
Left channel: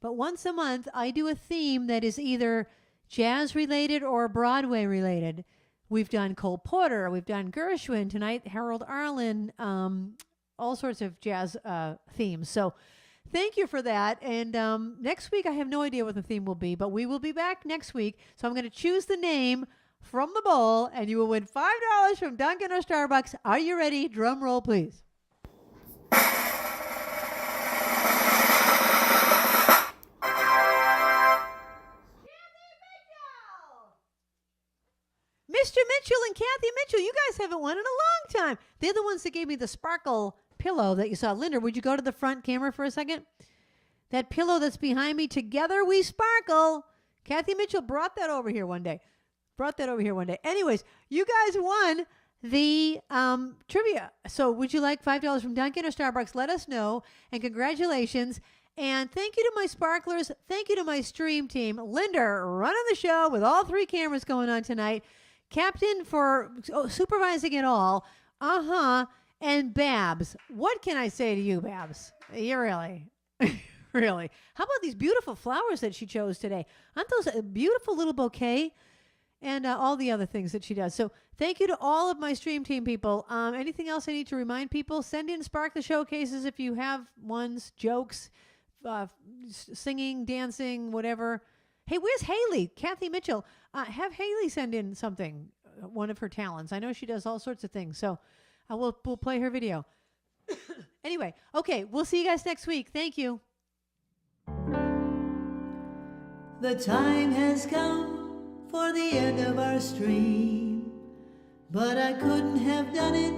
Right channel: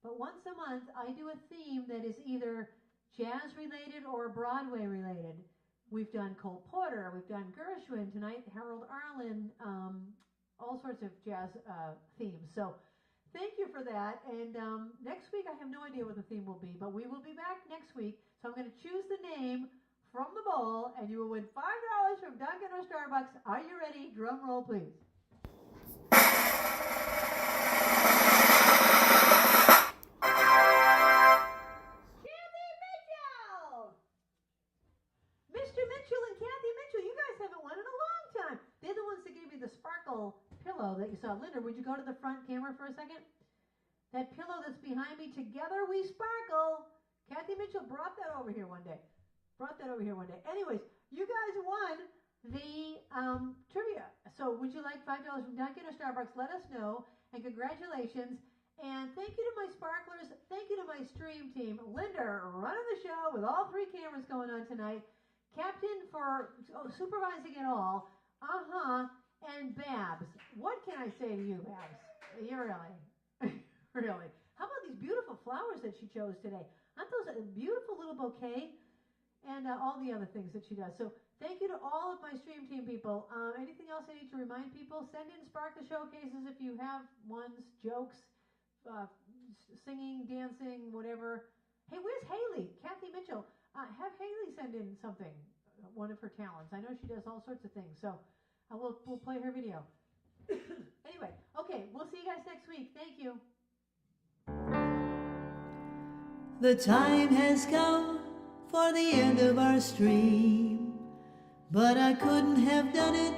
but once a month I do a theme that is either jazz related or Broadway related. We've done Cole Porter, we've done Gershwin, tonight Harold Arlen, all sorts of jazz themes. So thank you for that. And next week, I have no idea what the theme will be, but we will be back next week. So I'm going to choose the name from the bowl, and you will win $5 from Dunkin' or Starbucks. Are you ready? Drum roll, please. Mr. Mitchell and Kathy Mitchell, you guys haven't won in a long time. They're the ones that gave me the sparkle pillow that you saw. Linda, would you go to the front camera for a second? That pillow that's behind me, together we sparkle. Kathy Mitchell brought that over here one day. Anyways, you guys won the trivia. So would you like $5 from Dunkin' or Starbucks? Let us know. And congratulations. And thank you to my sparklers. Thank you to my stream team. Linda running the show with all 3 cameras going on tonight. Captain for supervising it all. And Babs. What can I say to you, Babs? You really, really. How about these beautiful flowers that she chose today? Aren't those a beautiful little bouquet? And all the other things that she does. So thank you to all of my stream team people. Anything else I need to remind people? Send in Spark the Showcases if you have ones, jokes, singing, dancing, whatever. Hey, where's Haley? Kathy Mitchell. Have Haley send in something, one of her talents. I know she does all sorts of things. So we'll play her video. Anyway, okay, we'll see you guys next week. Thank you. The time has come for the end of our stream, but I couldn't have done it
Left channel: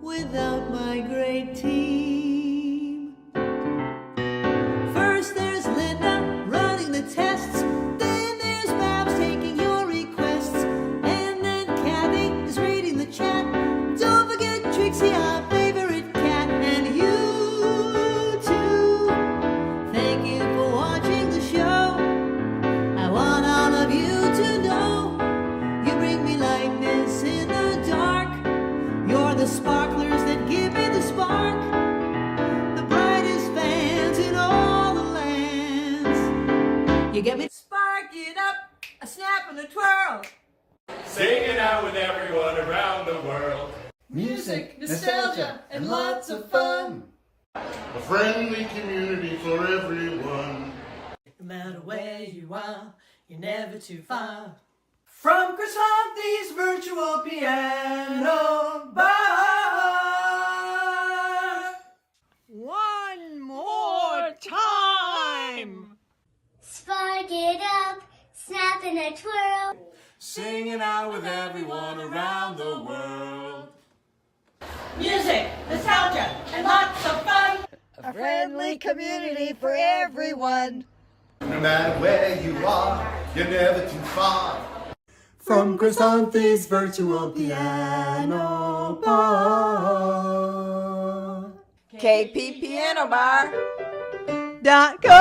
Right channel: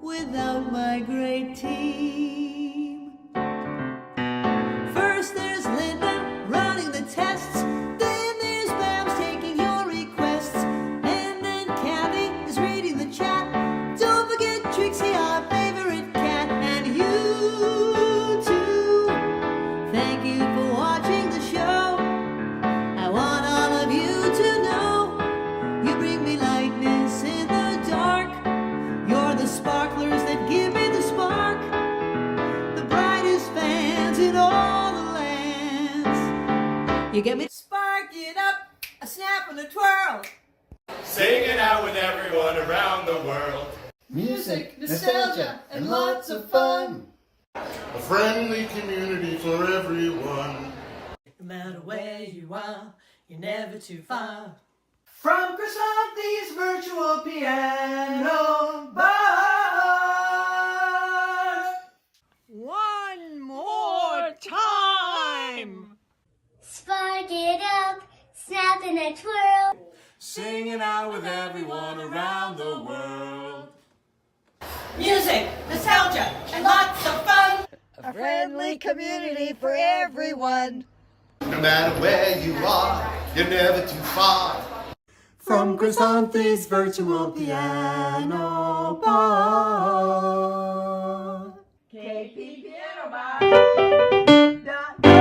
without my great team. First there's Linda running the tests, then there's Babs taking your requests, and then Kathy is reading the chat. Don't forget Trixie, our favorite cat, and you too. Thank you for watching the show. I want all of you to know you bring me lightness in the dark. You're the sparklers that give me the spark, the brightest fans in all the lands. You get me? Spark it up, a snap and a twirl. Singing out with everyone around the world. Music, nostalgia, and lots of fun. A friendly community for everyone. No matter where you are, you're never too far. From Krisanthi's virtual piano bar. One more time. Spark it up, snap and a twirl. Singing out with everyone around the world. Music, nostalgia, and lots of fun. A friendly community for everyone. No matter where you are, you're never too far. From Krisanthi's virtual piano bar. KP Piano Bar.com